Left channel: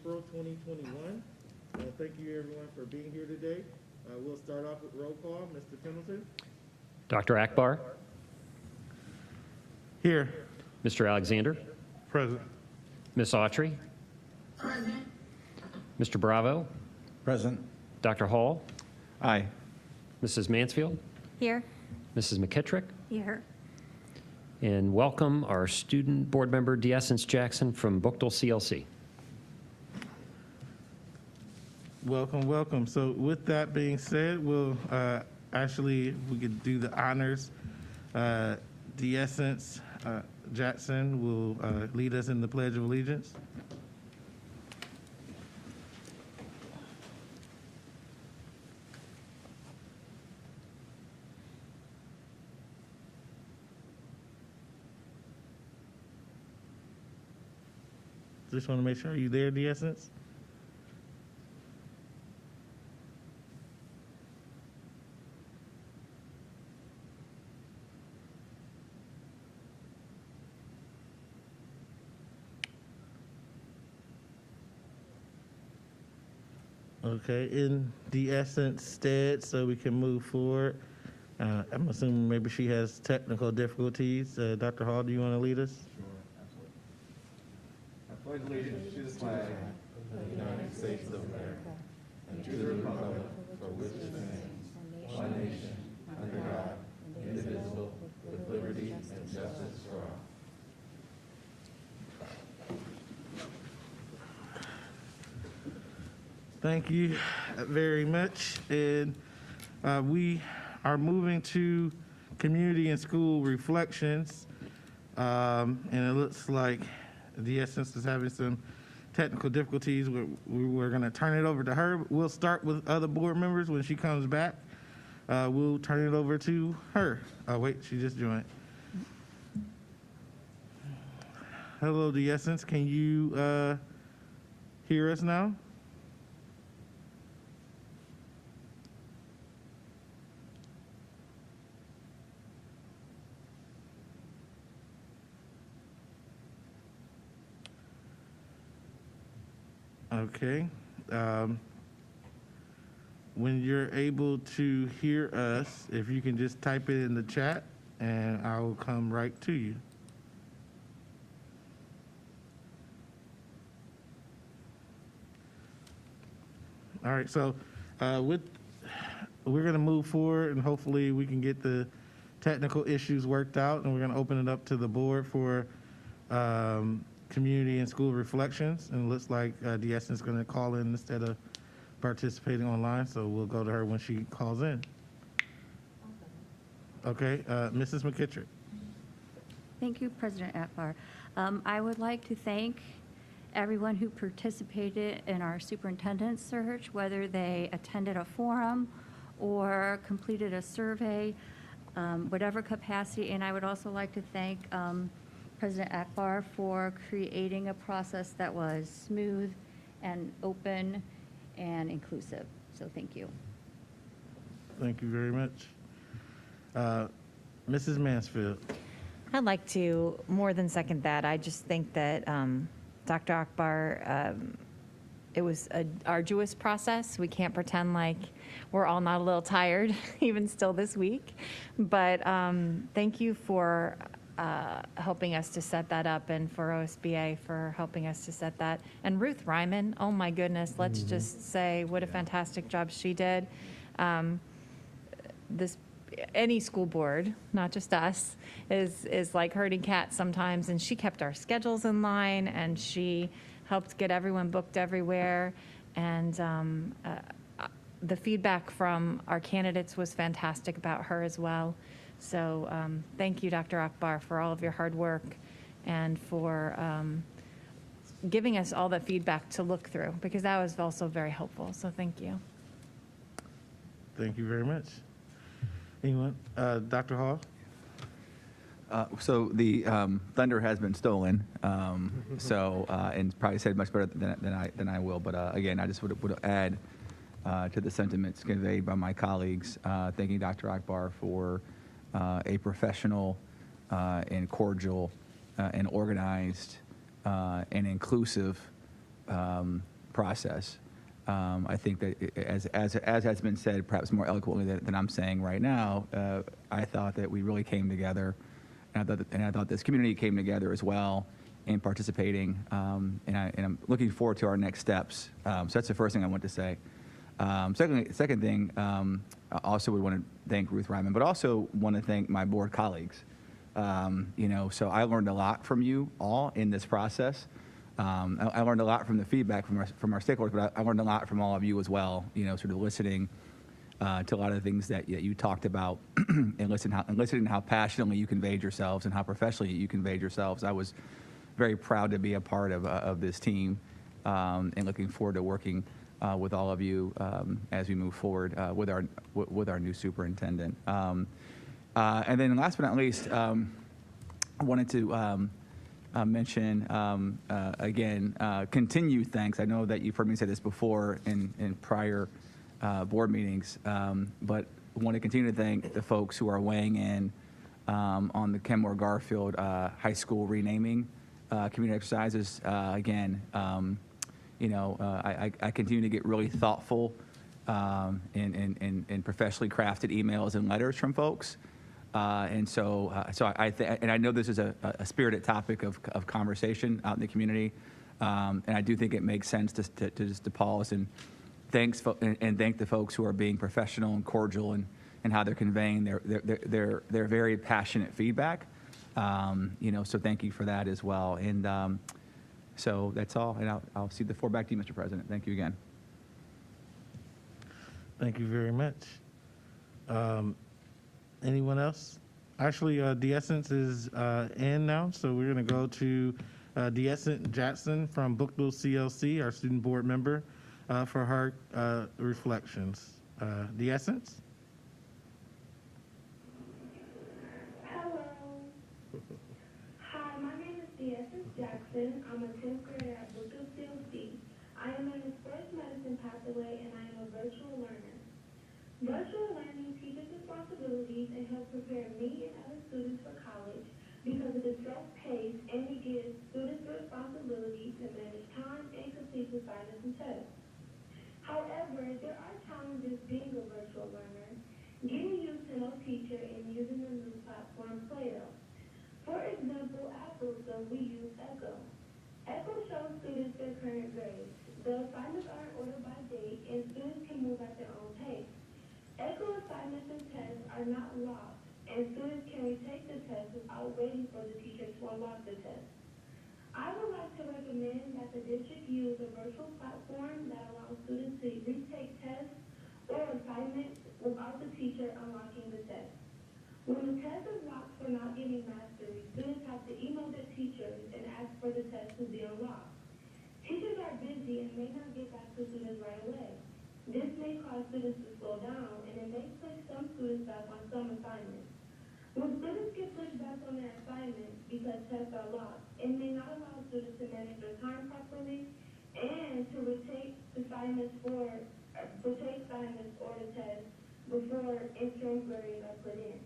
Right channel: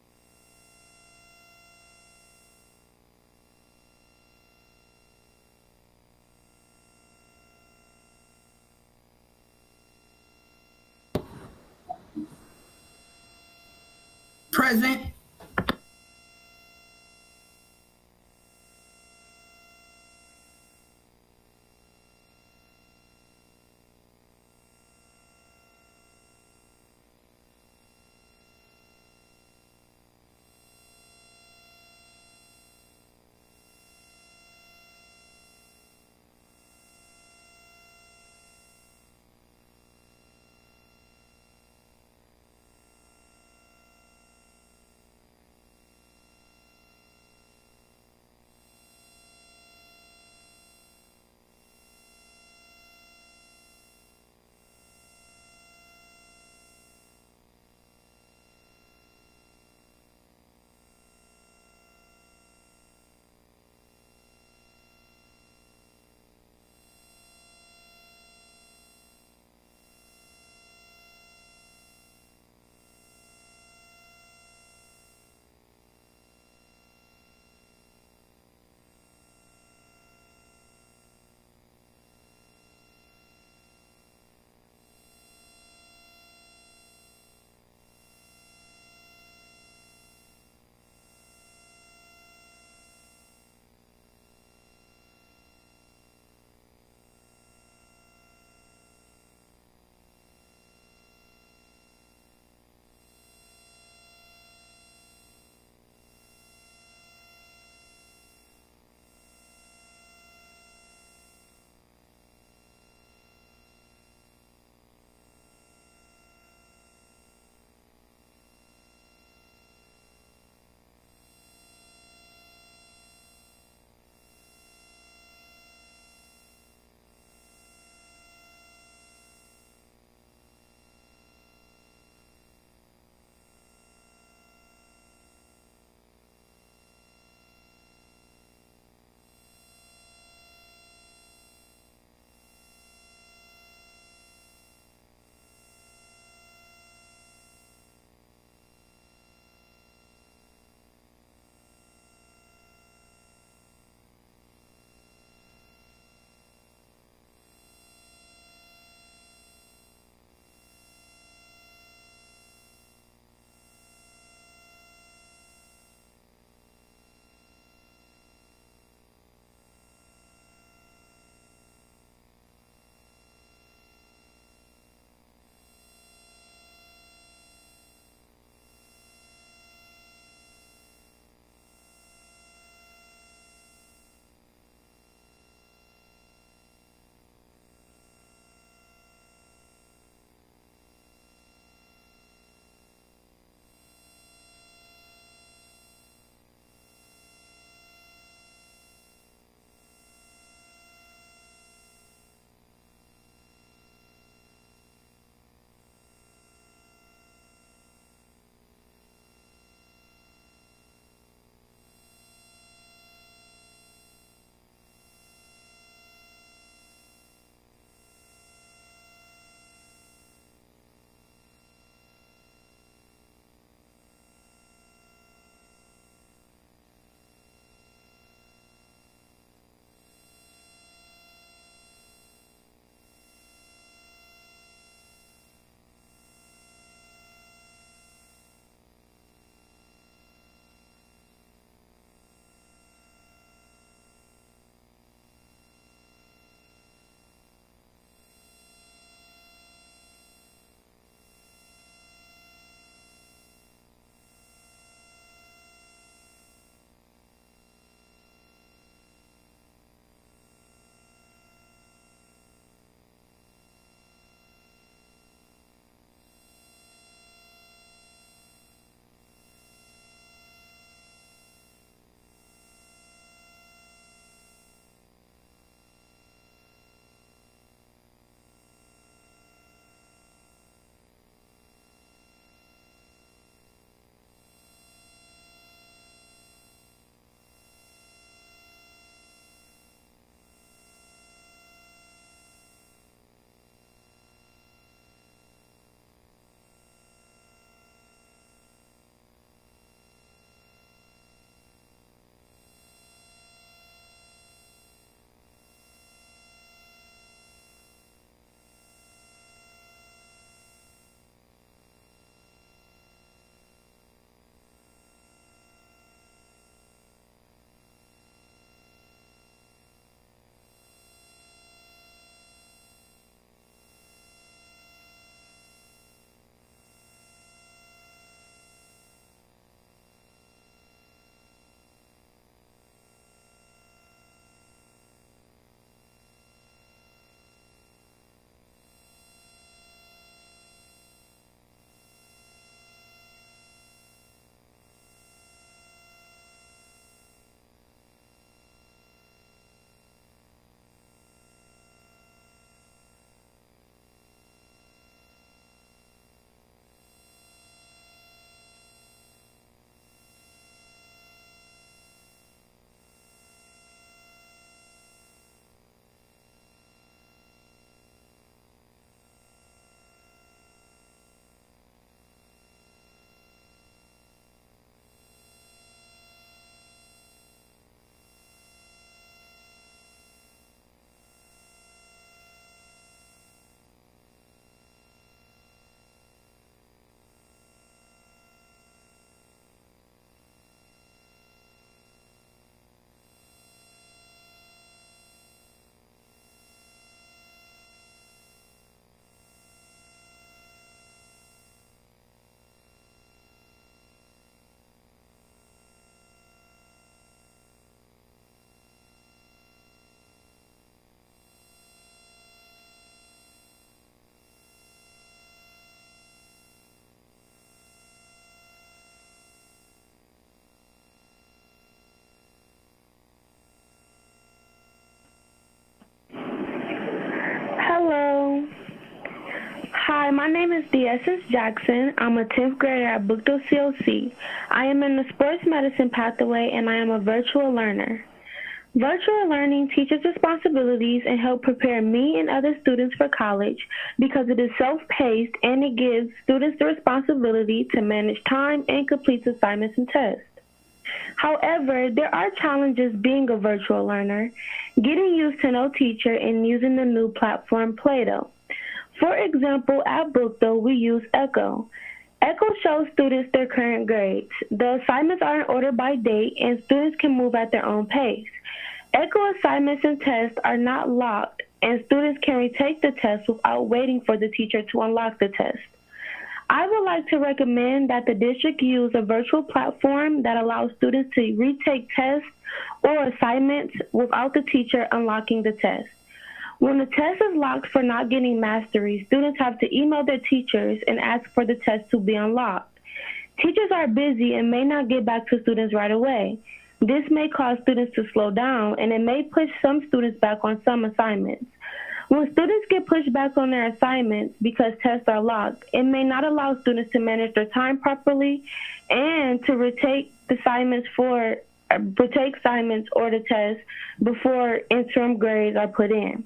April 2021. Thank you everyone for being here today. We'll start off with roll call. Mr. Pendleton? Dr. Akbar? Here. Mr. Alexander? Present. Ms. Autry? Present. Mr. Bravo? Present. Dr. Hall? Aye. Mrs. Mansfield? Here. Mrs. McKittrick? Here. And welcome our student board member, DeEssence Jackson from Bookdale CLC. Welcome, welcome. So with that being said, we'll we could do the honors. DeEssence Jackson will lead us in the Pledge of Allegiance. Just want to make sure, are you there, DeEssence? Okay, in DeEssence stead, so we can move forward. I'm assuming maybe she has technical difficulties. Dr. Hall, do you want to lead us? I pledge allegiance to the flag of the United States of America and to the republic for which it stands, one nation, under God, indivisible, with liberty and justice for all. Thank you very much. And we are moving to community and school reflections. And it looks like DeEssence is having some technical difficulties. We're going to turn it over to her. We'll start with other board members. When she comes back, we'll turn it over to her. Oh, wait, she just joined. Hello, DeEssence. Can you hear us now? Okay. When you're able to hear us, if you can just type it in the chat, and I will come right to you. All right, so we're going to move forward, and hopefully we can get the technical issues worked out, and we're going to open it up to the board for community and school reflections, and it looks like DeEssence is going to call in instead of participating online, so we'll go to her when she calls in. Okay, Mrs. McKittrick. Thank you, President Akbar. I would like to thank everyone who participated in our superintendent search, whether they attended a forum or completed a survey, whatever capacity, and I would also like to thank President Akbar for creating a process that was smooth and open and inclusive. So thank you. Thank you very much. Mrs. Mansfield. I'd like to more than second that. I just think that Dr. Akbar, it was an arduous process. We can't pretend like we're all not a little tired, even still this week. But thank you for helping us to set that up, and for OSBA for helping us to set that. And Ruth Ryman, oh my goodness, let's just say what a fantastic job she did. Any school board, not just us, is like herding cats sometimes, and she kept our schedules in line, and she helped get everyone booked everywhere. And the feedback from our candidates was fantastic about her as well. So thank you, Dr. Akbar, for all of your hard work and for giving us all the feedback to look through, because that was also very helpful. So thank you. Thank you very much. Anyone? Dr. Hall? So the thunder has been stolen, and probably said much better than I will. But again, I just would add to the sentiments conveyed by my colleagues, thanking Dr. Akbar for a professional and cordial and organized and inclusive process. I think that as has been said, perhaps more eloquently than I'm saying right now, I thought that we really came together, and I thought this community came together as well in participating, and I'm looking forward to our next steps. So that's the first thing I want to say. Second thing, I also would want to thank Ruth Ryman, but also want to thank my board colleagues. So I learned a lot from you all in this process. I learned a lot from the feedback from our stakeholders, but I learned a lot from all of you as well. Sort of listening to a lot of the things that you talked about, and listening how passionately you conveyed yourselves and how professionally you conveyed yourselves. I was very proud to be a part of this team, and looking forward to working with all of you as we move forward with our new superintendent. And then last but not least, I wanted to mention again, continued thanks. I know that you've heard me say this before in prior board meetings, but I want to continue to thank the folks who are weighing in on the Kenmore Garfield High School renaming community exercises. Again, I continue to get really thoughtful and professionally crafted emails and letters from folks. And so I know this is a spirited topic of conversation out in the community, and I do think it makes sense to pause and thank the folks who are being professional and cordial and how they're conveying their very passionate feedback. So thank you for that as well. And so that's all, and I'll cede the floor back to you, Mr. President. Thank you again. Thank you very much. Anyone else? Actually, D'Essence is in now, so we're going to go to D'Essence Jackson from Bookville CLC, our student board member, for her reflections. D'Essence? Hello. Hi, my name is D'Essence Jackson. I'm a 10th grader at Bookville CLC. I am in the sports medicine pathway, and I am a virtual learner. Virtual learning teaches responsibilities and helps prepare me and other students for college because it is self-paced and it gives students the responsibility to manage time and complete assignments and tests. However, there are challenges being a virtual learner, getting used to no teacher and using the new platform Play-Doh. For example, at Bookville, we use Echo. Echo shows students their current grades. The assignments are in order by date and students can move at their own pace. Echo assignments and tests are not locked, and students can retake the test without waiting for the teacher to unlock the test. I would like to recommend that the district use a virtual platform that allows students to retake tests or assignments without the teacher unlocking the test. When the test is locked for not getting mastery, students have to email their teachers and ask for the test to be unlocked. Teachers are busy and may not get back to students right away. This may cause students to slow down, and it may push some students back on some assignments. When students get pushed back on their assignments because tests are locked, it may not allow students to manage their time properly and to retake assignments or the test before interim grades are put in.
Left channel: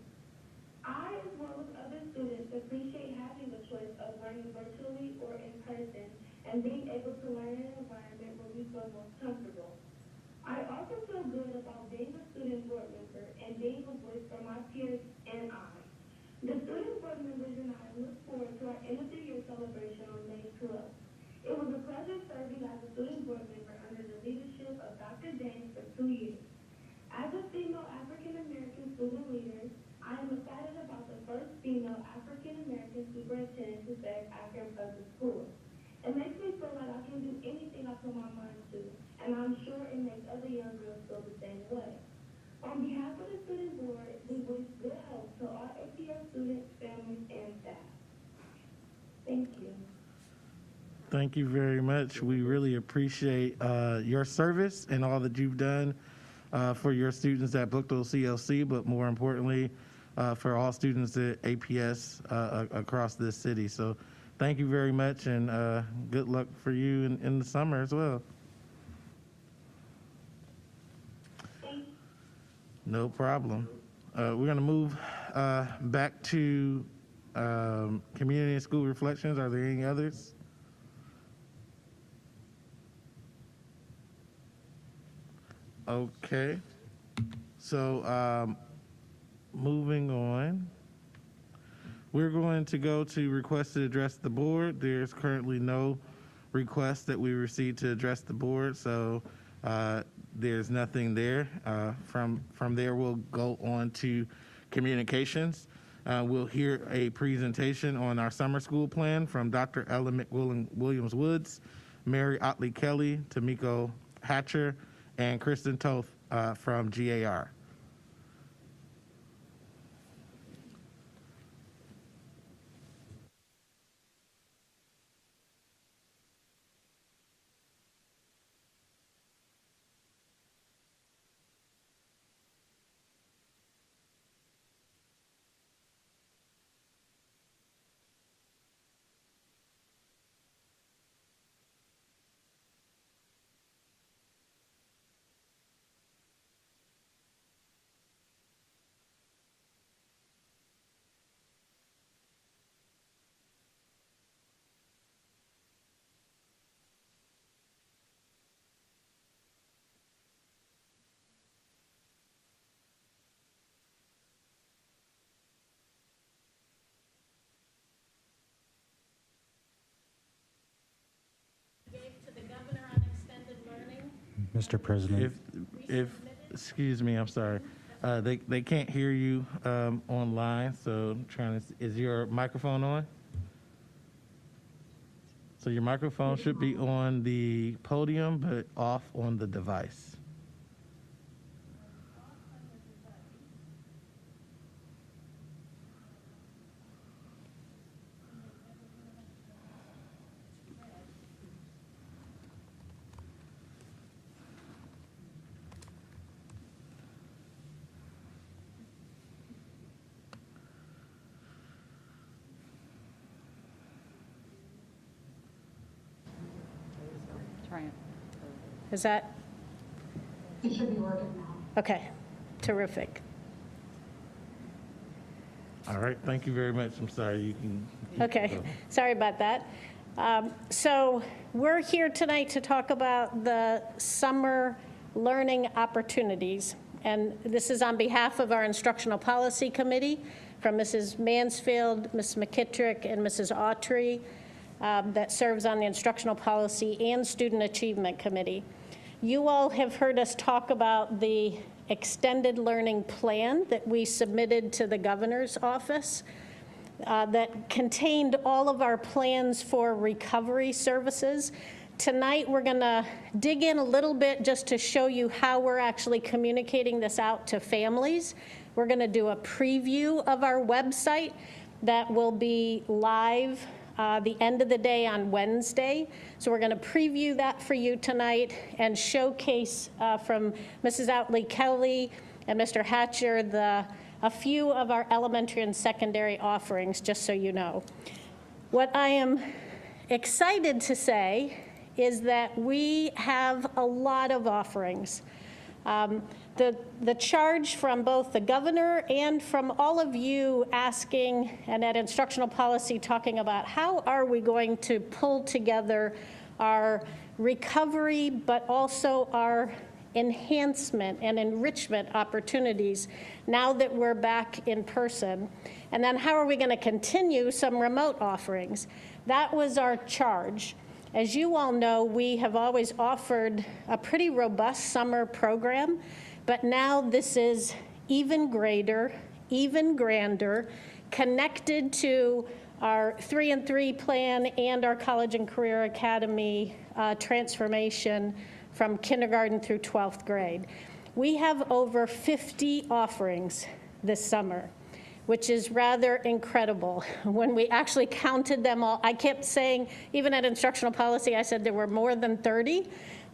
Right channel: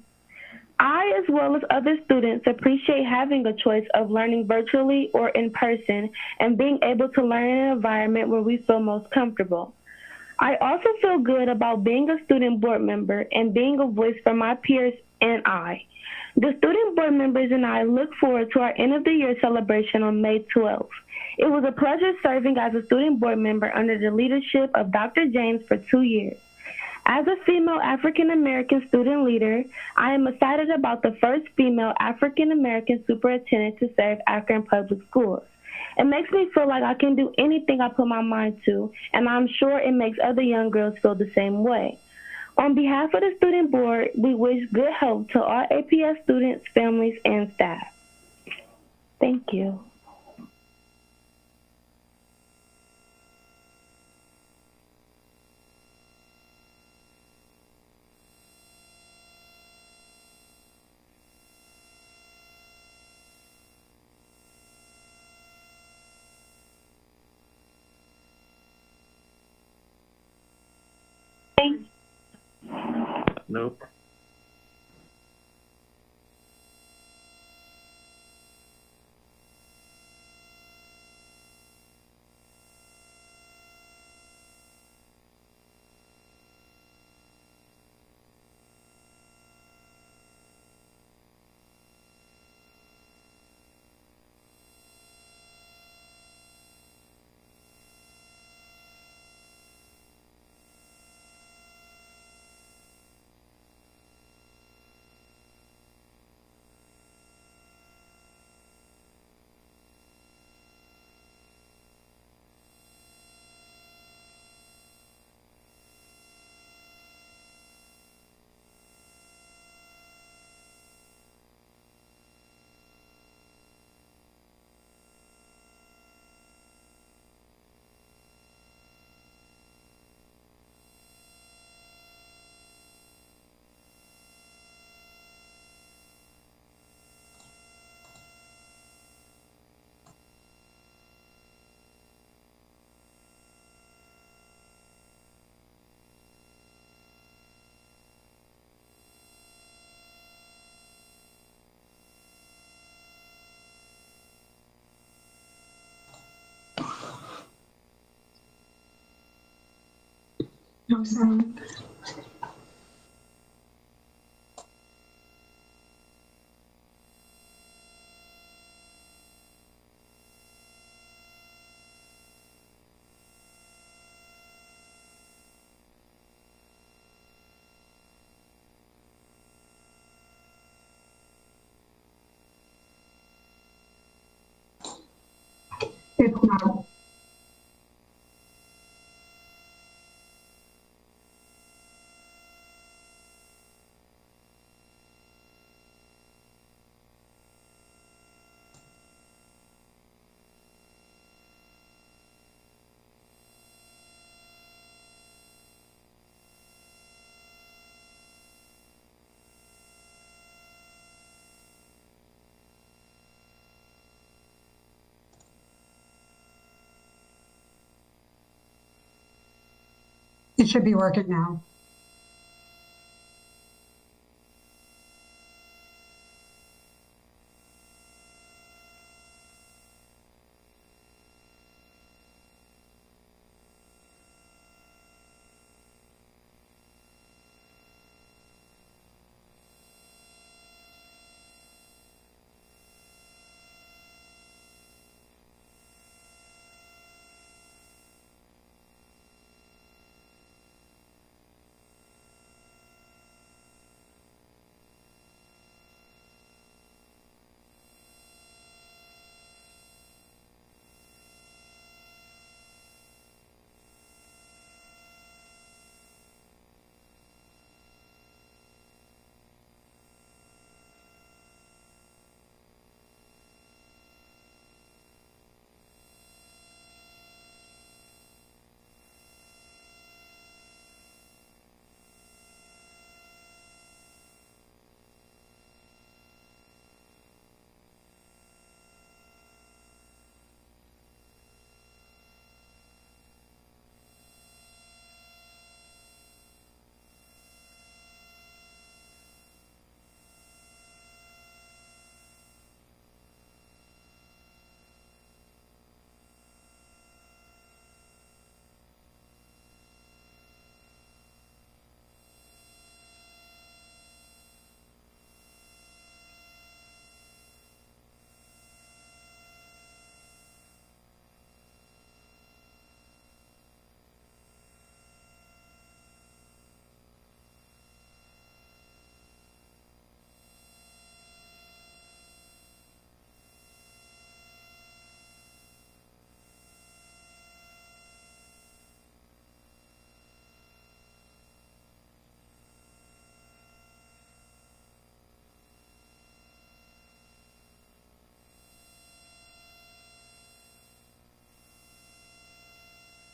I, as well as other students, appreciate having a choice of learning virtually or in person and being able to learn in an environment where we feel most comfortable. I also feel good about being a student board member and being a voice for my peers and I. The student board members and I look forward to our end of the year celebration on May 12th. It was a pleasure serving as a student board member under the leadership of Dr. James for 2 years. As a female African-American student leader, I am excited about the first female African-American superintendent to serve Akron Public Schools. It makes me feel like I can do anything I put my mind to, and I'm sure it makes other young girls feel the same way. On behalf of the student board, we wish good health to all APS students, families, and staff. Thank you. Thank you very much. We really appreciate your service and all that you've done for your students at Bookville CLC, but more importantly, for all students at APS across this city. So thank you very much, and good luck for you in the summer as well. Thanks. No problem. Nope. We're going to move back to community and school reflections. Are there any others? Okay. So, moving on. We're going to go to request to address the board. There's currently no request that we received to address the board, so there's nothing there. From there, we'll go on to communications. We'll hear a presentation on our summer school plan from Dr. Ellen McWilliams-Woods, Mary Otley Kelly, Tamiko Hatcher, and Kristen Toth from GAR. No sound. Mr. President. Excuse me, I'm sorry. They can't hear you online, so I'm trying to, is your microphone on? So your microphone should be on the podium, but off on the device. Is that, It should be working now. okay, terrific. All right, thank you very much. I'm sorry, you can. Okay, sorry about that. So we're here tonight to talk about the summer learning opportunities. And this is on behalf of our Instructional Policy Committee, from Mrs. Mansfield, Ms. McKittrick, and Mrs. Autry, that serves on the Instructional Policy and Student Achievement Committee. You all have heard us talk about the extended learning plan that we submitted to the governor's office that contained all of our plans for recovery services. Tonight, we're going to dig in a little bit just to show you how we're actually communicating this out to families. We're going to do a preview of our website that will be live the end of the day on Wednesday. So we're going to preview that for you tonight and showcase from Mrs. Otley Kelly and Mr. Hatcher a few of our elementary and secondary offerings, just so you know. What I am excited to say is that we have a lot of offerings. The charge from both the governor and from all of you asking, and at instructional policy talking about how are we going to pull together our recovery, but also our enhancement and enrichment opportunities now that we're back in person. And then how are we going to continue some remote offerings? That was our charge. As you all know, we have always offered a pretty robust summer program, but now this is even greater, even grander, connected to our 3-and-3 plan and our College and Career Academy transformation from kindergarten through 12th grade. We have over 50 offerings this summer, which is rather incredible. When we actually counted them all, I kept saying, even at instructional policy, I said there were more than 30.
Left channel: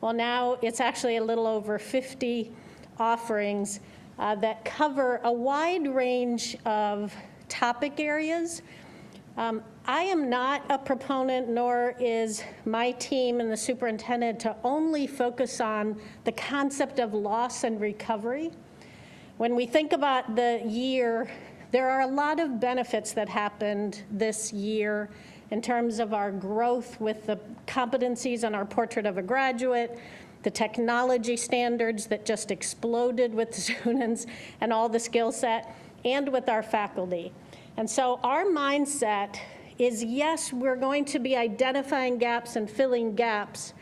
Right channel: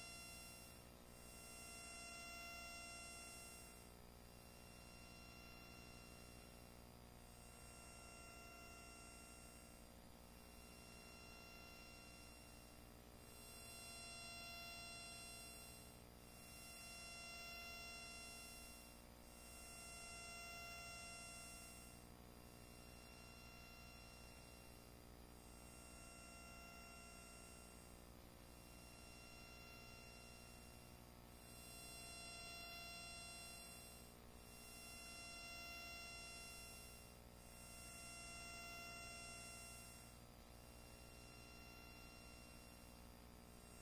Well, now it's actually a little over 50 offerings that cover a wide range of topic areas. I am not a proponent, nor is my team and the superintendent, to only focus on the concept of loss and recovery. When we think about the year, there are a lot of benefits that happened this year in terms of our growth with the competencies on our portrait of a graduate, the technology standards that just exploded with the students and all the skill set, and with our faculty. And so our mindset is, yes, we're going to be identifying gaps and filling gaps,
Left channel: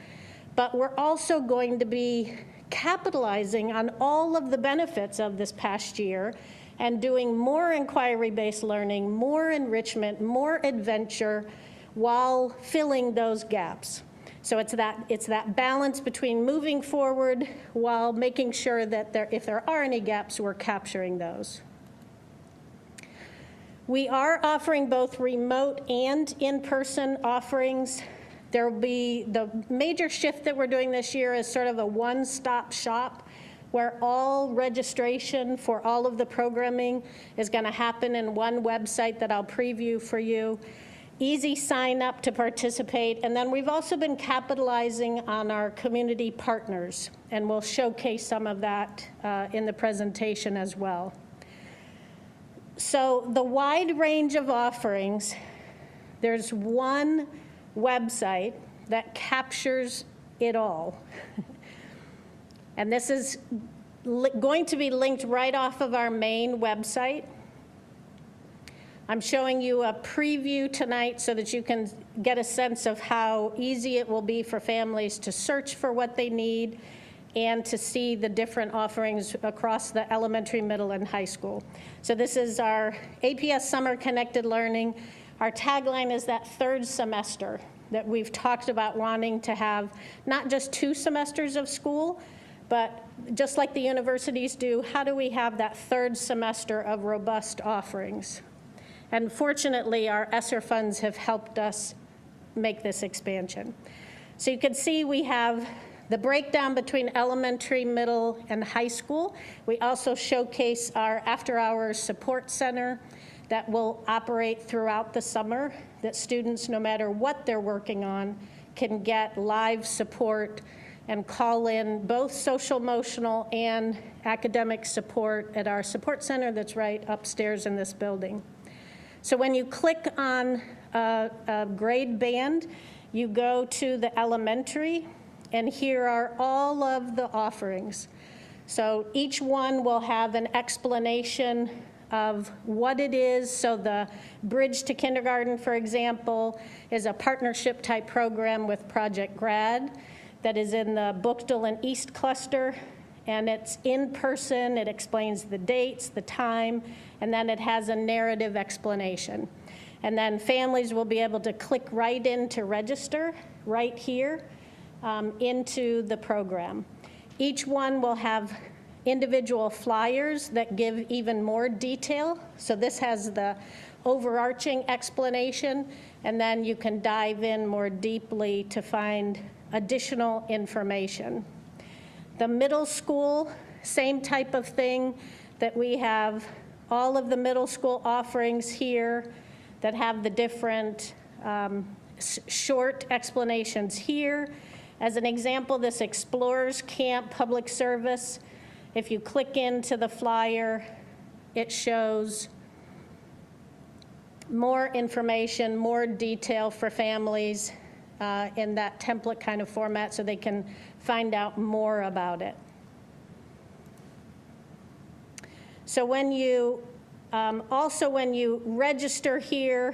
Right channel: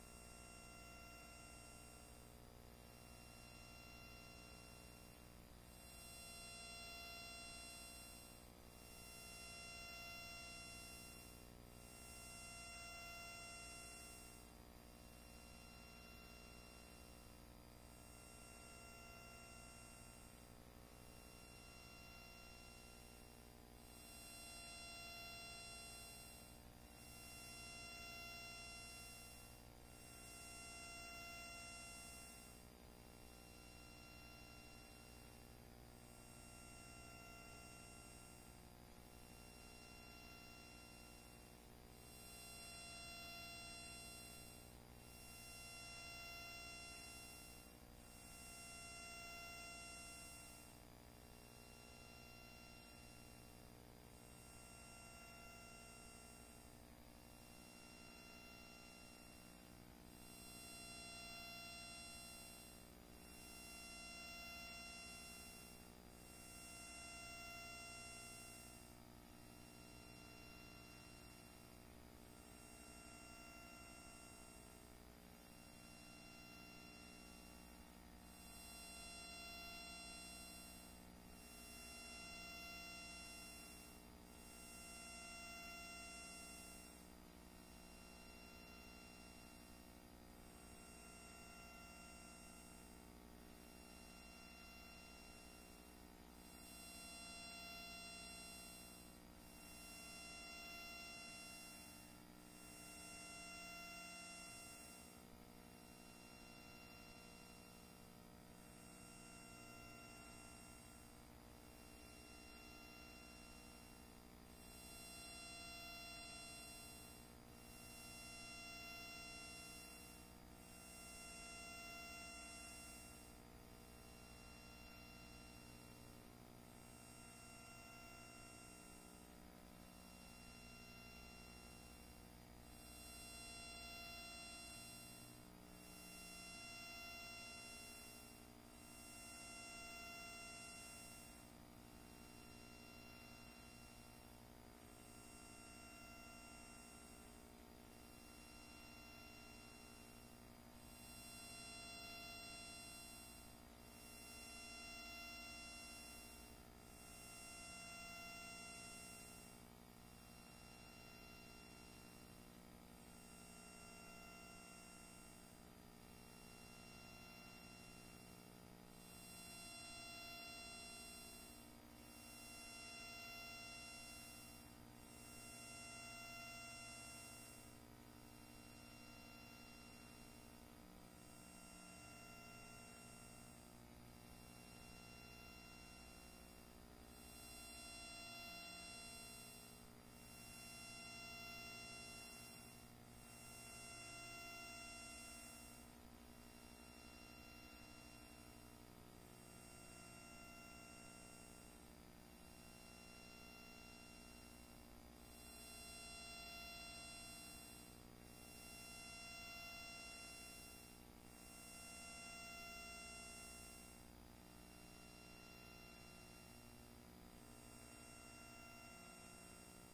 but we're also going to be capitalizing on all of the benefits of this past year and doing more inquiry-based learning, more enrichment, more adventure, while filling those gaps. So it's that balance between moving forward while making sure that if there are any gaps, we're capturing those. We are offering both remote and in-person offerings. There will be the major shift that we're doing this year is sort of a one-stop shop where all registration for all of the programming is going to happen in one website that I'll preview for you. Easy sign up to participate. And then we've also been capitalizing on our community partners, and we'll showcase some of that in the presentation as well. So the wide range of offerings, there's one website that captures it all. And this is going to be linked right off of our main website. I'm showing you a preview tonight so that you can get a sense of how easy it will be for families to search for what they need and to see the different offerings across the elementary, middle, and high school. So this is our APS Summer Connected Learning. Our tagline is that third semester that we've talked about wanting to have not just 2 semesters of school, but just like the universities do, how do we have that third semester of robust offerings? And fortunately, our ESSER funds have helped us make this expansion. So you can see we have the breakdown between elementary, middle, and high school. We also showcase our after-hours support center that will operate throughout the summer, that students, no matter what they're working on, can get live support and call in both social, emotional, and academic support at our support center that's right upstairs in this building. So when you click on a grade band, you go to the elementary, and here are all of the offerings. So each one will have an explanation of what it is. So the Bridge to Kindergarten, for example, is a partnership type program with Project Grad that is in the Bookdale and East cluster, and it's in person. It explains the dates, the time, and then it has a narrative explanation. And then families will be able to click right in to register right here into the program. Each one will have individual flyers that give even more detail. So this has the overarching explanation, and then you can dive in more deeply to find additional information. The middle school, same type of thing, that we have all of the middle school offerings here that have the different short explanations here. As an example, this Explorers Camp Public Service, if you click into the flyer, it shows more information, more detail for families in that template kind of format so they can find out more about it. So when you, also when you register here,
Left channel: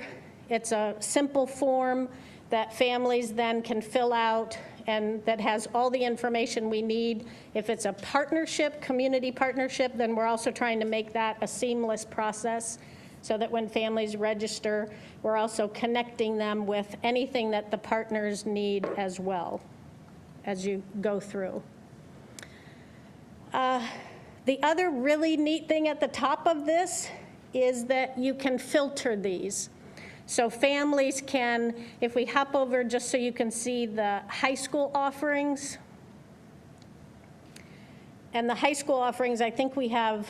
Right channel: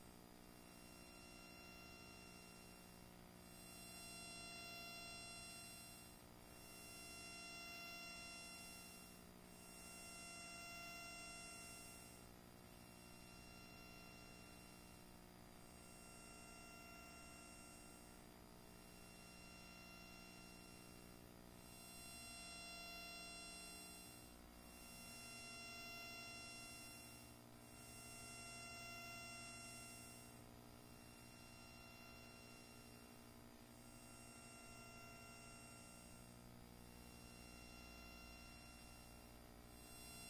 it's a simple form that families then can fill out and that has all the information we need. If it's a partnership, community partnership, then we're also trying to make that a seamless process so that when families register, we're also connecting them with anything that the partners need as well as you go through. The other really neat thing at the top of this is that you can filter these. So families can, if we hop over just so you can see the high school offerings. And the high school offerings, I think we have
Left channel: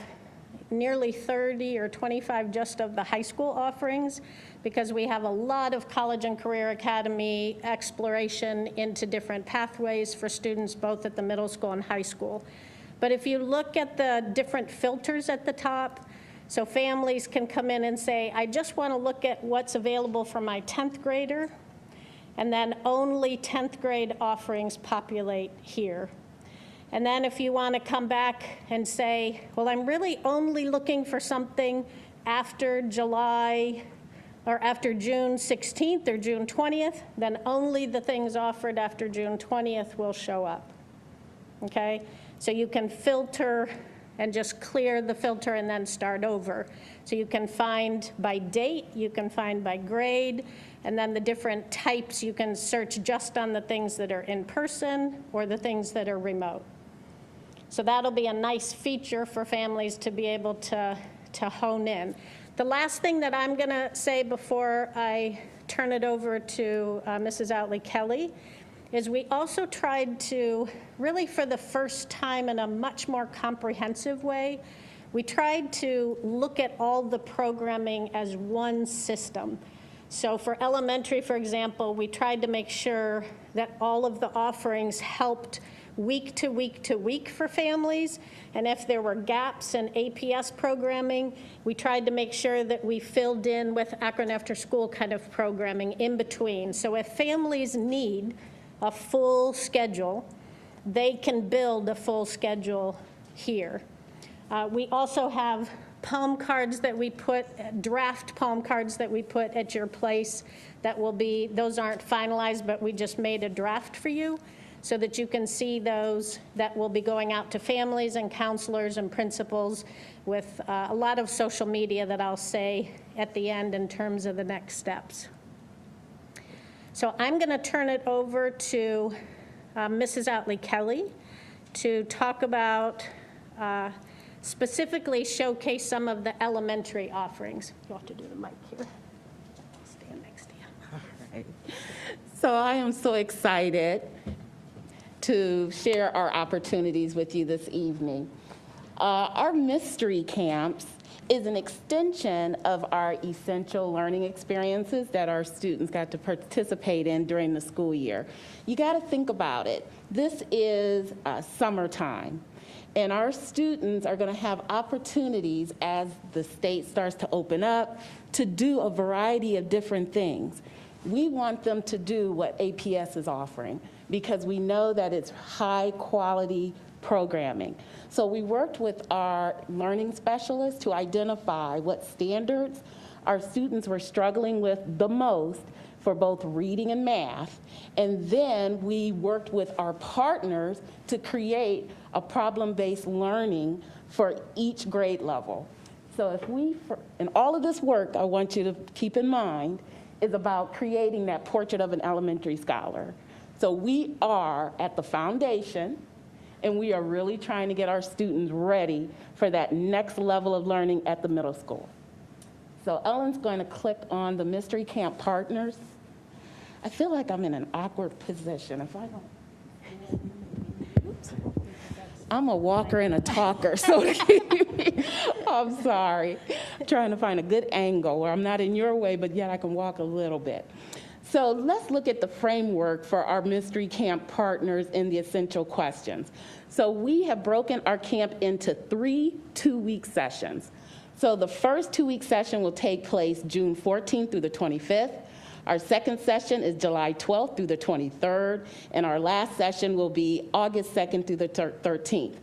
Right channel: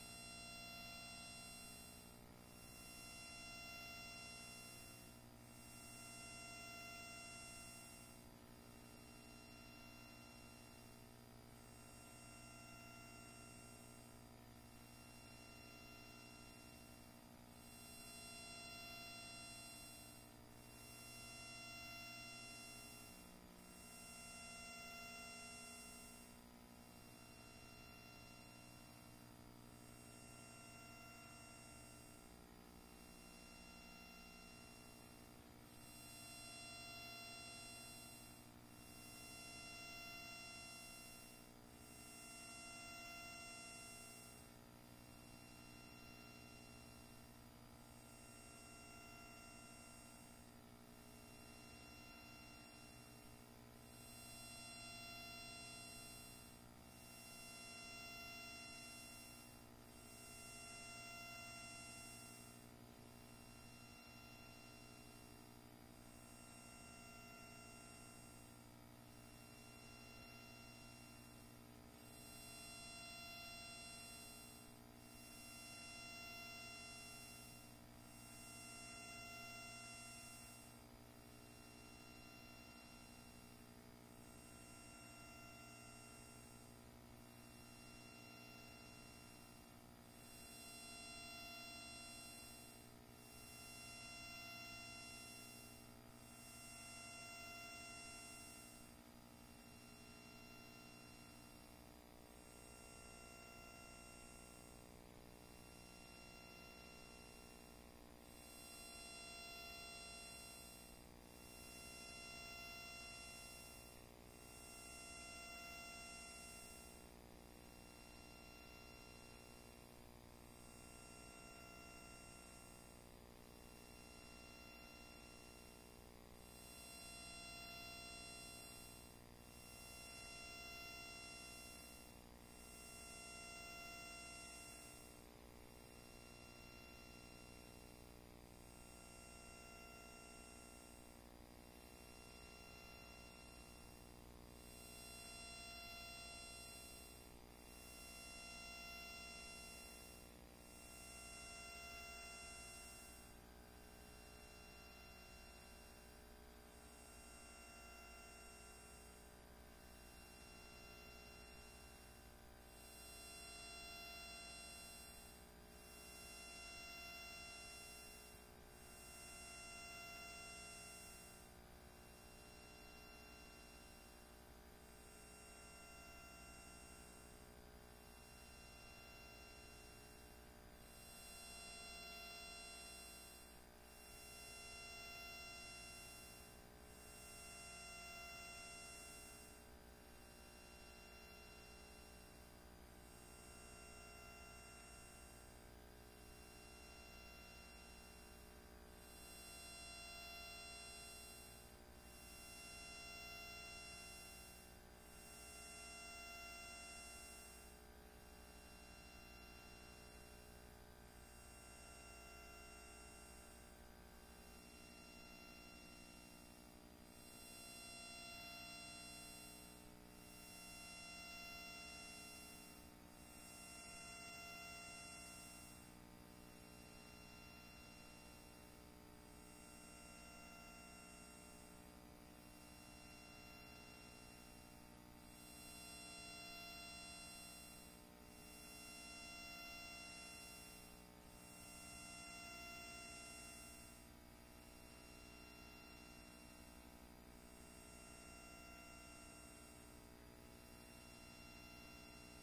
nearly 30 or 25 just of the high school offerings, because we have a lot of college and career academy exploration into different pathways for students both at the middle school and high school. But if you look at the different filters at the top, so families can come in and say, I just want to look at what's available for my 10th grader. and then only 10th grade offerings populate here. And then if you want to come back and say, well, I'm really only looking for something after July or after June 16th or June 20th, then only the things offered after June 20th will show up, okay? So you can filter and just clear the filter and then start over. So you can find by date, you can find by grade, and then the different types, you can search just on the things that are in person or the things that are remote. So that'll be a nice feature for families to be able to hone in. The last thing that I'm gonna say before I turn it over to Mrs. Outley-Kelly is we also tried to, really for the first time in a much more comprehensive way, we tried to look at all the programming as one system. So for elementary, for example, we tried to make sure that all of the offerings helped week to week to week for families. And if there were gaps in APS programming, we tried to make sure that we filled in with Akron After School kind of programming in between. So if families need a full schedule, they can build a full schedule here. We also have poem cards that we put, draft poem cards that we put at your place that will be, those aren't finalized, but we just made a draft for you so that you can see those that will be going out to families and counselors and principals with a lot of social media that I'll say at the end in terms of the next steps. So I'm going to turn it over to Mrs. Outley-Kelly to talk about, specifically showcase some of the elementary offerings. You'll have to do the mic here. I'll stand next to you. All right. So I am so excited to share our opportunities with you this evening. Our mystery camps is an extension of our essential learning experiences that our students got to participate in during the school year. You got to think about it. This is summertime, and our students are going to have opportunities as the state starts to open up to do a variety of different things. We want them to do what APS is offering because we know that it's high quality programming. So we worked with our learning specialists to identify what standards our students were struggling with the most for both reading and math. And then we worked with our partners to create a problem-based learning for each grade level. So if we, and all of this work, I want you to keep in mind, is about creating that portrait of an elementary scholar. So we are at the foundation, and we are really trying to get our students ready for that next level of learning at the middle school. So Ellen's going to click on the Mystery Camp Partners. I feel like I'm in an awkward position. If I don't, oops. I'm a walker and a talker, so I'm sorry. I'm trying to find a good angle where I'm not in your way, but yet I can walk a little bit. So let's look at the framework for our Mystery Camp Partners in the essential questions. So we have broken our camp into 3 two-week sessions. So the first 2-week session will take place June 14th through the 25th. Our second session is July 12th through the 23rd, and our last session will be August 2nd through the 13th.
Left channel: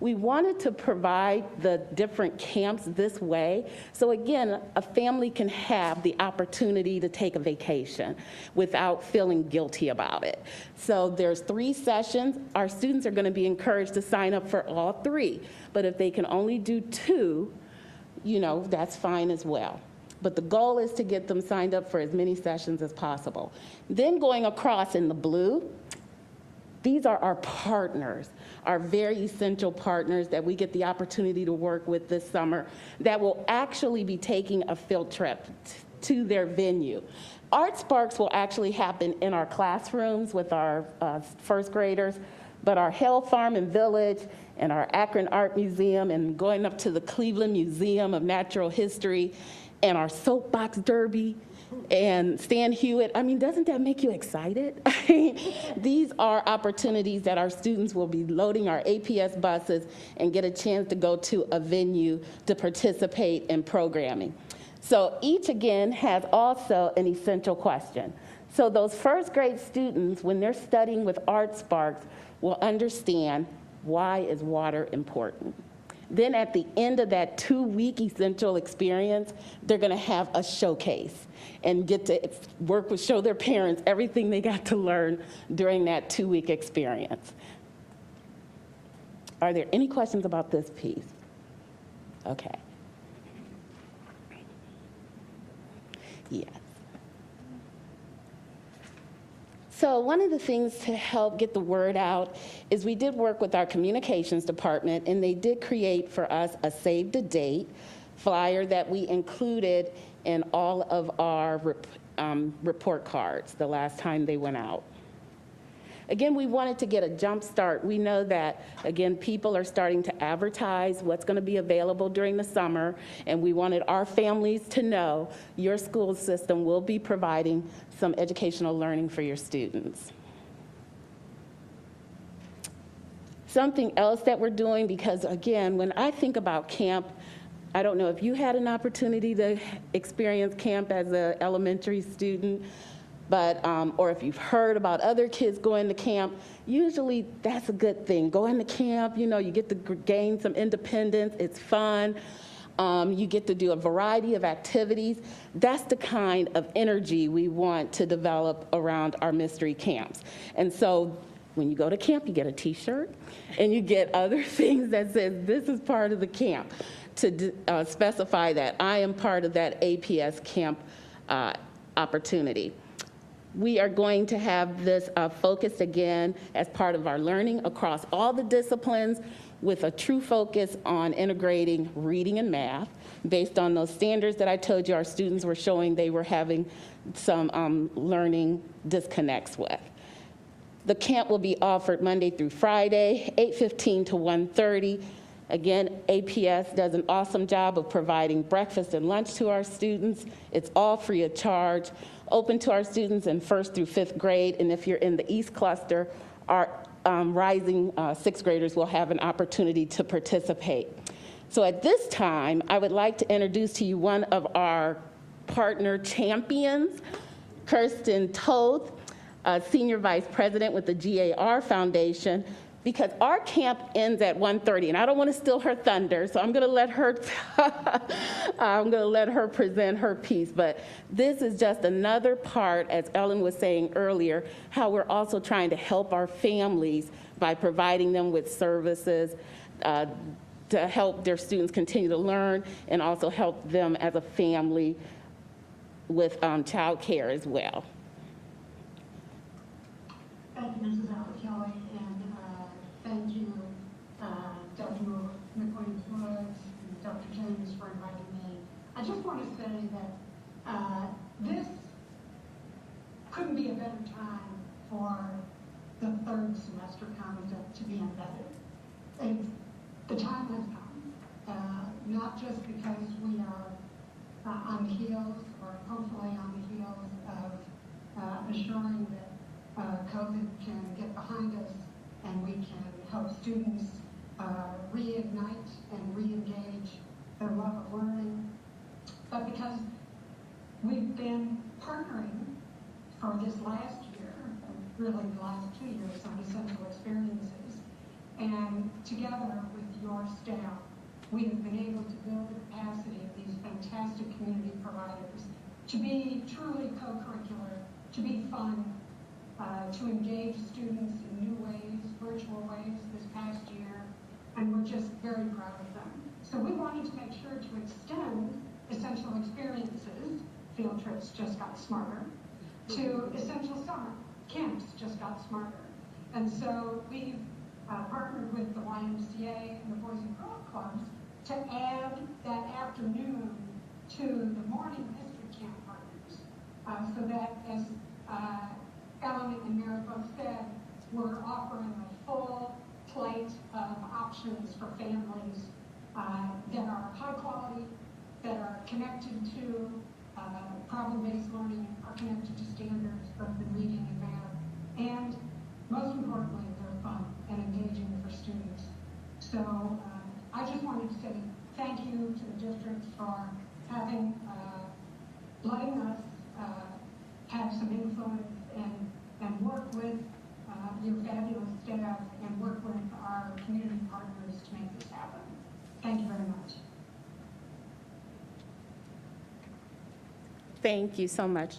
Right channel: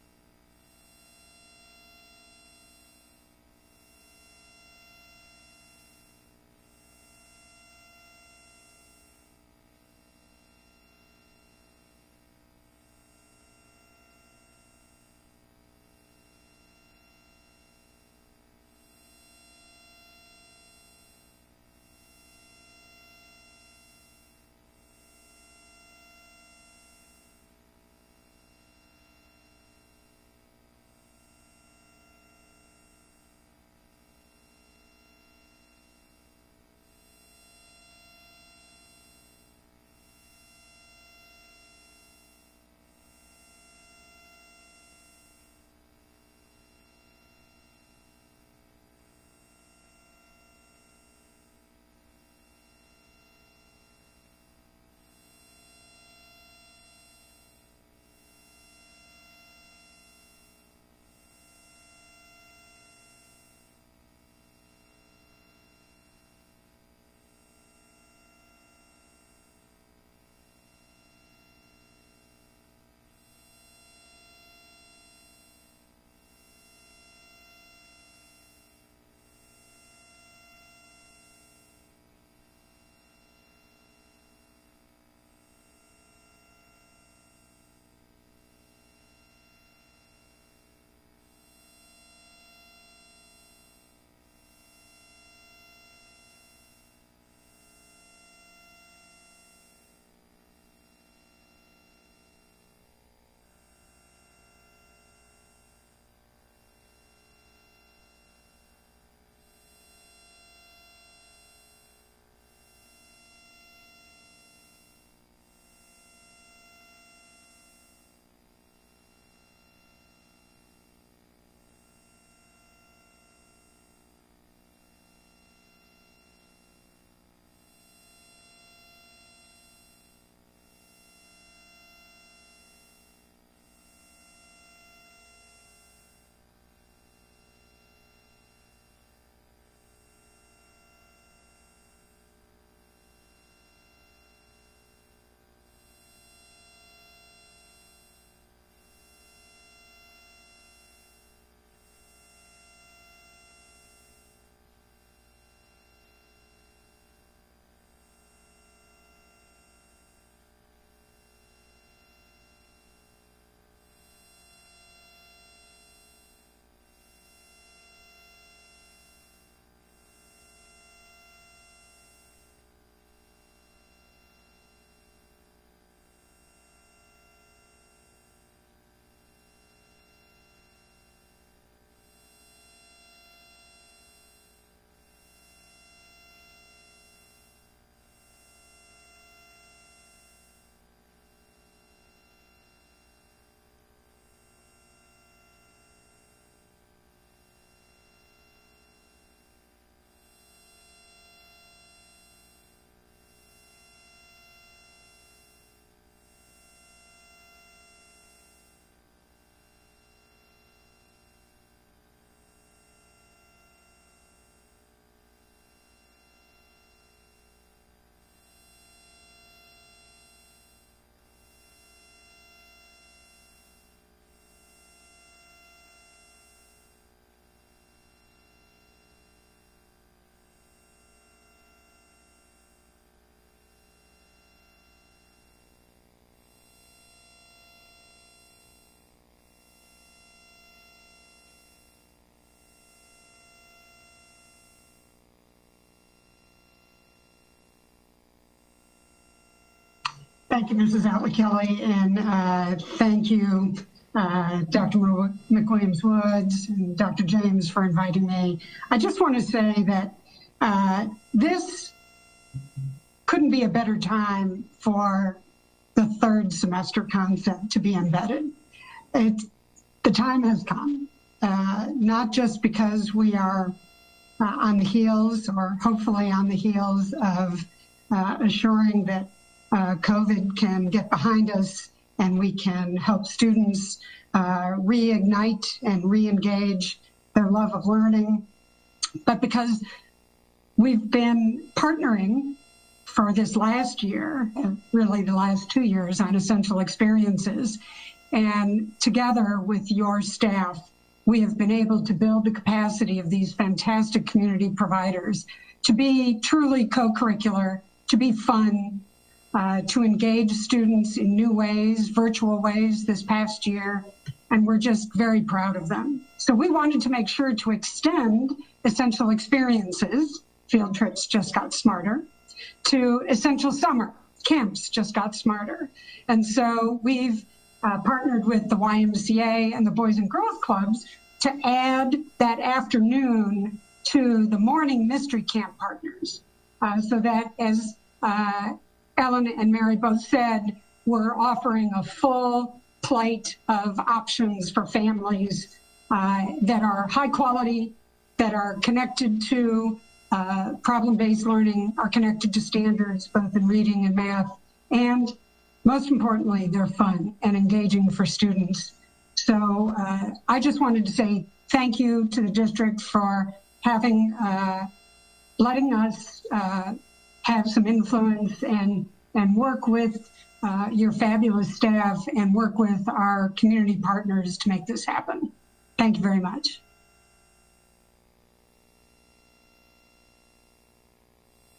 We wanted to provide the different camps this way, so again, a family can have the opportunity to take a vacation without feeling guilty about it. So there's 3 sessions. Our students are going to be encouraged to sign up for all 3, but if they can only do 2, you know, that's fine as well. But the goal is to get them signed up for as many sessions as possible. Then going across in the blue, these are our partners, our very essential partners that we get the opportunity to work with this summer that will actually be taking a field trip to their venue. Art Sparks will actually happen in our classrooms with our first graders, but our Hale Farm and Village and our Akron Art Museum and going up to the Cleveland Museum of Natural History and our soapbox derby and Stan Hewitt. I mean, doesn't that make you excited? These are opportunities that our students will be loading our APS buses and get a chance to go to a venue to participate in programming. So each, again, has also an essential question. So those first grade students, when they're studying with Art Sparks, will understand why is water important. Then at the end of that 2-week essential experience, they're gonna have a showcase and get to show their parents everything they got to learn during that 2-week experience. Are there any questions about this piece? Okay. Yes. So one of the things to help get the word out is we did work with our communications department, and they did create for us a save the date flyer that we included in all of our report cards the last time they went out. Again, we wanted to get a jump start. We know that, again, people are starting to advertise what's going to be available during the summer, and we wanted our families to know your school system will be providing some educational learning for your students. Something else that we're doing, because again, when I think about camp, I don't know if you had an opportunity to experience camp as an elementary student, but, or if you've heard about other kids going to camp, usually that's a good thing. Going to camp, you know, you get to gain some independence, it's fun, you get to do a variety of activities. That's the kind of energy we want to develop around our mystery camps. And so when you go to camp, you get a t-shirt and you get other things that says this is part of the camp to specify that I am part of that APS camp opportunity. We are going to have this focused again as part of our learning across all the disciplines with a true focus on integrating reading and math based on those standards that I told you our students were showing they were having some learning disconnects with. The camp will be offered Monday through Friday, 8:15 to 1:30. Again, APS does an awesome job of providing breakfast and lunch to our students. It's all free of charge, open to our students in 1st through 5th grade. And if you're in the East Cluster, our rising 6th graders will have an opportunity to participate. So at this time, I would like to introduce to you one of our partner champions, Kirsten Toth, Senior Vice President with the GAR Foundation, because our camp ends at 1:30, and I don't want to steal her thunder, so I'm going to let her present her piece. But this is just another part, as Ellen was saying earlier, how we're also trying to help our families by providing them with services to help their students continue to learn and also help them as a family with child care as well. Thank you, Mrs. Atwood-Kelly, and thank you, Dr. McWilliams-Woods and Dr. James for inviting me. I just want to say that this couldn't be a better time for the 3rd semester concept to be embedded. The time has come, not just because we are on the heels, or hopefully on the heels of assuring that COVID can get behind us and we can help students reignite and re-engage their love of learning, but because we've been partnering for this last year, really the last 2 years, on essential experiences. And together with your staff, we have been able to build the capacity of these fantastic community providers to be truly co-curricular, to be fun, to engage students in new ways, virtual ways this past year, and we're just very proud of them. So we wanted to make sure to extend essential experiences, field trips just got smarter, to essential summer, camps just got smarter. And so we've partnered with the YMCA and the Boys and Girls Clubs to add that afternoon to the morning mystery camp partners, so that, as Ellen and Mary both said, we're offering a full plate of options for families that are high quality, that are connected to problem-based learning, are connected to standards both in reading and math, and most importantly, they're fun and engaging for students. So I just wanted to say thank you to the district for having, letting us have some influence and work with your fabulous staff and work with our community partners to make this happen. Thank you very much. Thank you so much.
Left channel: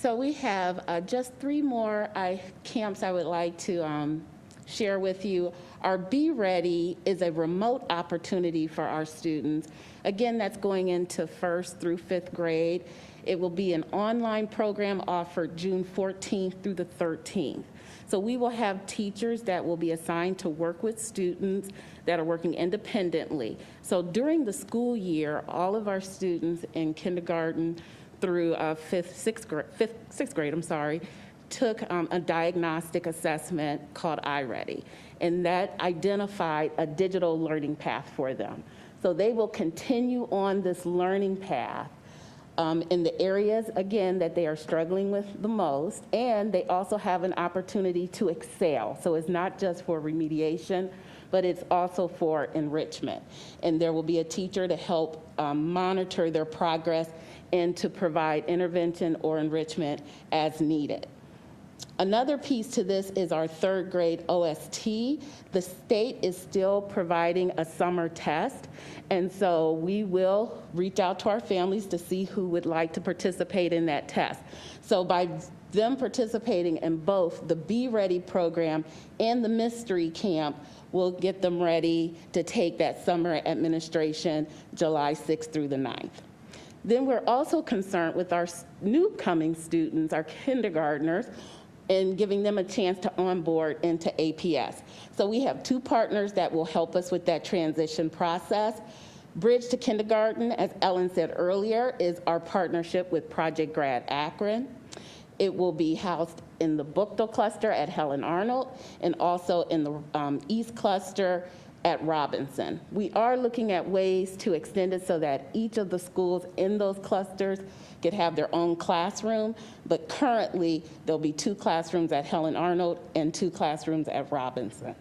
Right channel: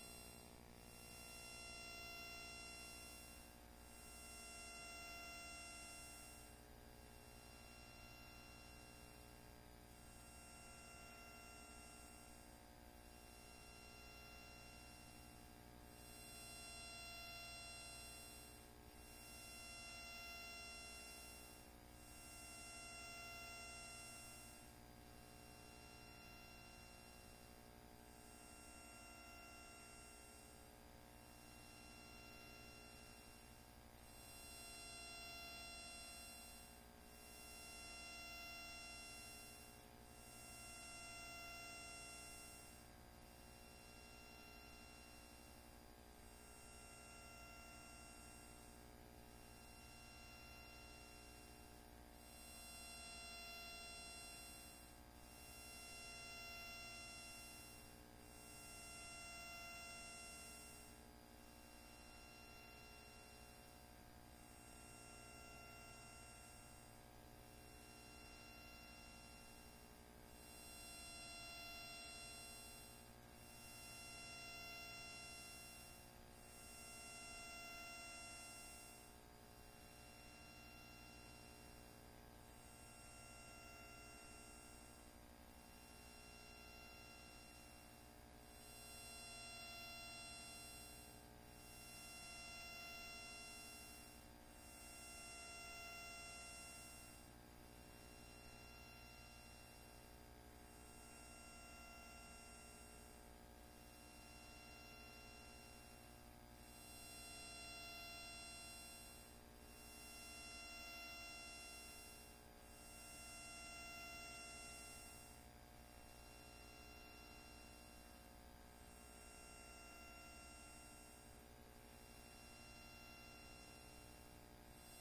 So we have just 3 more camps I would like to share with you. Our Be Ready is a remote opportunity for our students. Again, that's going into 1st through 5th grade. It will be an online program offered June 14th through the 13th. So we will have teachers that will be assigned to work with students that are working independently. So during the school year, all of our students in kindergarten through 6th grade, took a diagnostic assessment called iReady, and that identified a digital learning path for them. So they will continue on this learning path in the areas, again, that they are struggling with the most, and they also have an opportunity to excel. So it's not just for remediation, but it's also for enrichment. And there will be a teacher to help monitor their progress and to provide intervention or enrichment as needed. Another piece to this is our 3rd grade OST. The state is still providing a summer test, and so we will reach out to our families to see who would like to participate in that test. So by them participating in both the Be Ready program and the Mystery Camp, we'll get them ready to take that summer administration July 6th through the 9th. Then we're also concerned with our new coming students, our kindergartners, and giving them a chance to onboard into APS. So we have 2 partners that will help us with that transition process. Bridge to Kindergarten, as Ellen said earlier, is our partnership with Project Grad Akron. It will be housed in the Bookdale cluster at Helen Arnold and also in the East cluster at Robinson. We are looking at ways to extend it so that each of the schools in those clusters could have their own classroom, but currently there'll be 2 classrooms at Helen Arnold and 2 classrooms at Robinson.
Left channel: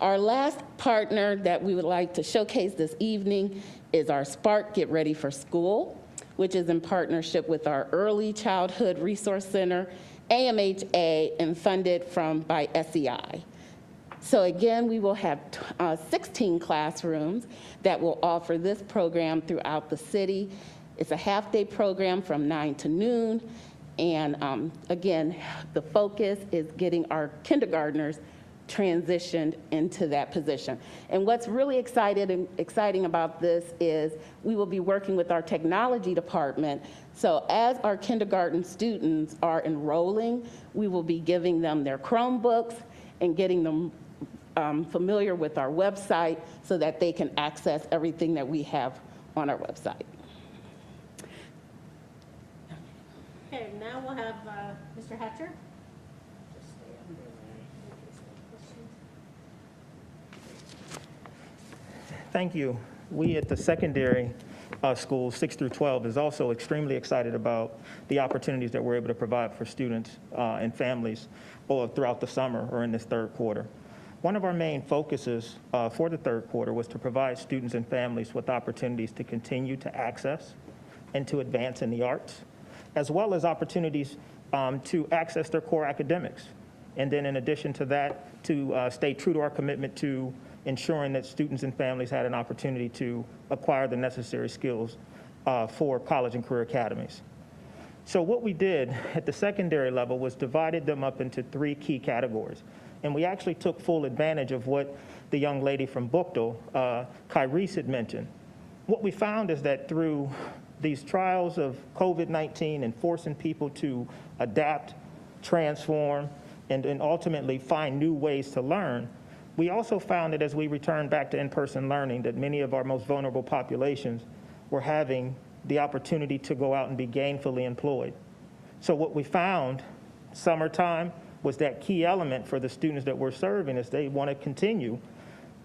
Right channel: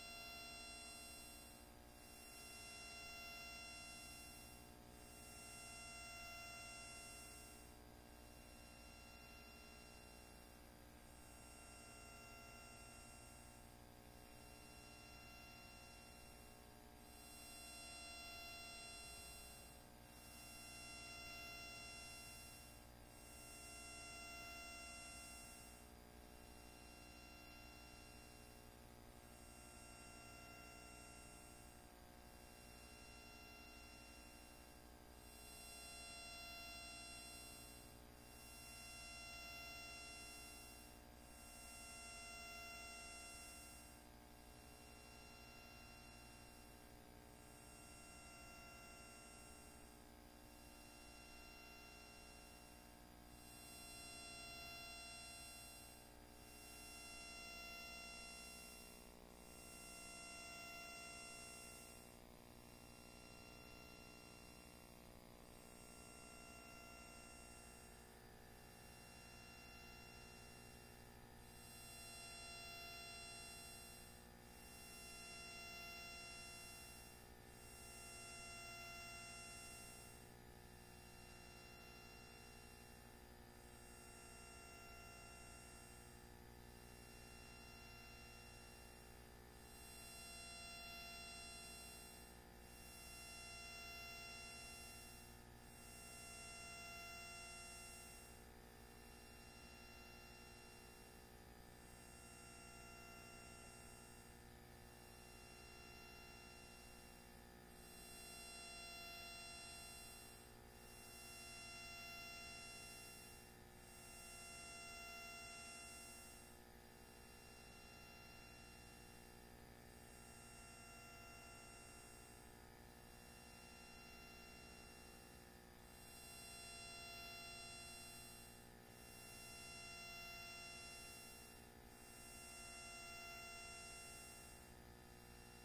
Our last partner that we would like to showcase this evening is our Spark Get Ready for School, which is in partnership with our Early Childhood Resource Center, AMHA, and funded by SEI. So again, we will have 16 classrooms that will offer this program throughout the city. It's a half-day program from 9 to noon. And again, the focus is getting our kindergartners transitioned into that position. And what's really exciting about this is we will be working with our technology department. So as our kindergarten students are enrolling, we will be giving them their Chromebooks and getting them familiar with our website so that they can access everything that we have on our website. Okay, now we'll have Mr. Hatcher. Thank you. We at the secondary schools, 6 through 12, is also extremely excited about the opportunities that we're able to provide for students and families throughout the summer or in this 3rd quarter. One of our main focuses for the 3rd quarter was to provide students and families with opportunities to continue to access and to advance in the arts, as well as opportunities to access their core academics. And then in addition to that, to stay true to our commitment to ensuring that students and families had an opportunity to acquire the necessary skills for college and career academies. So what we did at the secondary level was divided them up into 3 key categories. And we actually took full advantage of what the young lady from Bookdale, Kyrese, had mentioned. What we found is that through these trials of COVID-19 and forcing people to adapt, transform, and ultimately find new ways to learn, we also found that as we returned back to in-person learning, that many of our most vulnerable populations were having the opportunity to go out and be gainfully employed. So what we found summertime was that key element for the students that we're serving is they want to continue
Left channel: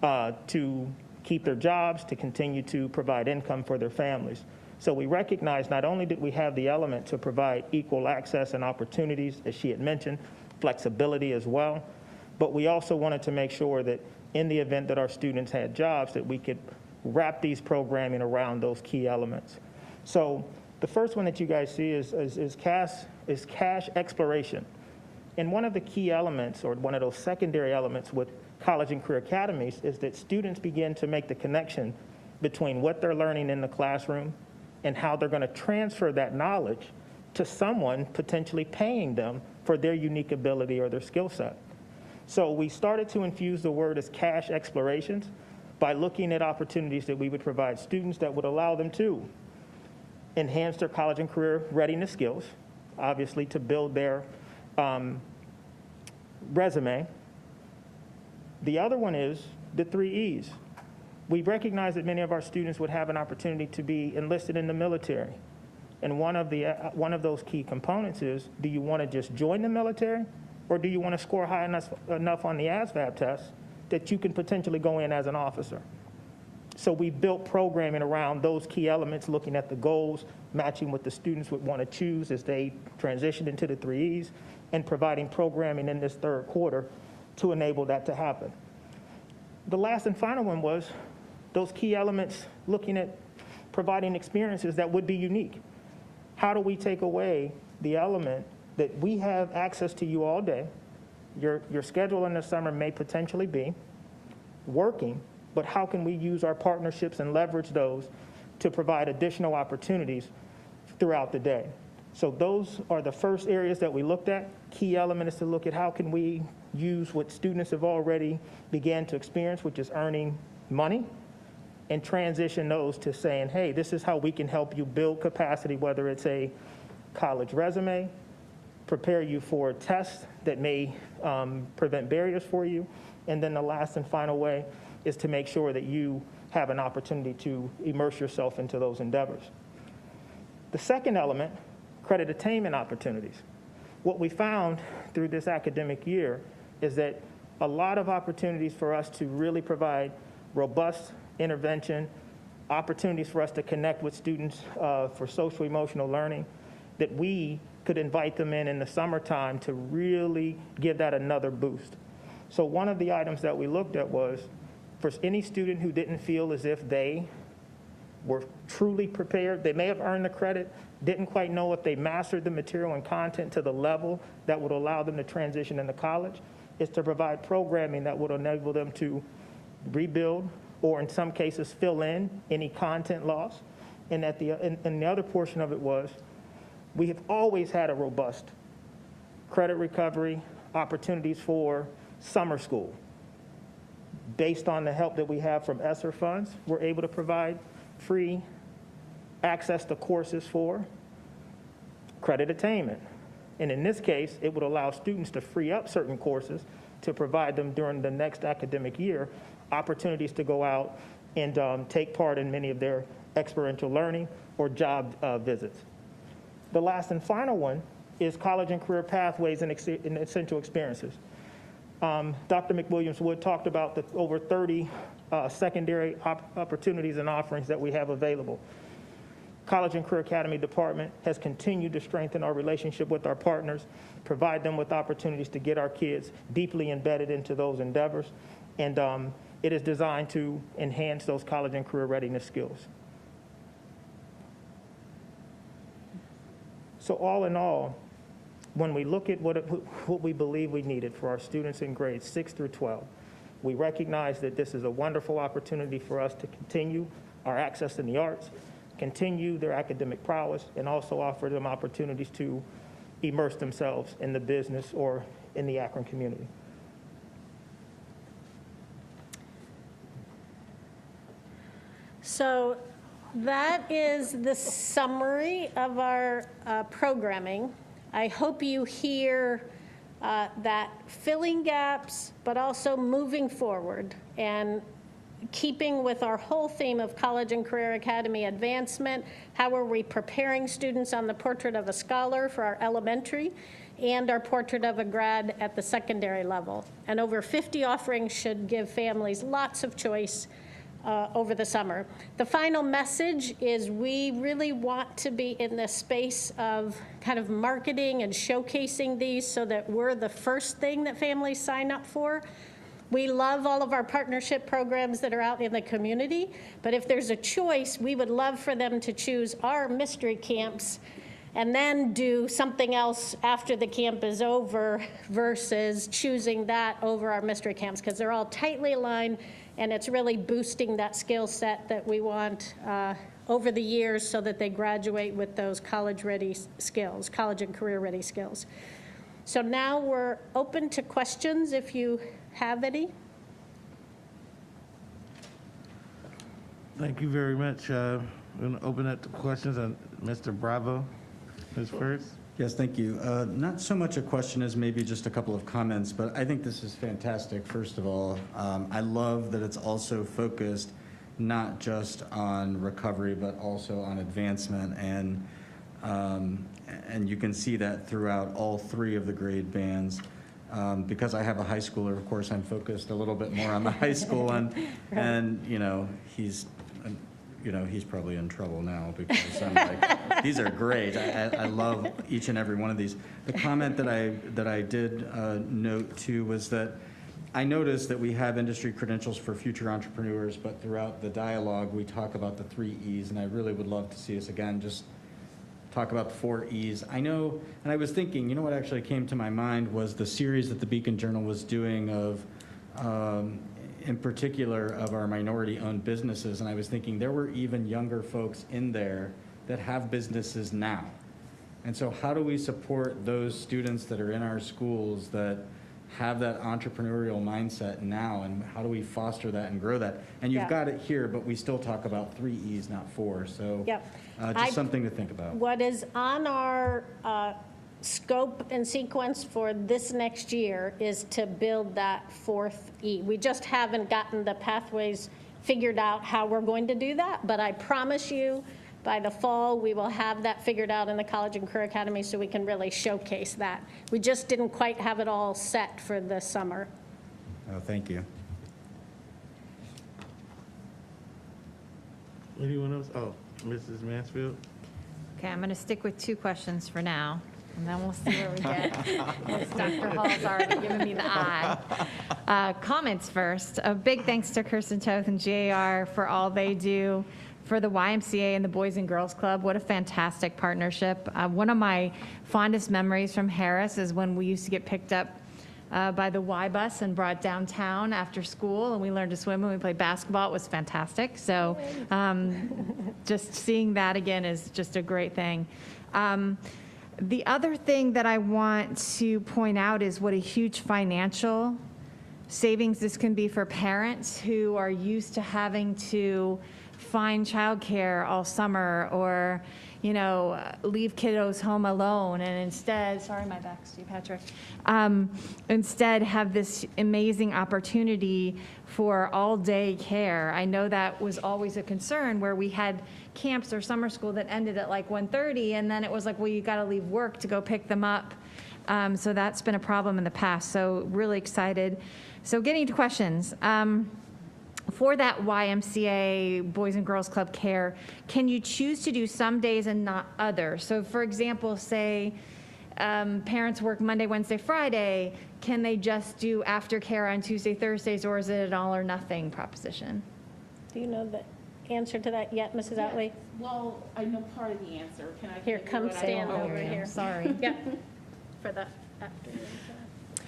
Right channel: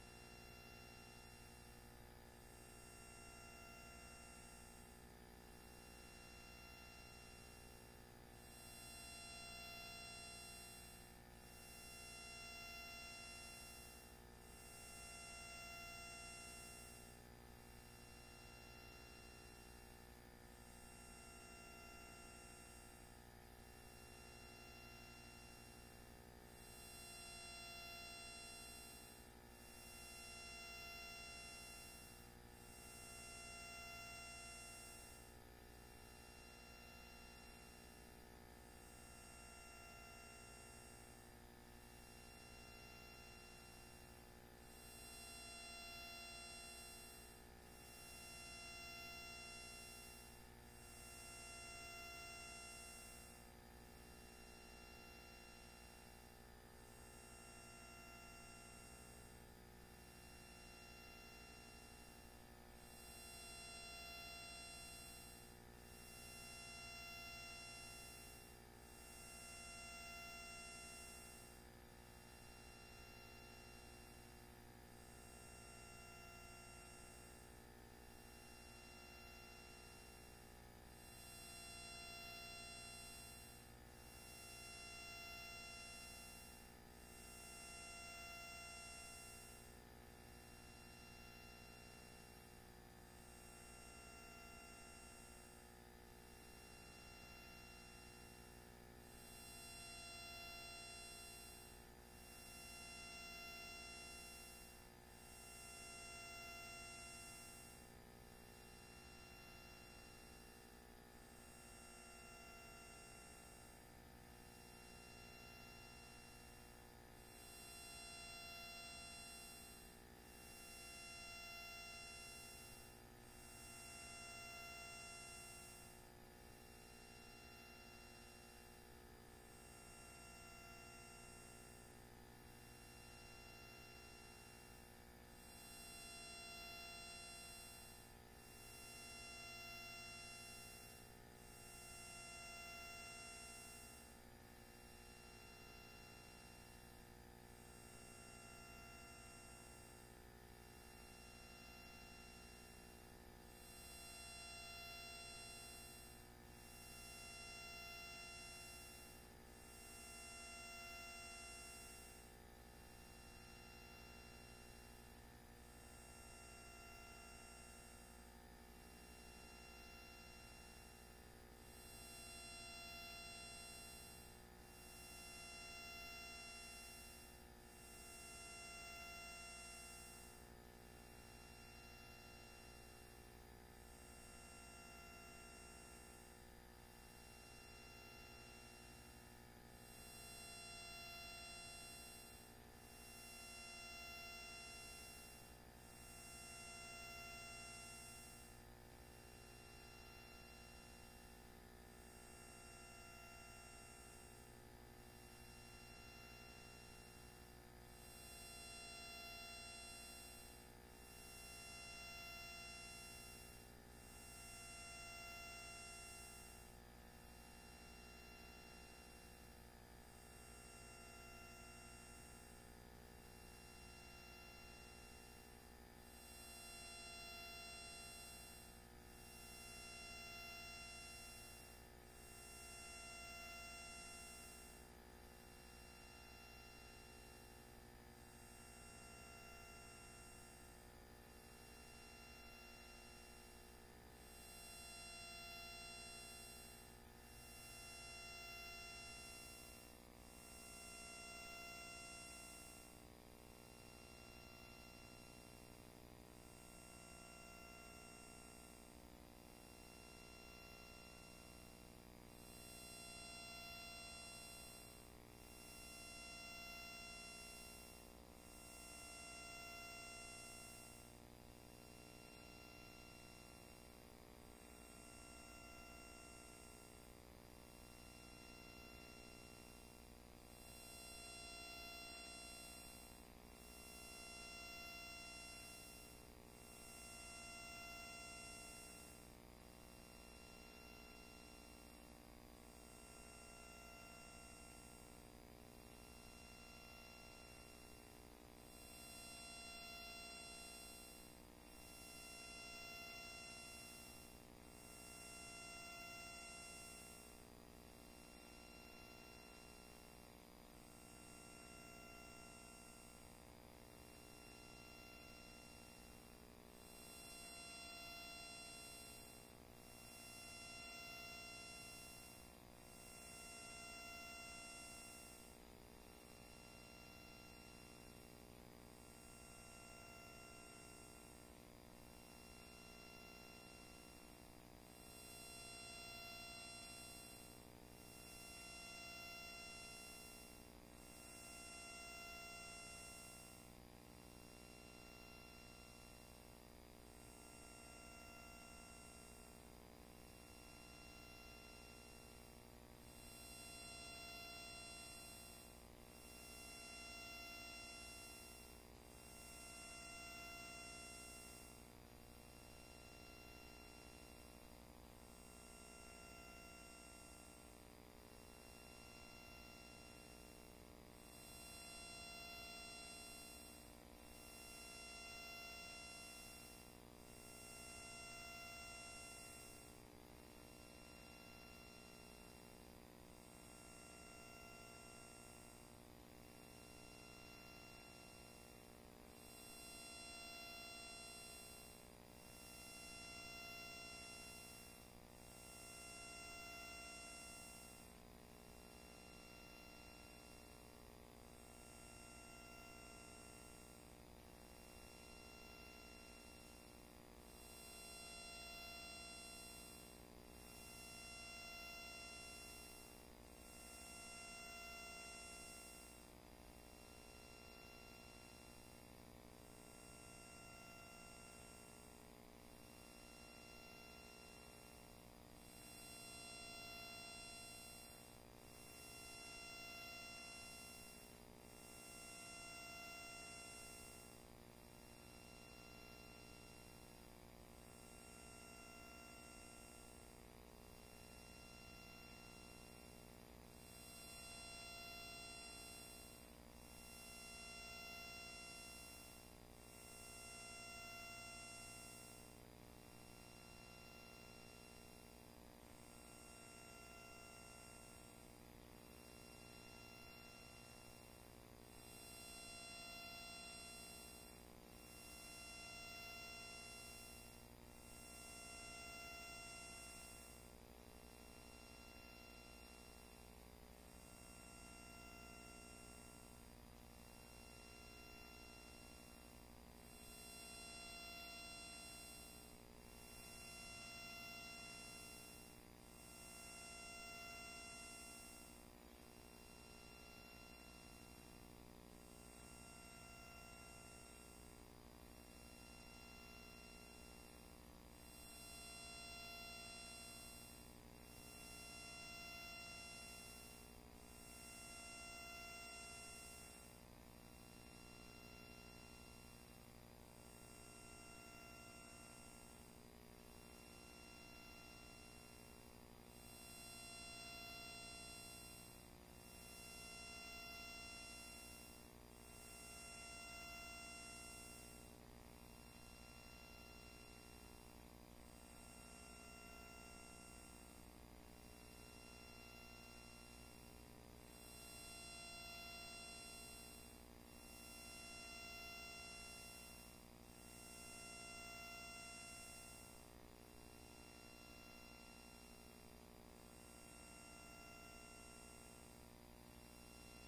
to keep their jobs, to continue to provide income for their families. So we recognize not only did we have the element to provide equal access and opportunities, as she had mentioned, flexibility as well, but we also wanted to make sure that in the event that our students had jobs, that we could wrap these programming around those key elements. So The first one that you guys see is cash exploration. And one of the key elements, or one of those secondary elements with college and career academies, is that students begin to make the connection between what they're learning in the classroom and how they're going to transfer that knowledge to someone potentially paying them for their unique ability or their skill set. So we started to infuse the word as cash explorations by looking at opportunities that we would provide students that would allow them to enhance their college and career readiness skills, obviously to build their resume. The other one is the 3 E's. We recognize that many of our students would have an opportunity to be enlisted in the military. And one of those key components is, do you want to just join the military, or do you want to score high enough on the ASVAB test that you can potentially go in as an officer? So we built programming around those key elements, looking at the goals, matching what the students would want to choose as they transition into the 3 E's, and providing programming in this third quarter to enable that to happen. The last and final one was those key elements, looking at providing experiences that would be unique. How do we take away the element that we have access to you all day? Your schedule in the summer may potentially be working, but how can we use our partnerships and leverage those to provide additional opportunities throughout the day? So those are the first areas that we looked at. Key element is to look at how can we use what students have already began to experience, which is earning money, and transition those to saying, hey, this is how we can help you build capacity, whether it's a college resume, prepare you for tests that may prevent barriers for you, and then the last and final way is to make sure that you have an opportunity to immerse yourself into those endeavors. The second element, credit attainment opportunities. What we found through this academic year is that a lot of opportunities for us to really provide robust intervention, opportunities for us to connect with students for social emotional learning, that we could invite them in the summertime to really give that another boost. So one of the items that we looked at was, for any student who didn't feel as if they were truly prepared, they may have earned the credit, didn't quite know if they mastered the material and content to the level that would allow them to transition into college, is to provide programming that would enable them to rebuild, or in some cases fill in any content loss. And the other portion of it was, we have always had a robust credit recovery opportunities for summer school. Based on the help that we have from ESSER funds, we're able to provide free access to courses for credit attainment. And in this case, it would allow students to free up certain courses to provide them during the next academic year opportunities to go out and take part in many of their experiential learning or job visits. The last and final one is college and career pathways and essential experiences. Dr. McWilliams-Woods talked about the over 30 secondary opportunities and offerings that we have available. College and Career Academy Department has continued to strengthen our relationship with our partners, provide them with opportunities to get our kids deeply embedded into those endeavors, and it is designed to enhance those college and career readiness skills. So all in all, when we look at what we believe we needed for our students in grades 6 through 12, we recognize that this is a wonderful opportunity for us to continue our access in the arts, continue their academic prowess, and also offer them opportunities to immerse themselves in the business or in the Akron community. So that is the summary of our programming. I hope you hear that filling gaps, but also moving forward and keeping with our whole theme of College and Career Academy advancement. How are we preparing students on the Portrait of a Scholar for our elementary and our Portrait of a Grad at the secondary level? And over 50 offerings should give families lots of choice over the summer. The final message is we really want to be in this space of kind of marketing and showcasing these so that we're the first thing that families sign up for. We love all of our partnership programs that are out in the community, but if there's a choice, we would love for them to choose our mystery camps and then do something else after the camp is over versus choosing that over our mystery camps, because they're all tightly aligned, and it's really boosting that skill set that we want over the years so that they graduate with those college-ready skills, college and career-ready skills. So now we're open to questions if you have any. Thank you very much. We're going to open up the questions. Mr. Bravo is first. Yes, thank you. Not so much a question as maybe just a couple of comments, but I think this is fantastic, first of all. I love that it's also focused not just on recovery, but also on advancement, and you can see that throughout all three of the grade bands. Because I have a high schooler, of course, I'm focused a little bit more on the high school, and he's probably in trouble now because I'm like, these are great. I love each and every one of these. The comment that I did note too was that I noticed that we have industry credentials for future entrepreneurs, but throughout the dialogue we talk about the 3 E's, and I really would love to see us again just talk about the 4 E's. I know, and I was thinking, what actually came to my mind was the series that the Beacon Journal was doing of, in particular, of our minority-owned businesses, and I was thinking there were even younger folks in there that have businesses now. And so how do we support those students that are in our schools that have that entrepreneurial mindset now, and how do we foster that and grow that? And you've got it here, but we still talk about 3 E's, not 4, so just something to think about. What is on our scope and sequence for this next year is to build that 4th E. We just haven't gotten the pathways figured out how we're going to do that, but I promise you by the fall we will have that figured out in the College and Career Academy so we can really showcase that. We just didn't quite have it all set for the summer. Oh, thank you. Anyone else? Oh, Mrs. Mansfield. Okay, I'm going to stick with 2 questions for now, and then we'll see where we get. Yes, Dr. Hall's already given me the eye. Comments first. A big thanks to Kirsten Toth and JR for all they do for the YMCA and the Boys and Girls Club. What a fantastic partnership. One of my fondest memories from Harris is when we used to get picked up by the Y bus and brought downtown after school, and we learned to swim and we played basketball. It was fantastic. So just seeing that again is just a great thing. The other thing that I want to point out is what a huge financial savings this can be for parents who are used to having to find childcare all summer, or leave kiddos home alone, and instead, sorry, my back's to you, Patrick, instead have this amazing opportunity for all-day care. I know that was always a concern where we had camps or summer school that ended at like 1:30, and then it was like, well, you got to leave work to go pick them up. So that's been a problem in the past. So really excited. So getting to questions. For that YMCA Boys and Girls Club care, can you choose to do some days and not others? So for example, say parents work Monday, Wednesday, Friday, can they just do aftercare on Tuesday, Thursdays, or is it an all or nothing proposition? Do you know the answer to that yet, Mrs. Otley? Well, I know part of the answer. Can I Here, give you come what I stand don't know? over here. Sorry. Yeah, for the afternoon.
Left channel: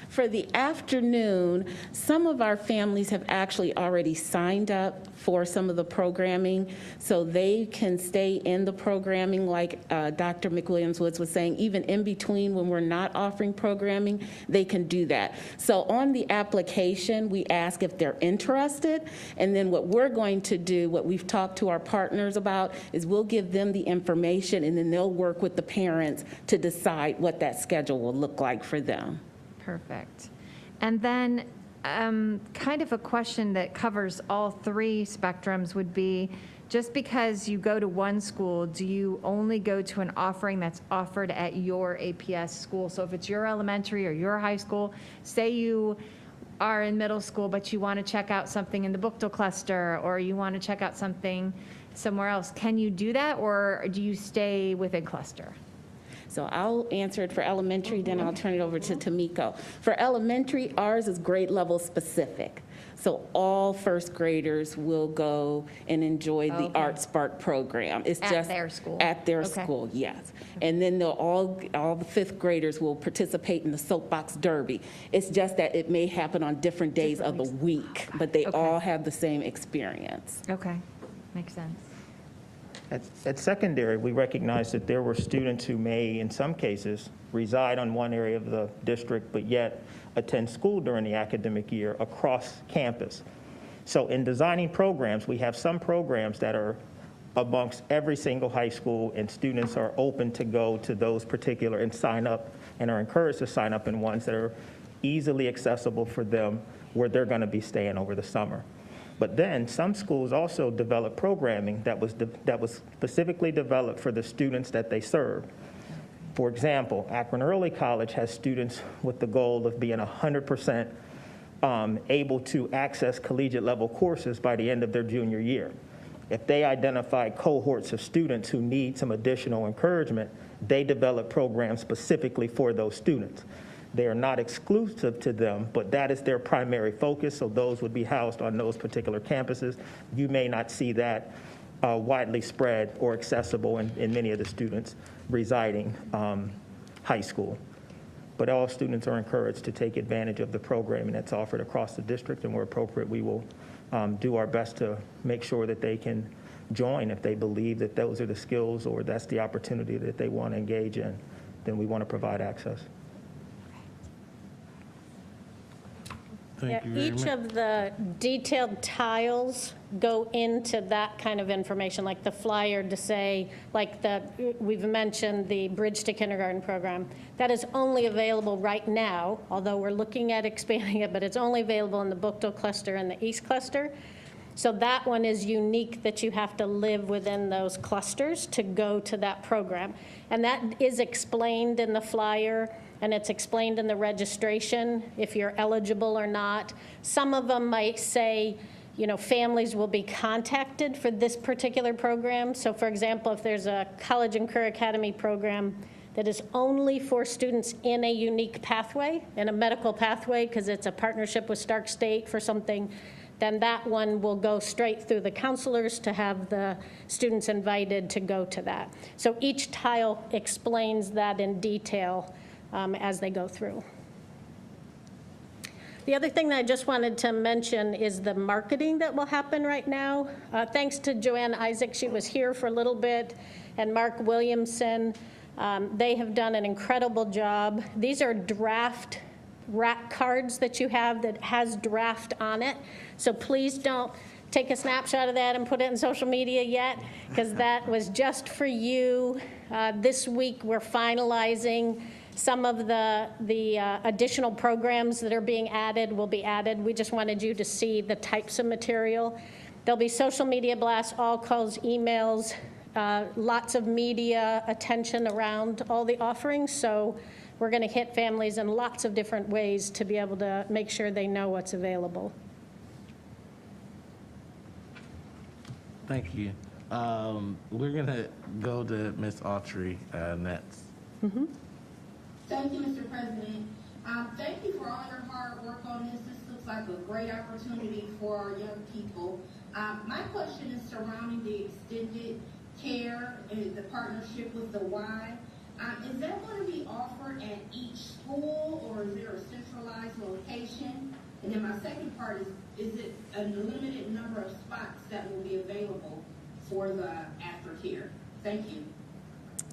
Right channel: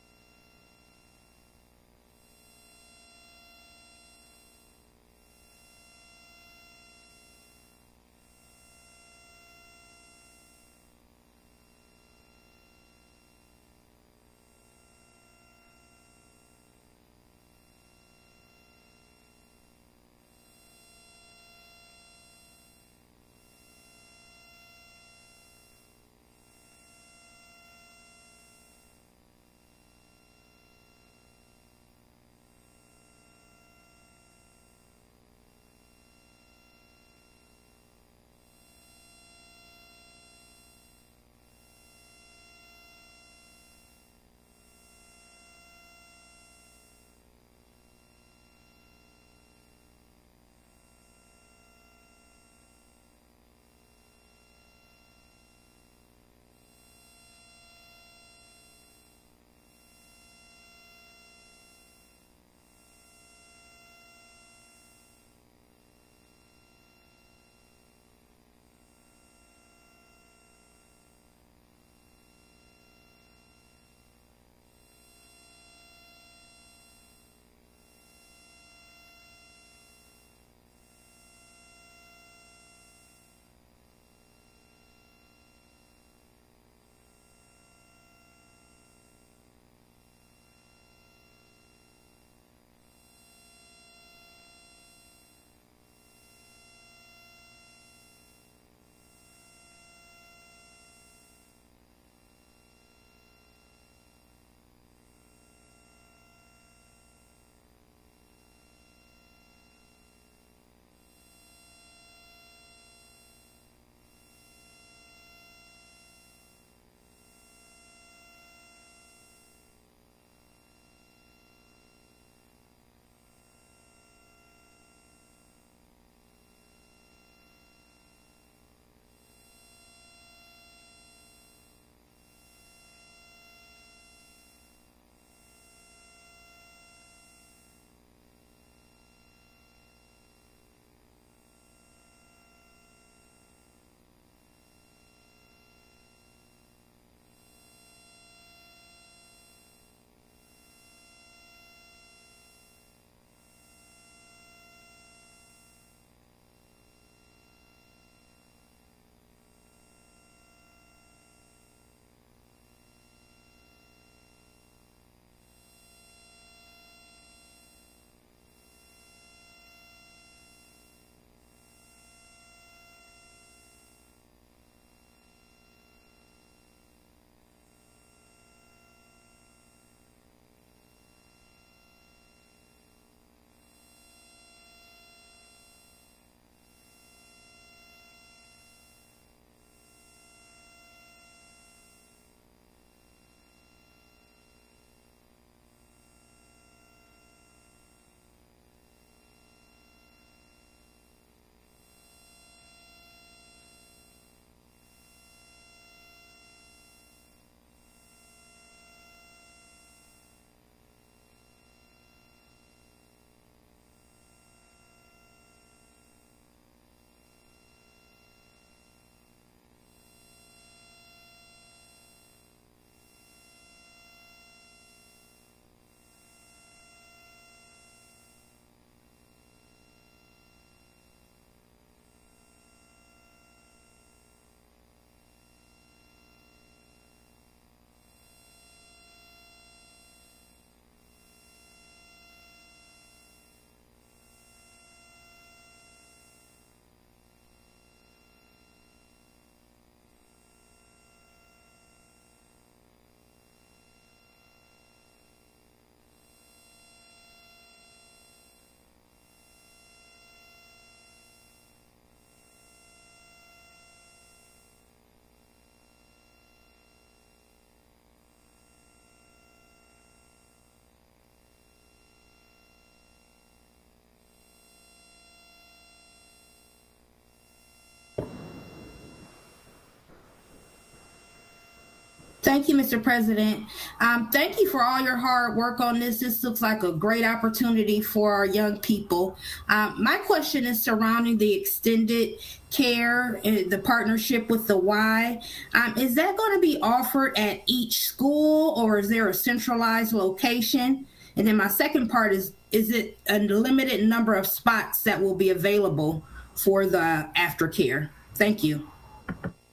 For the afternoon, some of our families have actually already signed up for some of the programming, so they can stay in the programming like Dr. McWilliams-Woods was saying. Even in between when we're not offering programming, they can do that. So on the application, we ask if they're interested, and then what we're going to do, what we've talked to our partners about, is we'll give them the information, and then they'll work with the parents to decide what that schedule will look like for them. Perfect. And then kind of a question that covers all 3 spectrums would be, just because you go to one school, do you only go to an offering that's offered at your APS school? So if it's your elementary or your high school, say you are in middle school, but you want to check out something in the Bookdale cluster, or you want to check out something somewhere else, can you do that, or do you stay within cluster? So I'll answer it for elementary, then I'll turn it over to Tamiko. For elementary, ours is grade level specific. So all first graders will go and enjoy the Art Spark program. It's At just their school? At their Okay. school, yes. And then they'll all the fifth graders will participate in the soapbox derby. It's just that it may happen on different days of the week, but they Okay. all have the same experience. Okay, makes sense. At secondary, we recognized that there were students who may, in some cases, reside on one area of the district, but yet attend school during the academic year across campus. So in designing programs, we have some programs that are amongst every single high school, and students are open to go to those particular and sign up, and are encouraged to sign up in ones that are easily accessible for them, where they're going to be staying over the summer. But then some schools also develop programming that was specifically developed for the students that they serve. For example, Akron Early College has students with the goal of being 100% able to access collegiate level courses by the end of their junior year. If they identify cohorts of students who need some additional encouragement, they develop programs specifically for those students. They are not exclusive to them, but that is their primary focus, so those would be housed on those particular campuses. You may not see that widely spread or accessible in many of the students residing high school. But all students are encouraged to take advantage of the programming that's offered across the district, and where appropriate, we will do our best to make sure that they can join if they believe that those are the skills or that's the opportunity that they want to engage in. Then we want to provide access. Thank you very Each much. of the detailed tiles go into that kind of information, like the flyer to say, like we've mentioned the Bridge to Kindergarten program. That is only available right now, although we're looking at expanding it, but it's only available in the Bookdale cluster and the East cluster. So that one is unique, that you have to live within those clusters to go to that program. And that is explained in the flyer, and it's explained in the registration, if you're eligible or not. Some of them might say, you know, families will be contacted for this particular program. So for example, if there's a College and Career Academy program that is only for students in a unique pathway, in a medical pathway, because it's a partnership with Stark State for something, then that one will go straight through the counselors to have the students invited to go to that. So each tile explains that in detail as they go through. The other thing that I just wanted to mention is the marketing that will happen right now. Thanks to Joanne Isaac, she was here for a little bit, and Mark Williamson. They have done an incredible job. These are draft rack cards that you have that has draft on it. So please don't take a snapshot of that and put it in social media yet, because that was just for you. This week we're finalizing some of the additional programs that are being added will be added. We just wanted you to see the types of material. There'll be social media blasts, all calls, emails, lots of media attention around all the offerings. So we're going to hit families in lots of different ways to be able to make sure they know what's available. Thank you. We're going to go to Ms. Autry next. Thank you, Mr. President. Thank you for all your hard work on this. This looks like a great opportunity for our young people. My question is surrounding the extended care and the partnership with the Y. Is that going to be offered at each school, or is there a centralized location? And then my second part is it a limited number of spots that will be available for the aftercare? Thank you.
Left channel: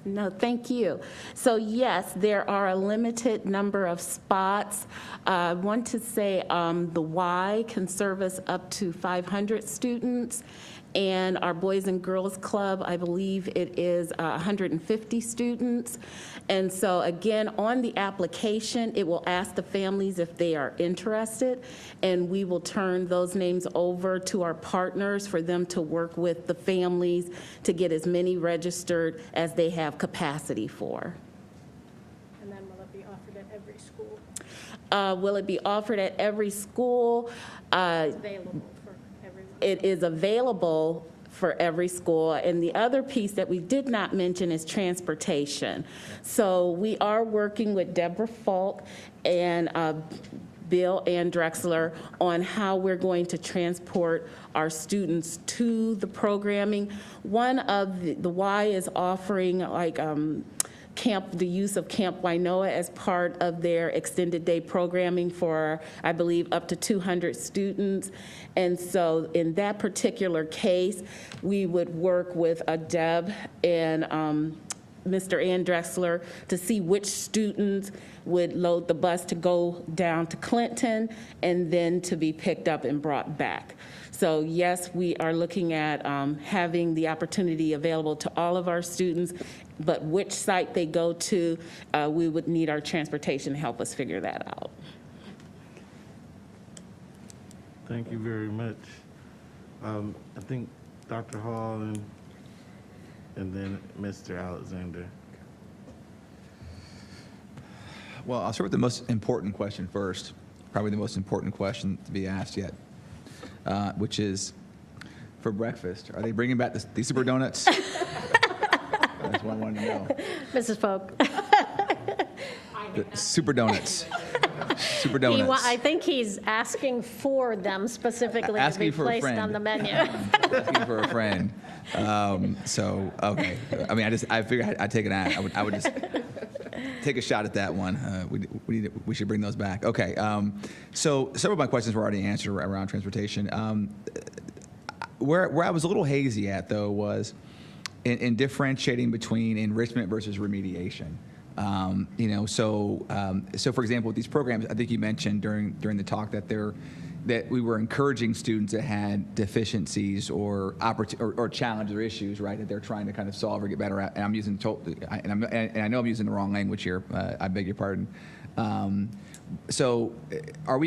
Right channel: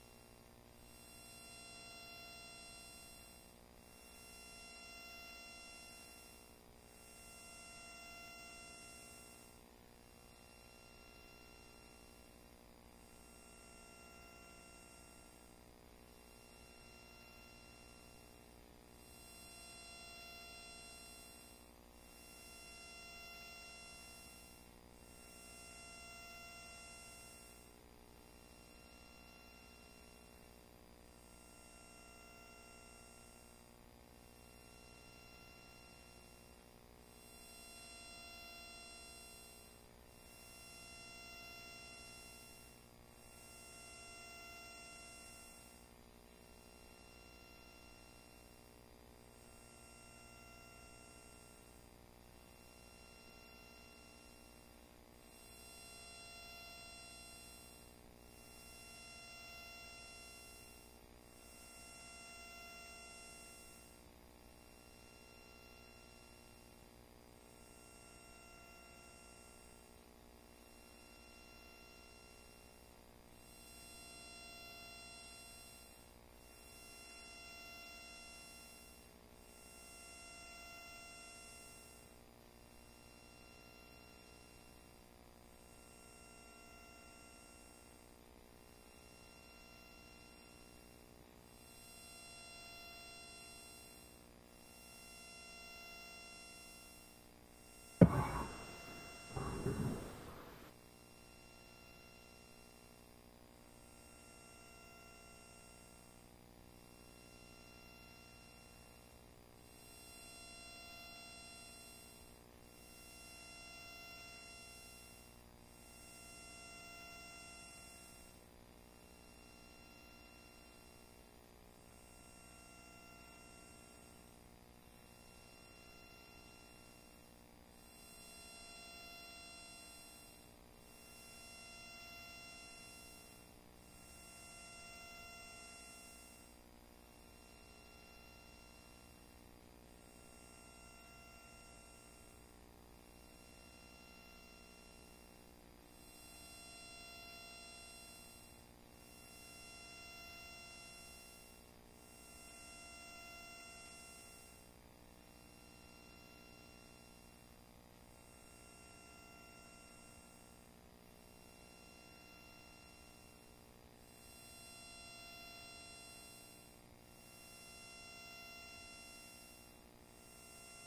No, thank you. So yes, there are a limited number of spots. I want to say the Y can service up to 500 students, and our Boys and Girls Club, I believe it is 150 students. And so again, on the application, it will ask the families if they are interested, and we will turn those names over to our partners for them to work with the families to get as many registered as they have capacity for. And then will it be offered at every school? Will it be offered at every school? It's available for everyone. It is available for every school. And the other piece that we did not mention is transportation. So we are working with Deborah Falk and Bill and Drexler on how we're going to transport our students to the programming. One of the Y is offering like the use of Camp Wainoa as part of their extended day programming for, I believe, up to 200 students. And so in that particular case, we would work with Deb and Mr. Ann Drexler to see which students would load the bus to go down to Clinton and then to be picked up and brought back. So yes, we are looking at having the opportunity available to all of our students, but which site they go to, we would need our transportation to help us figure that out. Thank you very much. I think Dr. Hall and then Mr. Alexander. Well, I'll start with the most important question first, probably the most important question to be asked yet, which is, for breakfast, are they bringing back the Super Donuts? That's what I wanted to know. Mrs. Folk. The Super Donuts. Super Donuts. I think he's asking for them specifically to be placed on the menu. Asking for a friend. Okay. I mean, I figured I'd take I would just take a shot at that one. We should bring those back. Okay. So several of my questions were already answered around transportation. Where I was a little hazy at, though, was in differentiating between enrichment versus remediation. So for example, with these programs, I think you mentioned during the talk that we were encouraging students that had deficiencies or challenges or issues, right, that they're trying to kind of solve or get better at. And I'm using and I know I'm using the wrong language here. I beg your pardon. So are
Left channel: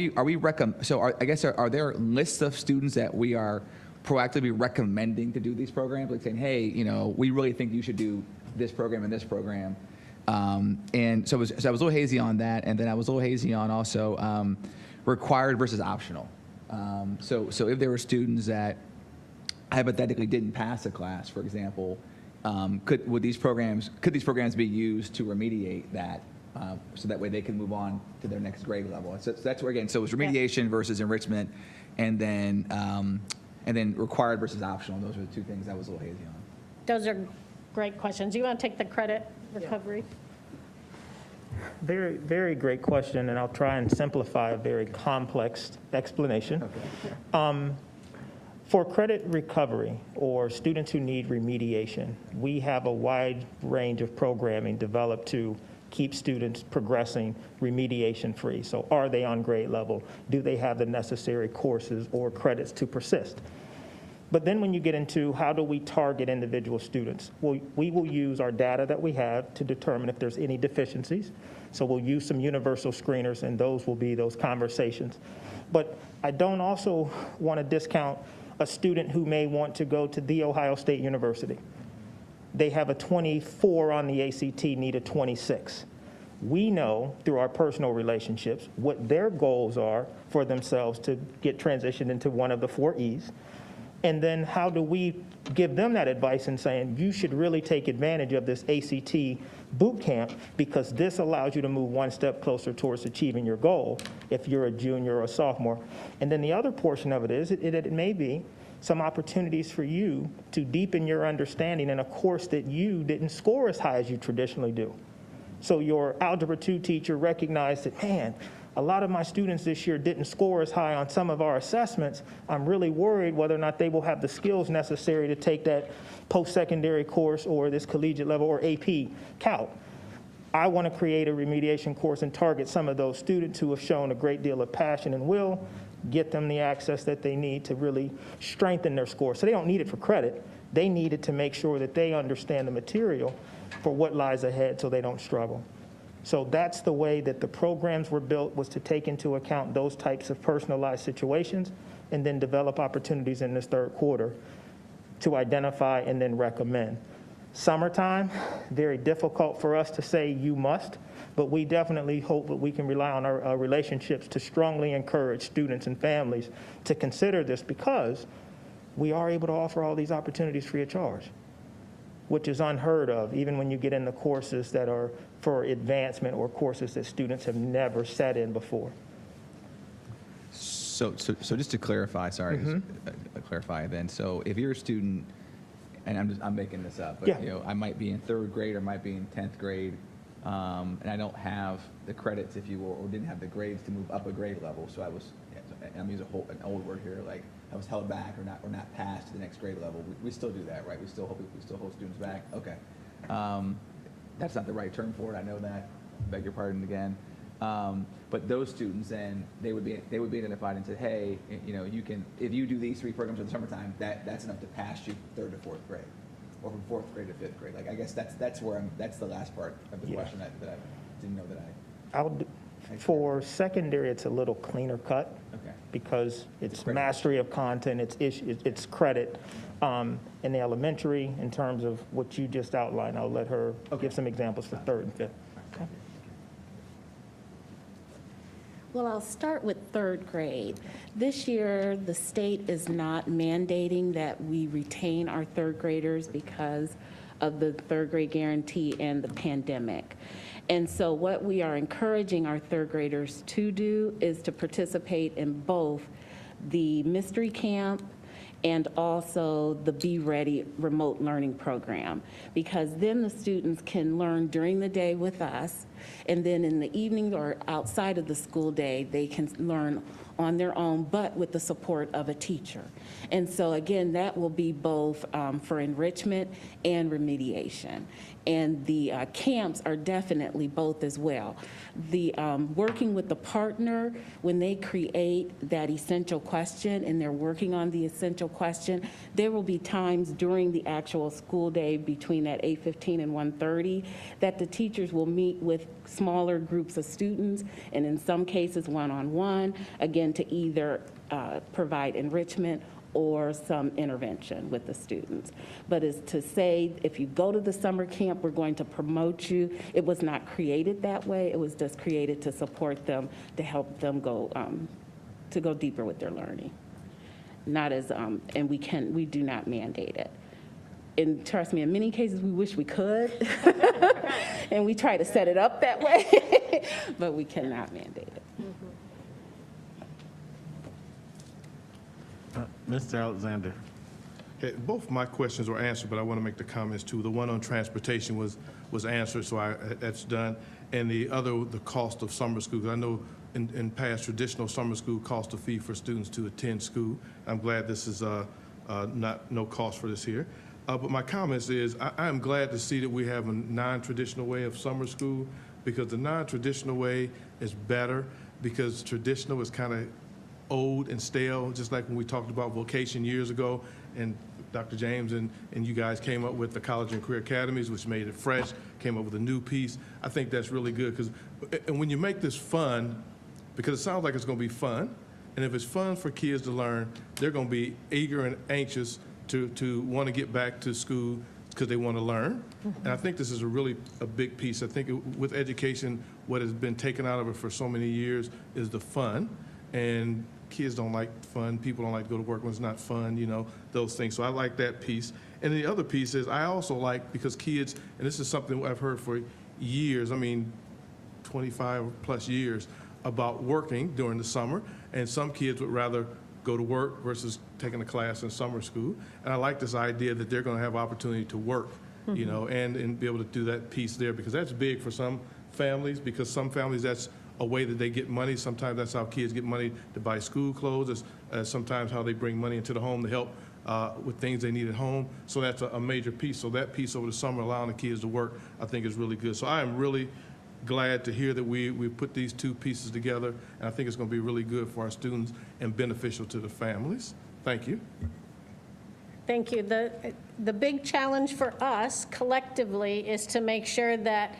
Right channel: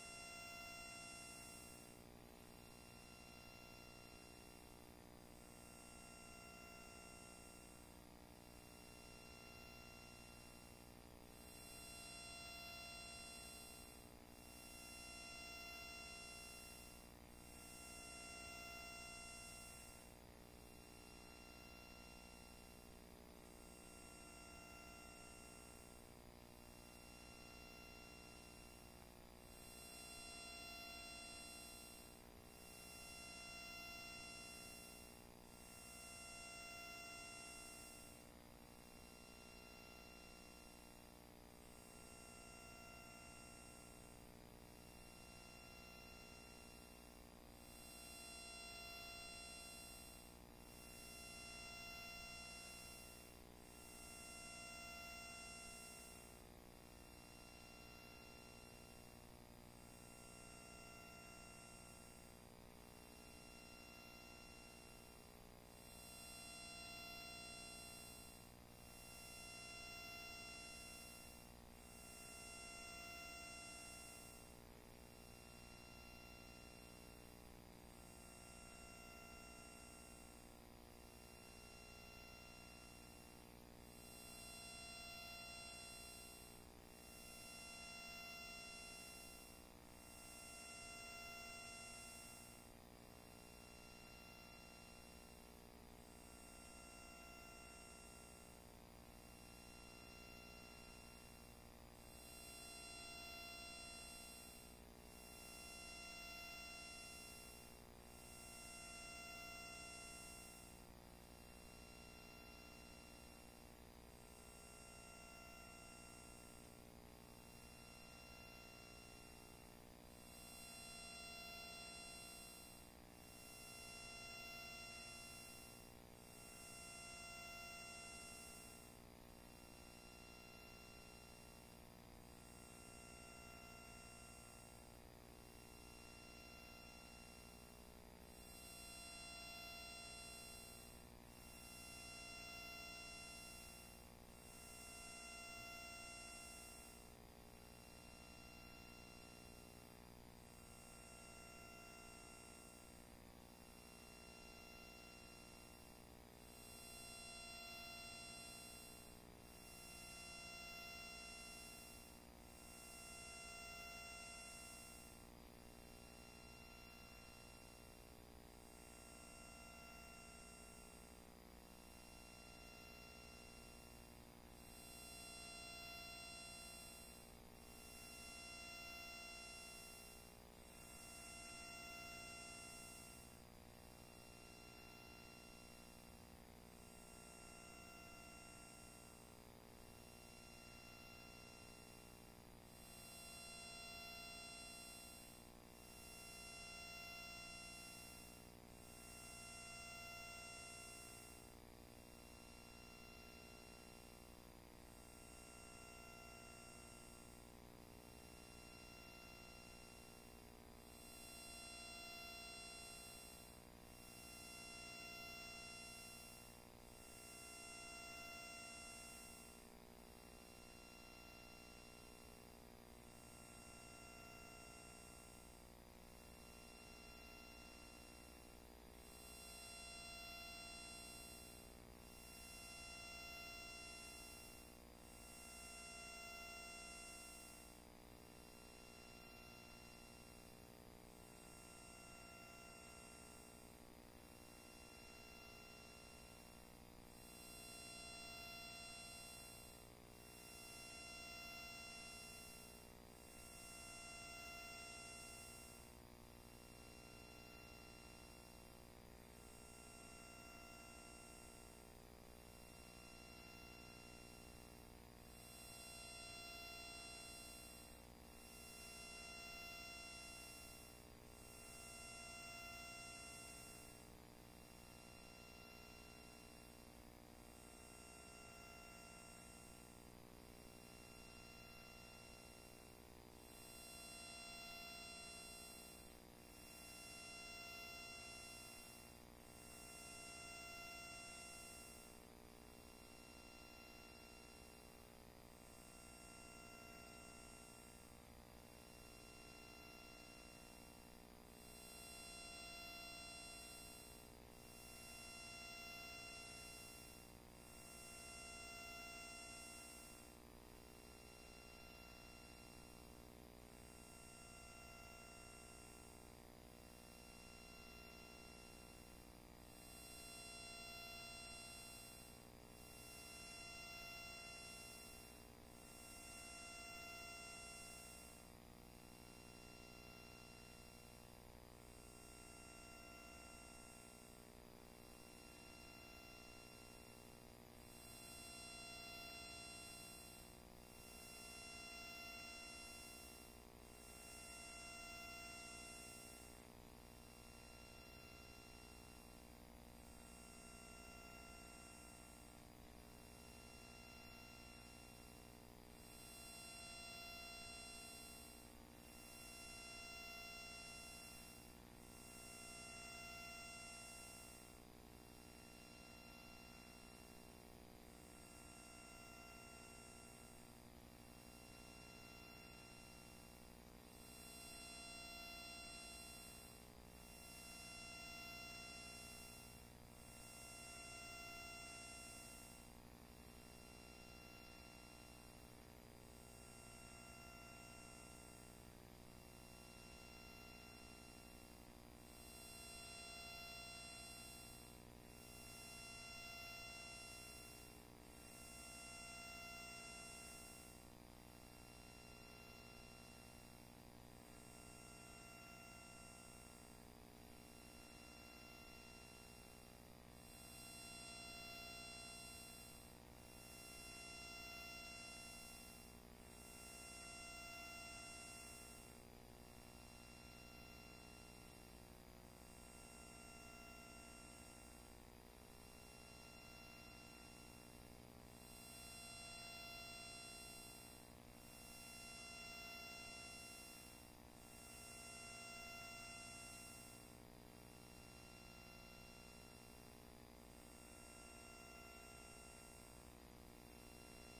there lists of students that we are proactively recommending to do these programs, like saying, hey, we really think you should do this program and this program. And so I was a little hazy on that, and then I was a little hazy on also required versus optional. So if there were students that hypothetically didn't pass a class, for example, could these programs be used to remediate that, so that way they can move on to their next grade level? So that's where, again, so it was remediation versus enrichment, and then required versus optional. Those are the two things I was a little hazy on. Those are great questions. You want to take the credit recovery? Very, very great question, and I'll try and simplify a very complex explanation. Okay. For credit recovery or students who need remediation, we have a wide range of programming developed to keep students progressing remediation free. So are they on grade level? Do they have the necessary courses or credits to persist? But then when you get into how do we target individual students, well, we will use our data that we have to determine if there's any deficiencies. So we'll use some universal screeners, and those will be those conversations. But I don't also want to discount a student who may want to go to The Ohio State University. They have a 24 on the ACT, need a 26. We know through our personal relationships what their goals are for themselves to get transitioned into one of the 4 E's. And then how do we give them that advice in saying, you should really take advantage of this ACT boot camp because this allows you to move one step closer towards achieving your goal if you're a junior or a sophomore. And then the other portion of it is it may be some opportunities for you to deepen your understanding in a course that you didn't score as high as you traditionally do. So your Algebra 2 teacher recognized that, man, a lot of my students this year didn't score as high on some of our assessments. I'm really worried whether or not they will have the skills necessary to take that post-secondary course or this collegiate level or AP Calc. I want to create a remediation course and target some of those students who have shown a great deal of passion and will, get them the access that they need to really strengthen their score. So they don't need it for credit. They need it to make sure that they understand the material for what lies ahead so they don't struggle. So that's the way that the programs were built, was to take into account those types of personalized situations and then develop opportunities in this third quarter to identify and then recommend. Summertime, very difficult for us to say you must, but we definitely hope that we can rely on our relationships to strongly encourage students and families to consider this, because we are able to offer all these opportunities free of charge, which is unheard of, even when you get into courses that are for advancement or courses that students have never sat in before. So just to clarify, sorry, clarify then. So if you're a student, and I'm making this up, but Yeah. you know, I might be in 3rd grade or might be in 10th grade, and I don't have the credits, if you will, or didn't have the grades to move up a grade level. So I was, I'm using an old word here, like I was held back or not passed to the next grade level. We still do that, right? We still hold students back. Okay. That's not the right term for it. I know that. Beg your pardon again. But those students, then they would be identified and said, hey, you know, you can, if you do these 3 programs in the summertime, that's enough to pass you 3rd to 4th grade, or from 4th grade to 5th grade. Like I guess that's the last part of the question that I didn't know that For secondary, it's a little cleaner cut. Okay. Because it's credit. mastery of content, it's credit. In the elementary, in terms of what you just outlined, I'll let her give some examples for 3rd and 5th. Okay. Well, I'll start with 3rd grade. This year, the state is not mandating that we retain our 3rd graders because of the 3rd grade guarantee and the pandemic. And so what we are encouraging our 3rd graders to do is to participate in both the mystery camp and also the Be Ready remote learning program, because then the students can learn during the day with us, and then in the evening or outside of the school day, they can learn on their own, but with the support of a teacher. And so again, that will be both for enrichment and remediation. And the camps are definitely both as well. The working with the partner, when they create that essential question and they're working on the essential question, there will be times during the actual school day between that 8:15 and 1:30 that the teachers will meet with smaller groups of students, and in some cases one-on-one, again, to either provide enrichment or some intervention with the students. But as to say, if you go to the summer camp, we're going to promote you, it was not created that way. It was just created to support them, to help them go, to go deeper with their learning. Not as, and we do not mandate it. And trust me, in many cases, we wish we could. And we try to set it up that way, but we cannot mandate it. Mr. Alexander. Okay, both my questions were answered, but I want to make the comments too. The one on transportation was answered, so that's done. And the other, the cost of summer school. I know in past traditional summer school cost a fee for students to attend school. I'm glad this is no cost for this here. But my comments is I am glad to see that we have a non-traditional way of summer school, because the non-traditional way is better, because traditional is kind of old and stale, just like when we talked about vocation years ago, and Dr. James and you guys came up with the college and career academies, which made it fresh, came up with a new piece. I think that's really good, because and when you make this fun, because it sounds like it's going to be fun, and if it's fun for kids to learn, they're going to be eager and anxious to want to get back to school because they want to learn. And I think this is a big piece. I think with education, what has been taken out of it for so many years is the fun. And kids don't like fun. People don't like to go to work when it's not fun, you know, those things. So I like that piece. And the other piece is I also like, because kids, and this is something I've heard for years, I mean, 25 plus years, about working during the summer. And some kids would rather go to work versus taking a class in summer school. And I like this idea that they're going to have opportunity to work, you know, and be able to do that piece there, because that's big for some families, because some families that's a way that they get money. Sometimes that's how kids get money to buy school clothes. It's sometimes how they bring money into the home to help with things they need at home. So that's a major piece. So that piece over the summer, allowing the kids to work, I think is really good. So I am really glad to hear that we put these two pieces together, and I think it's going to be really good for our students and beneficial to the families. Thank you. Thank you. The big challenge for us collectively is to make sure that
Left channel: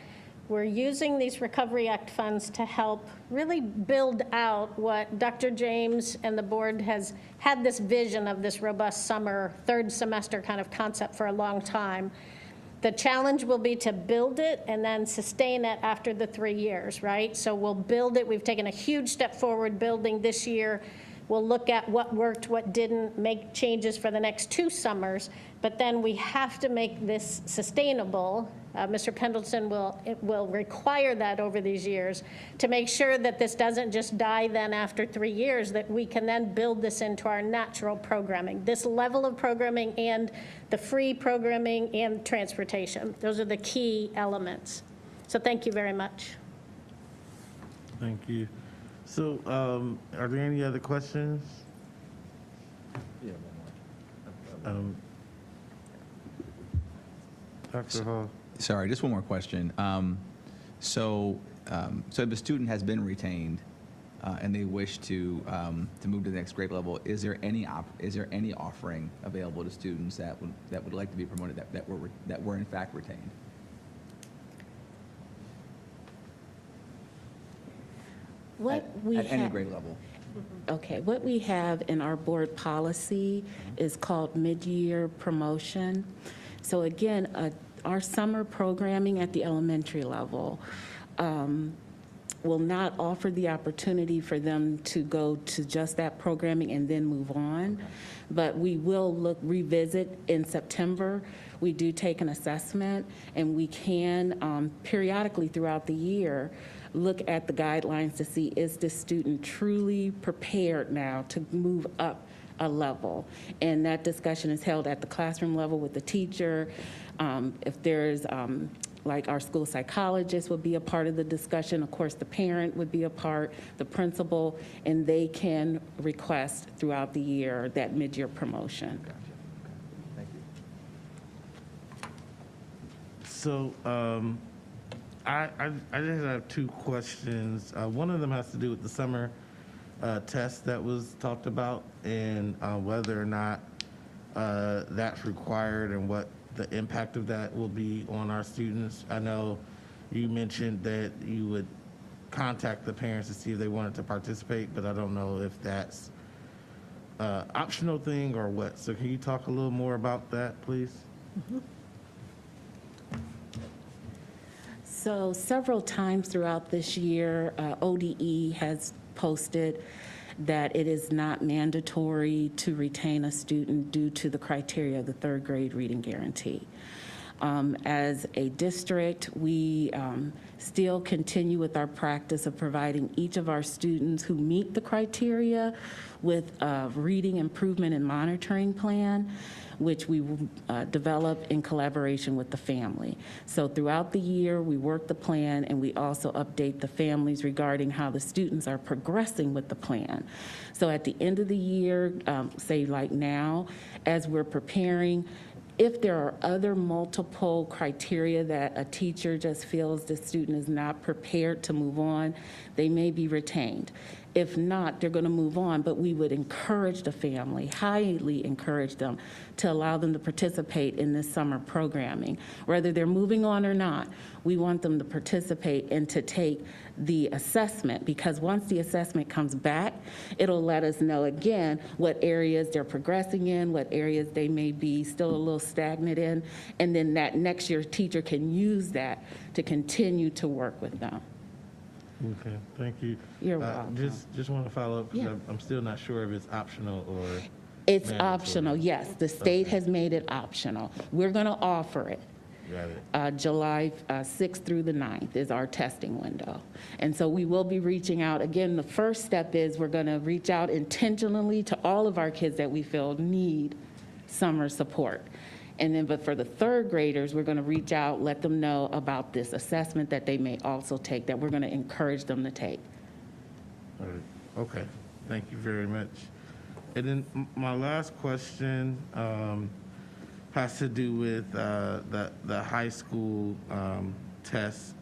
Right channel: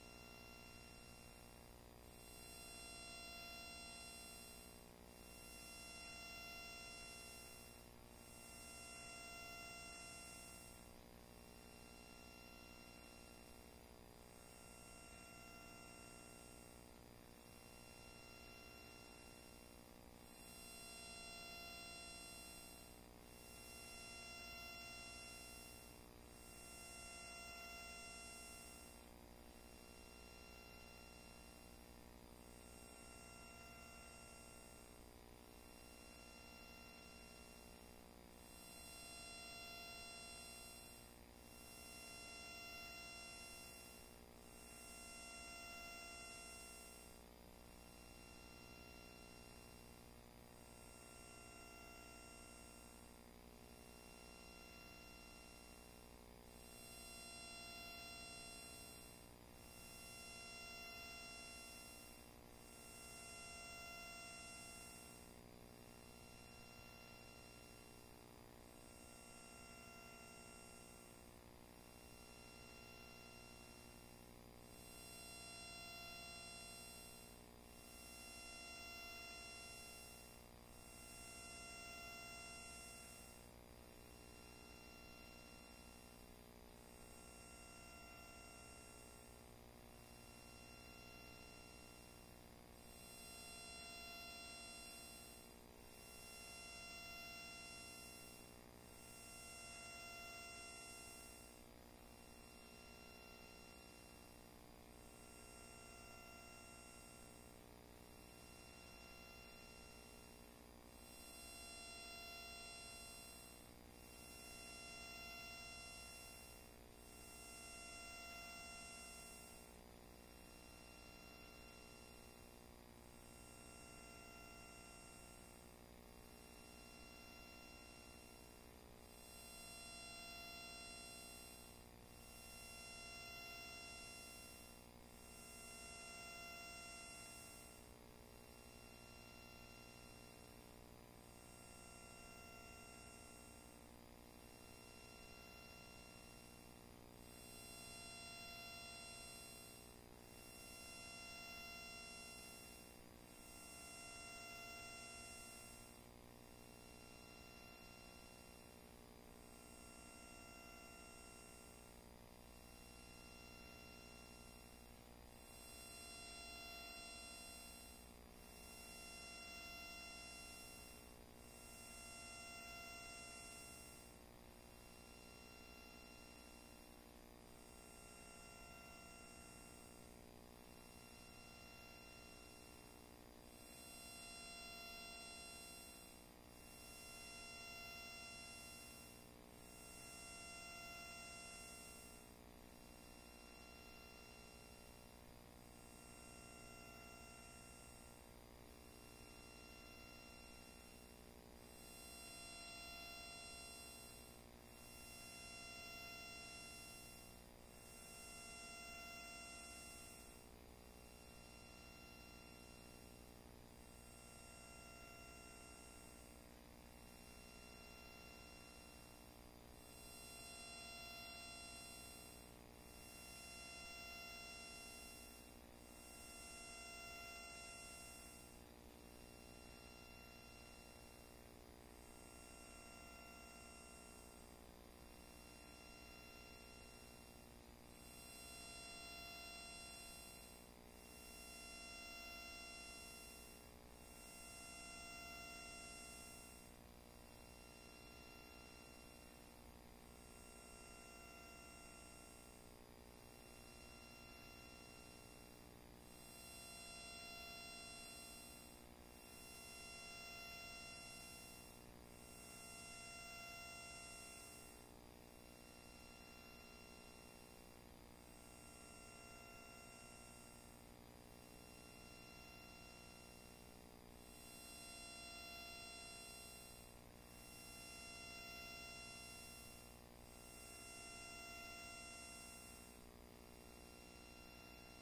we're using these Recovery Act funds to help really build out what Dr. James and the board has had this vision of, this robust summer, 3rd semester kind of concept for a long time. The challenge will be to build it and then sustain it after the 3 years, right? So we'll build it. We've taken a huge step forward building this year We'll look at what worked, what didn't, make changes for the next 2 summers, but then we have to make this sustainable. Mr. Pendleton will require that over these years to make sure that this doesn't just die then after 3 years, that we can then build this into our natural programming. This level of programming and the free programming and transportation. Those are the key elements. So thank you very much. Thank you. So, are there any other questions? Dr. Hall? Sorry, just one more question. So if a student has been retained and they wish to move to the next grade level, is there any offering available to students that would like to be promoted that were in fact retained? What we At any have- grade level. Okay, what we have in our board policy is called mid-year promotion. So again, our summer programming at the elementary level will not offer the opportunity for them to go to just that programming and then move on. But we will revisit in September. We do take an assessment, and we can periodically throughout the year look at the guidelines to see, is this student truly prepared now to move up a level? And that discussion is held at the classroom level with the teacher. If there's, like our school psychologist would be a part of the discussion, of course the parent would be a part, the principal, and they can request throughout the year that mid-year promotion. Thank you. So, I just have 2 questions. One of them has to do with the summer test that was talked about, and whether or not that's required and what the impact of that will be on our students. I know you mentioned that you would contact the parents to see if they wanted to participate, but I don't know if that's an optional thing or what. So can you talk a little more about that, please? Mm-hmm. So several times throughout this year, ODE has posted that it is not mandatory to retain a student due to the criteria of the 3rd grade reading guarantee. As a district, we still continue with our practice of providing each of our students who meet the criteria with a reading improvement and monitoring plan, which we develop in collaboration with the family. So throughout the year, we work the plan, and we also update the families regarding how the students are progressing with the plan. So at the end of the year, say like now, as we're preparing, if there are other multiple criteria that a teacher just feels the student is not prepared to move on, they may be retained. If not, they're going to move on, but we would encourage the family, highly encourage them to allow them to participate in this summer programming. Whether they're moving on or not, we want them to participate and to take the assessment, because once the assessment comes back, it'll let us know again what areas they're progressing in, what areas they may be still a little stagnant in, and then that next year teacher can use that to continue to work with them. Okay, thank you. You're welcome. Just want to follow up, because Yeah. I'm still not sure if it's optional or It's mandatory. optional, yes. The state has made it optional. We're going to offer it. Got it. July 6th through the 9th is our testing window. And so we will be reaching out. Again, the first step is we're going to reach out intentionally to all of our kids that we feel need summer support. And then, but for the 3rd graders, we're going to reach out, let them know about this assessment that they may also take, that we're going to encourage them to take. All right. Okay, thank you very much. And then my last question has to do with the high school camps.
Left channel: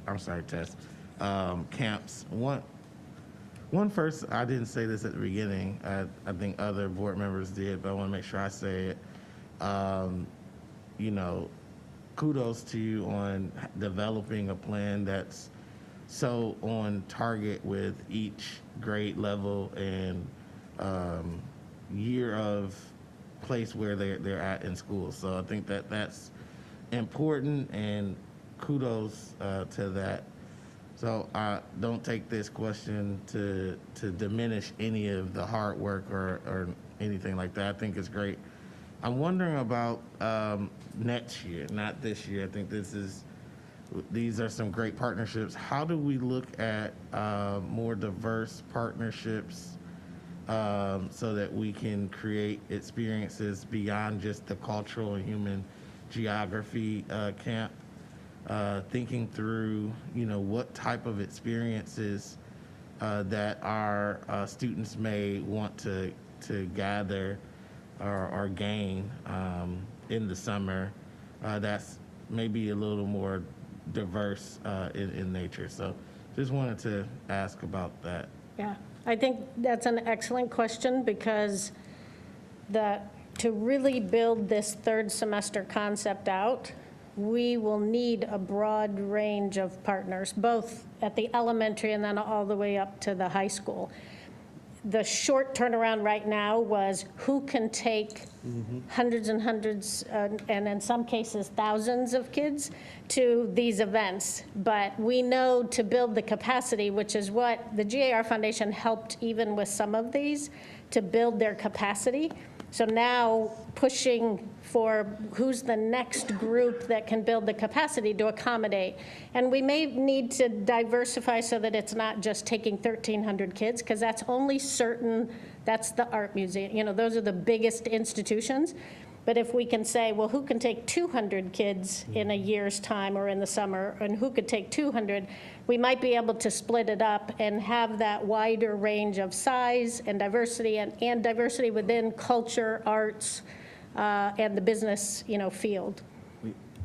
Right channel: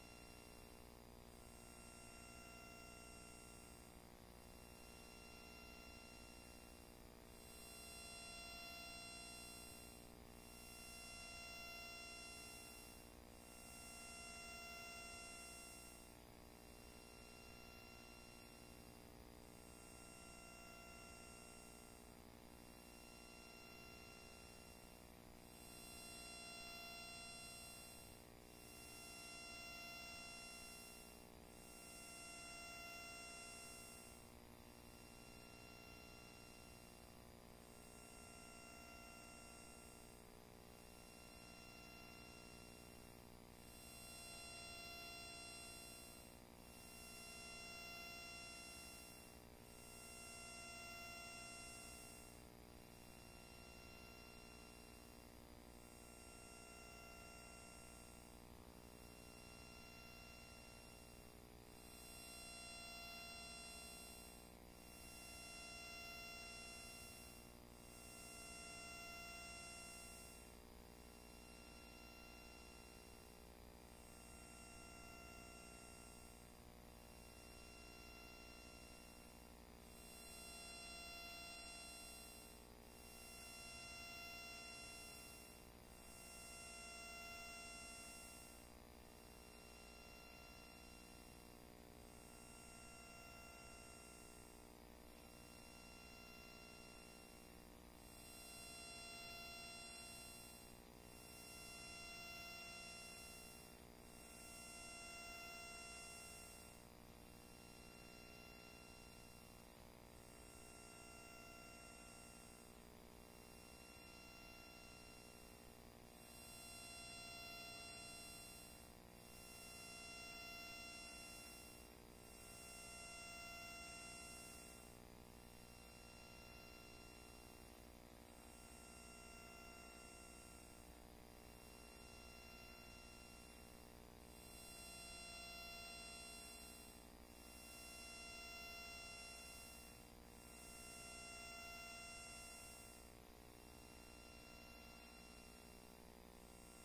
One first, I didn't say this at the beginning. I think other board members did, but I want to make sure I say it. You know, kudos to you on developing a plan that's so on target with each grade level and year of place where they're at in school. So I think that that's important, and kudos to that. So don't take this question to diminish any of the hard work or anything like that. I think it's great. I'm wondering about next year, not this year. I think these are some great partnerships. How do we look at more diverse partnerships so that we can create experiences beyond just the cultural and human geography camp? Thinking through, what type of experiences that our students may want to gather or gain in the summer that's maybe a little more diverse in nature. So just wanted to ask about that. Yeah, I think that's an excellent question because to really build this third semester concept out, we will need a broad range of partners, both at the elementary and then all the way up to the high school. The short turnaround right now was who can take hundreds and hundreds, and in some cases thousands of kids to these events. But we know to build the capacity, which is what the GAR Foundation helped even with some of these, to build their capacity. So now pushing for who's the next group that can build the capacity to accommodate. And we may need to diversify so that it's not just taking 1,300 kids, because that's only that's the art museum. Those are the biggest institutions. But if we can say, well, who can take 200 kids in a year's time or in the summer, and who could take 200, we might be able to split it up and have that wider range of size and diversity, and diversity within culture, arts, and the business, field.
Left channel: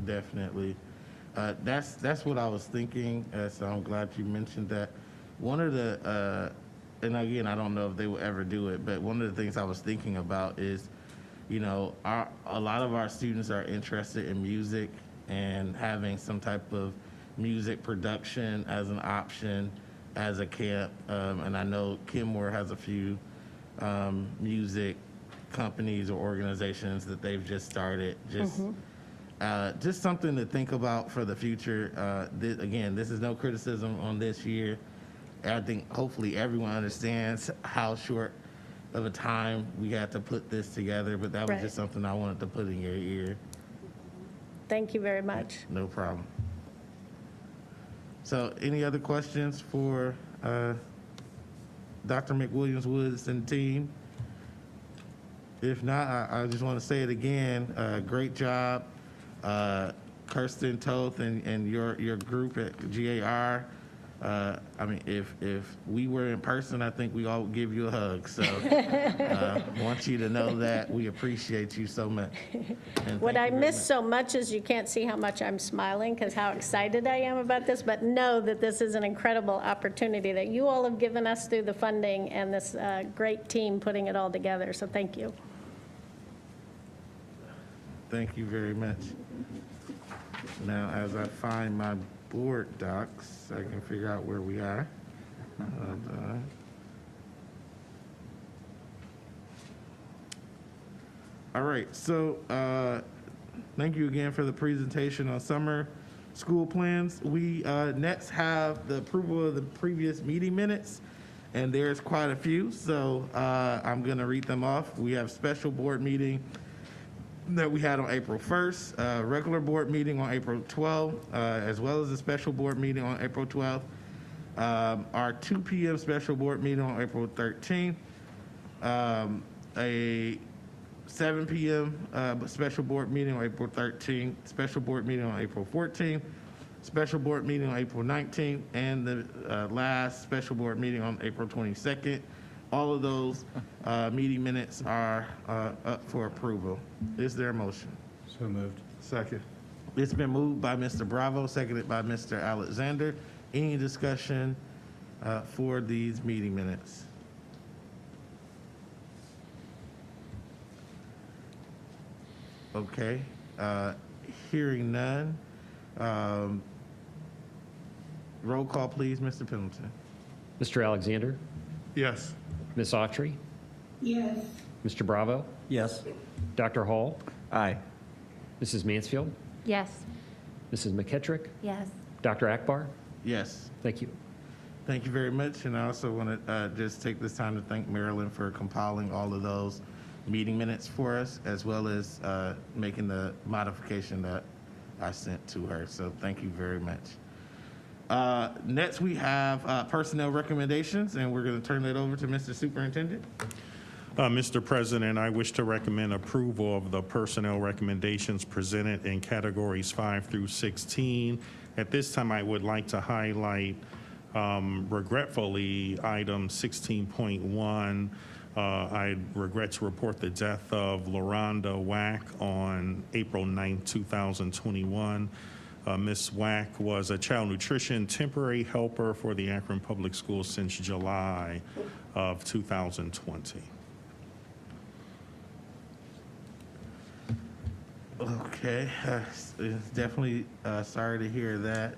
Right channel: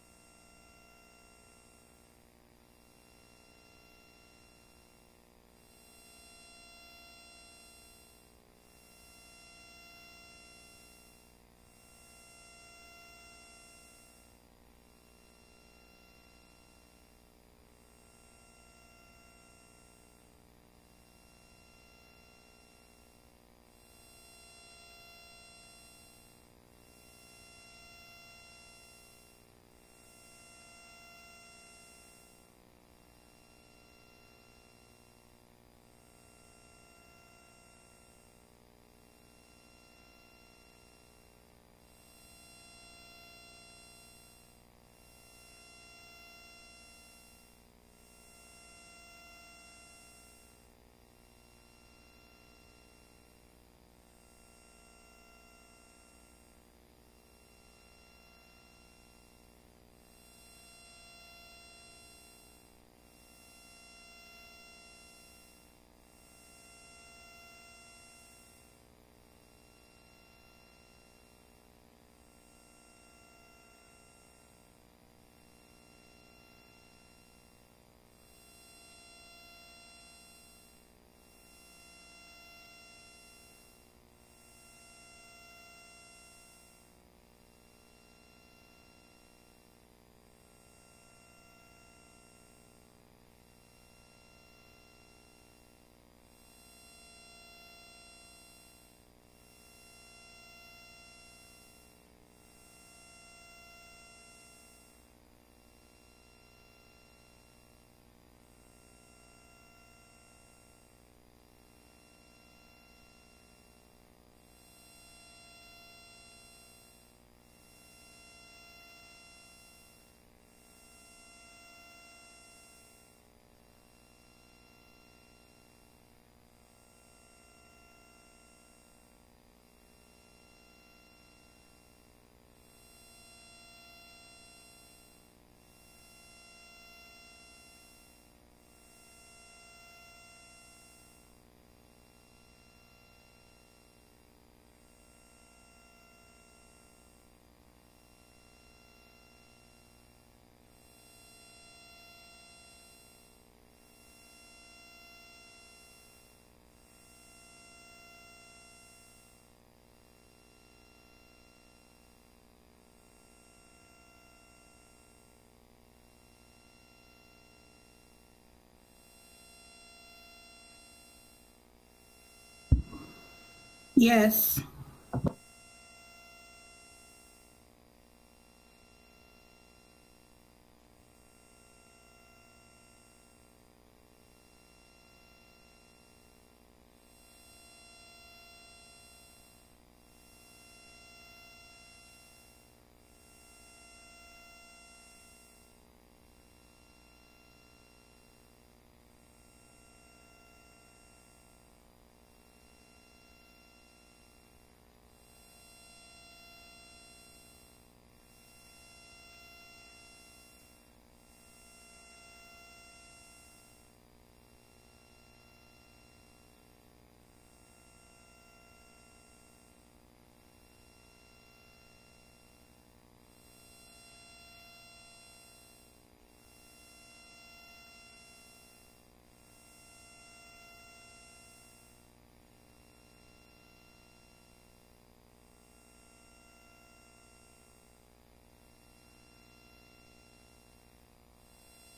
Definitely. That's what I was thinking, so I'm glad you mentioned that. One of the, and again, I don't know if they will ever do it, but one of the things I was thinking about is, a lot of our students are interested in music and having some type of music production as an option as a camp. And I know Kenmore has a few music companies or organizations that they've just started. Just something to think about for the future. Again, this is no criticism on this year. I think hopefully everyone understands how short of a time we had to put this together, but that was just something I wanted to put in your ear. Thank you very much. No problem. So any other questions for Dr. McWilliams-Woods and team? If not, I just want to say it again. Great job, Kirsten Toth and your group at GAR. I mean, if we were in person, I think we all would give you a hug. So want you to know that we appreciate you so much. What I miss so much is you can't see how much I'm smiling because how excited I am about this, but know that this is an incredible opportunity that you all have given us through the funding and this great team putting it all together. So thank you. Thank you very much. Now, as I find my board docs, I can figure out where we are. All right, so thank you again for the presentation on summer school plans. We next have the approval of the previous meeting minutes, and there's quite a few, so I'm gonna read them off. We have special board meeting that we had on April 1st, regular board meeting on April 12th, as well as a special board meeting on April 12th. Our 2 p.m. special board meeting on April 13th, a 7 p.m. Special board meeting on April 13th, special board meeting on April 14th, special board meeting on April 19th, and the last special board meeting on April 22nd. All of those meeting minutes are up for approval. Is there a motion? So moved. Second. It's been moved by Mr. Bravo, seconded by Mr. Alexander. Any discussion for these meeting minutes? Okay, hearing none. Roll call, please, Mr. Pendleton. Mr. Alexander, Yes. Ms. Autry, Yes. Mr. Bravo, Yes. Dr. Hall, Aye. Mrs. Mansfield, Yes. Mrs. McKittrick, Yes. Dr. Akbar, Yes. Thank you. Thank you very much. And I also want to just take this time to thank Marilyn for compiling all of those meeting minutes for us, as well as making the modification that I sent to her. So thank you very much. Next, we have personnel recommendations, and we're going to turn that over to Mr. Superintendent. Mr. President, I wish to recommend approval of the personnel recommendations presented in categories 5 through 16. At this time, I would like to highlight, regretfully, item 16.1. I regret to report the death of LaRonda Wack on April 9, 2021. Ms. Wack was a child nutrition temporary helper for the Akron Public Schools since July of 2020. Okay, definitely sorry to hear that.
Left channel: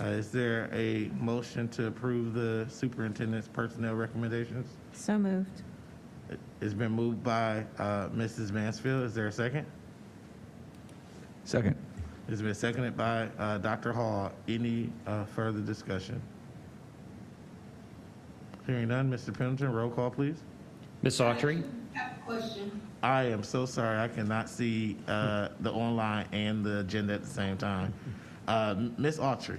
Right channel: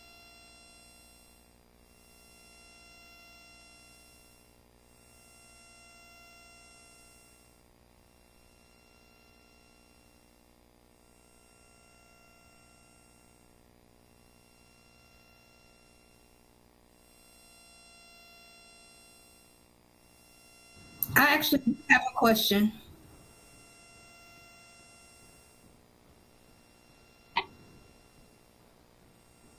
Is there a motion to approve the superintendent's personnel recommendations? So moved. It's been moved by Mrs. Mansfield. Is there a second? Second. It's been seconded by Dr. Hall. Any further discussion? Hearing none, Mr. Pendleton, roll call, please. Ms. I Autry? actually have a question. I am so sorry. I cannot see the online and the agenda at the same time. Ms. Autry.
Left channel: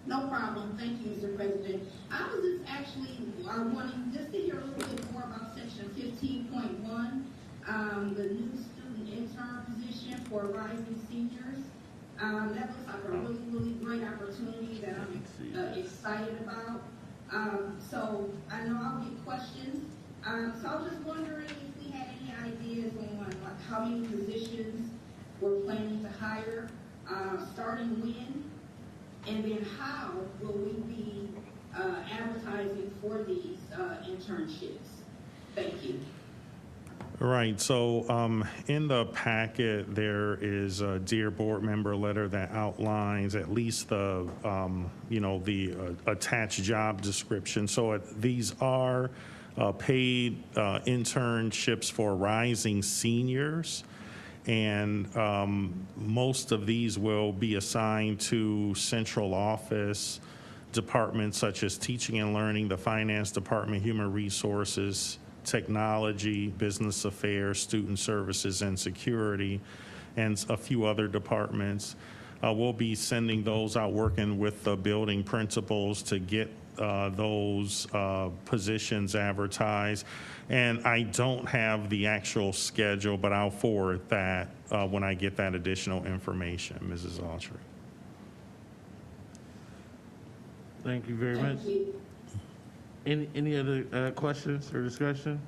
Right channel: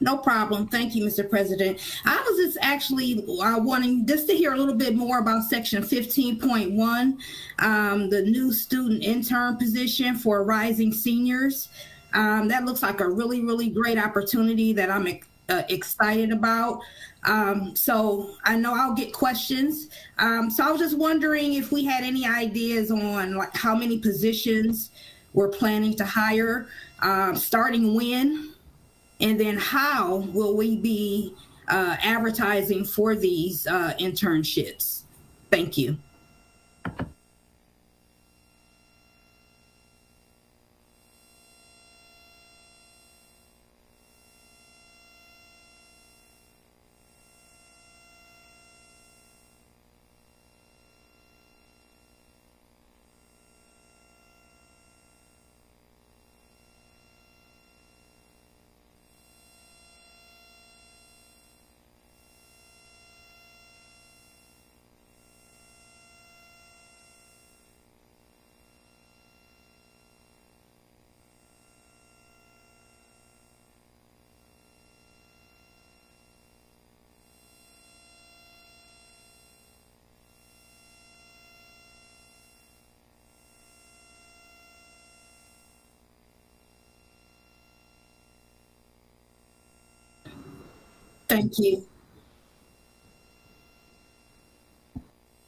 No problem. Thank you, Mr. President. I was just actually wanting just to hear a little bit more about section 15.1, the new student intern position for rising seniors. That looks like a really, really great opportunity that I'm excited about. So I know I'll get questions. So I was just wondering if we had any ideas on like how many positions we're planning to hire, starting when, and then how will we be advertising for these internships? Thank you. All right, so in the packet, there is a Dear Board Member letter that outlines at least the, the attached job description. So these are paid internships for rising seniors. And most of these will be assigned to central office departments such as teaching and learning, the finance department, human resources, technology, business affairs, student services, and security, and a few other departments. We'll be sending those out, working with the building principals to get those positions advertised. And I don't have the actual schedule, but I'll forward that when I get that additional information, Mrs. Autry. Thank you very much. Thank you. Any other questions or discussion?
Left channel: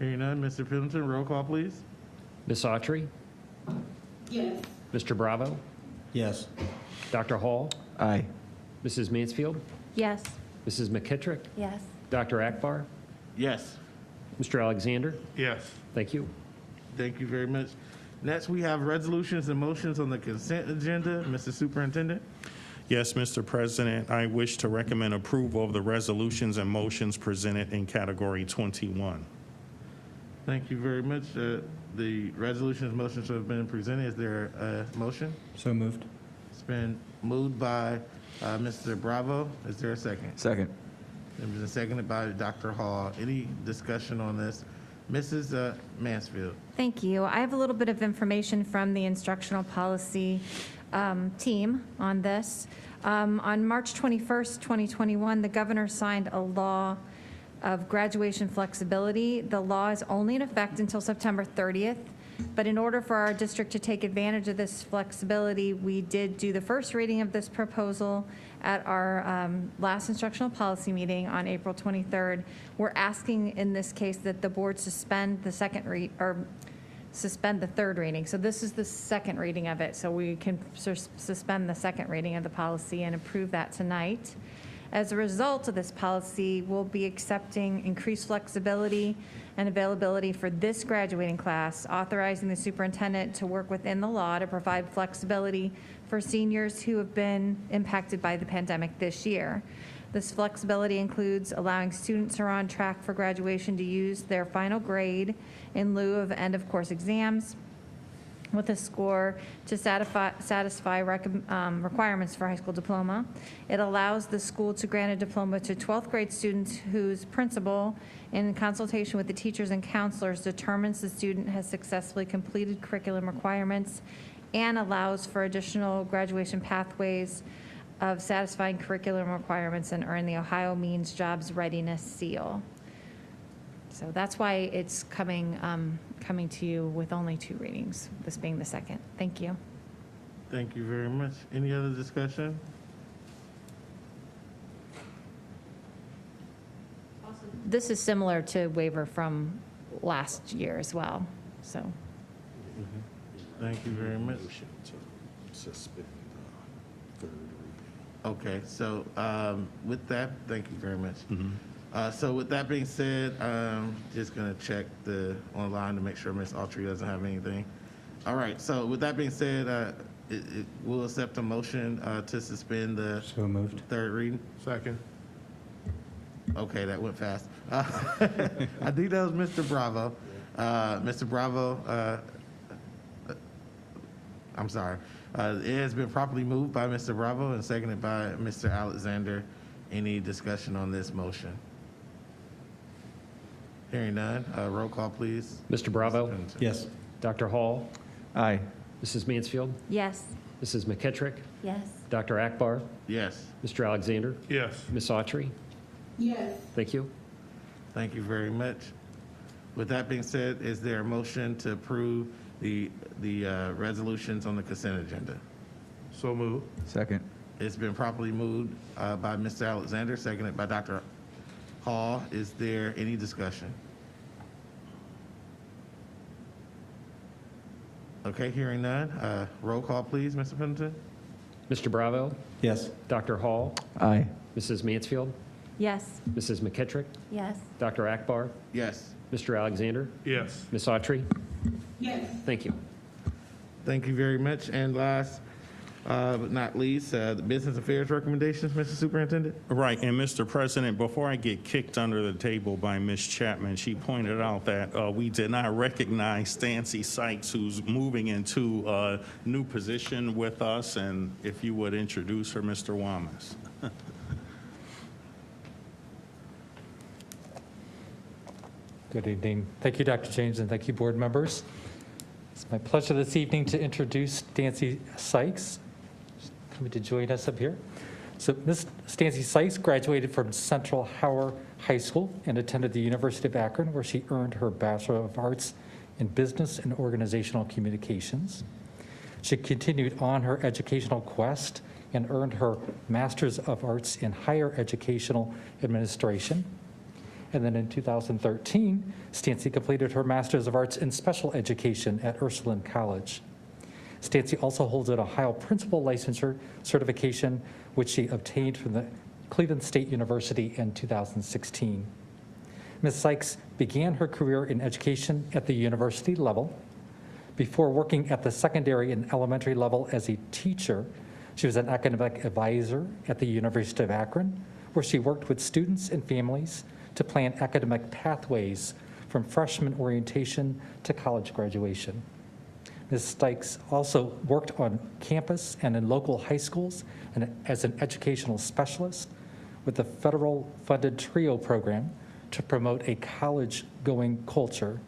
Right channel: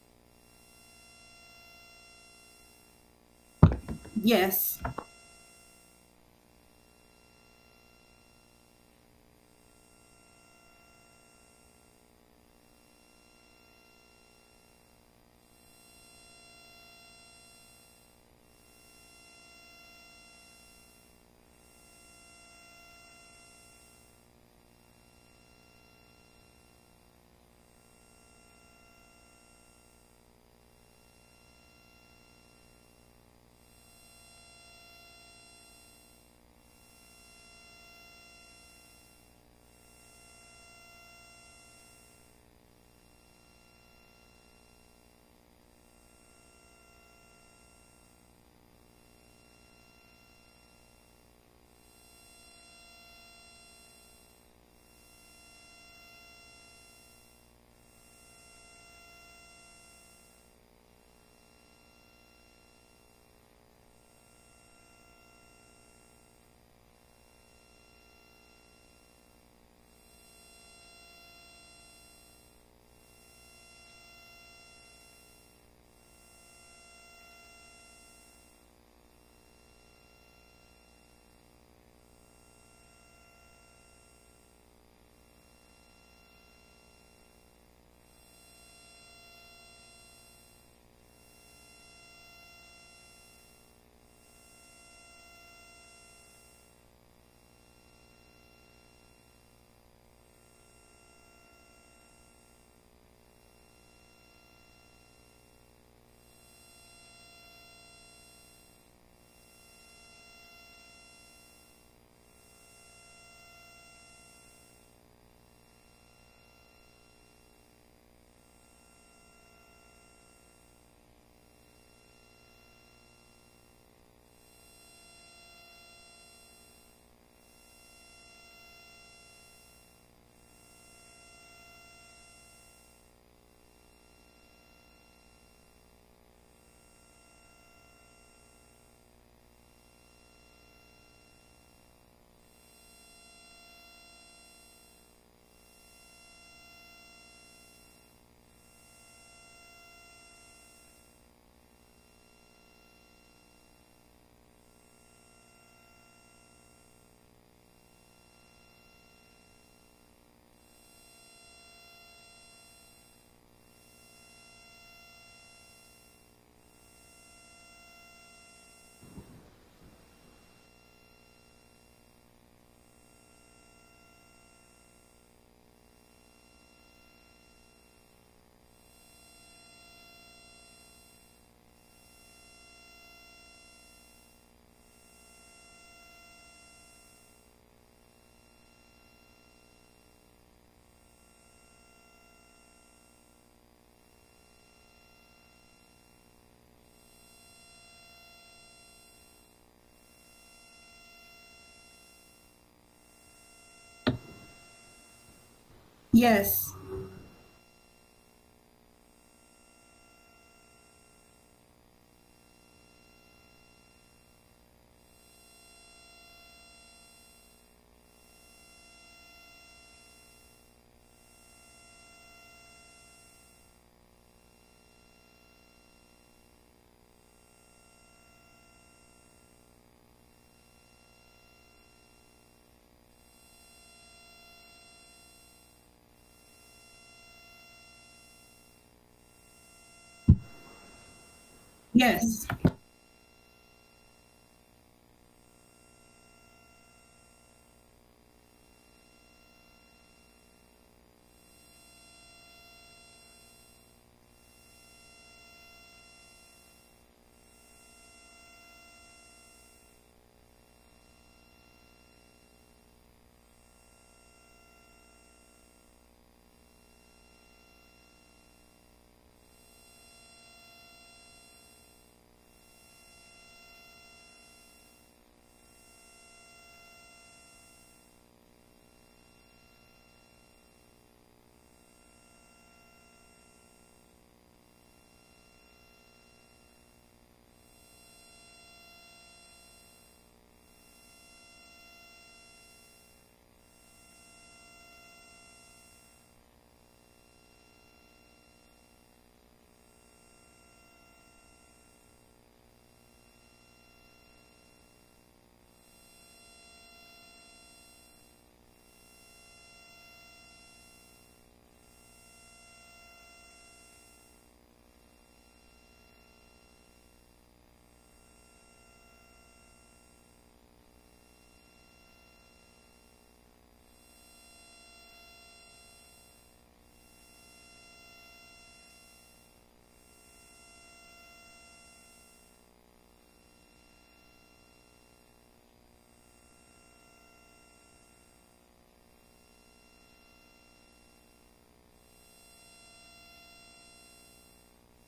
Hearing none, Mr. Pendleton, roll call, please. Ms. Autry? Yes. Mr. Bravo? Yes. Dr. Hall? Aye. Mrs. Mansfield? Yes. Mrs. McKittrick? Yes. Dr. Akbar? Yes. Mr. Alexander? Yes. Thank you. Thank you very much. Next, we have resolutions and motions on the consent agenda. Mr. Superintendent. Yes, Mr. President, I wish to recommend approval of the resolutions and motions presented in category 21. Thank you very much. The resolutions and motions have been presented. Is there a motion? So moved. It's been moved by Mr. Bravo. Is there a second? Second. It's been seconded by Dr. Hall. Any discussion on this? Mrs. Mansfield. Thank you. I have a little bit of information from the instructional policy team on this. On March 21st, 2021, the governor signed a law of graduation flexibility. The law is only in effect until September 30th, but in order for our district to take advantage of this flexibility, we did do the first reading of this proposal at our last instructional policy meeting on April 23rd. We're asking in this case that the board suspend the suspend the third reading. So this is the second reading of it. So we can suspend the second reading of the policy and approve that tonight. As a result of this policy, we'll be accepting increased flexibility and availability for this graduating class, authorizing the superintendent to work within the law to provide flexibility for seniors who have been impacted by the pandemic this year. This flexibility includes allowing students who are on track for graduation to use their final grade in lieu of end-of-course exams, with a score to satisfy requirements for high school diploma. It allows the school to grant a diploma to 12th grade students whose principal, in consultation with the teachers and counselors, determines the student has successfully completed curriculum requirements, and allows for additional graduation pathways of satisfying curriculum requirements and earn the Ohio Means Jobs Readiness Seal. So that's why it's coming to you with only 2 readings, this being the second. Thank you. Thank you very much. Any other discussion? This is similar to waiver from last year as well, so. Thank you very much. Okay, so with that, thank you very much. So with that being said, just gonna check online to make sure Ms. Autry doesn't have anything. All right, so with that being said, we'll accept a motion to suspend the third reading. Second. Okay, that went fast. I think that was Mr. Bravo. Mr. Bravo, I'm sorry. It has been properly moved by Mr. Bravo and seconded by Mr. Alexander. Any discussion on this motion? Hearing none, roll call, please. Mr. Bravo? Yes. Dr. Hall? Aye. Mrs. Mansfield? Yes. Mrs. McKittrick? Yes. Dr. Akbar? Yes. Mr. Alexander? Yes. Ms. Autry? Yes. Thank you. Thank you very much. With that being said, is there a motion to approve the resolutions on the consent agenda? So moved. Second. It's been properly moved by Mr. Alexander, seconded by Dr. Hall. Is there any discussion? Okay, hearing none. Roll call, please, Mr. Pendleton. Mr. Bravo? Yes. Dr. Hall? Aye. Mrs. Mansfield? Yes. Mrs. McKittrick? Yes. Dr. Akbar? Yes. Mr. Alexander? Yes. Ms. Autry? Yes. Thank you. Thank you very much. And last but not least, the business affairs recommendations, Mr. Superintendent. Right, and Mr. President, before I get kicked under the table by Ms. Chapman, she pointed out that we did not recognize Stancy Sykes, who's moving into a new position with us, and if you would introduce her, Mr. Wamas. Good evening. Thank you, Dr. James, and thank you, board members. It's my pleasure this evening to introduce Stancy Sykes, coming to join us up here. So Ms. Stancy Sykes graduated from Central Howard High School and attended the University of Akron, where she earned her Bachelor of Arts in Business and Organizational Communications. She continued on her educational quest and earned her Master's of Arts in Higher Educational Administration. And then in 2013, Stancy completed her Master's of Arts in Special Education at Ursuline College. Stancy also holds an Ohio Principal Licensure certification, which she obtained from the Cleveland State University in 2016. Ms. Sykes began her career in education at the university level. Before working at the secondary and elementary level as a teacher, she was an academic advisor at the University of Akron, where she worked with students and families to plan academic pathways from freshman orientation to college graduation. Ms. Sykes also worked on campus and in local high schools and as an educational specialist with the federal funded TRIO program to promote a college-going culture.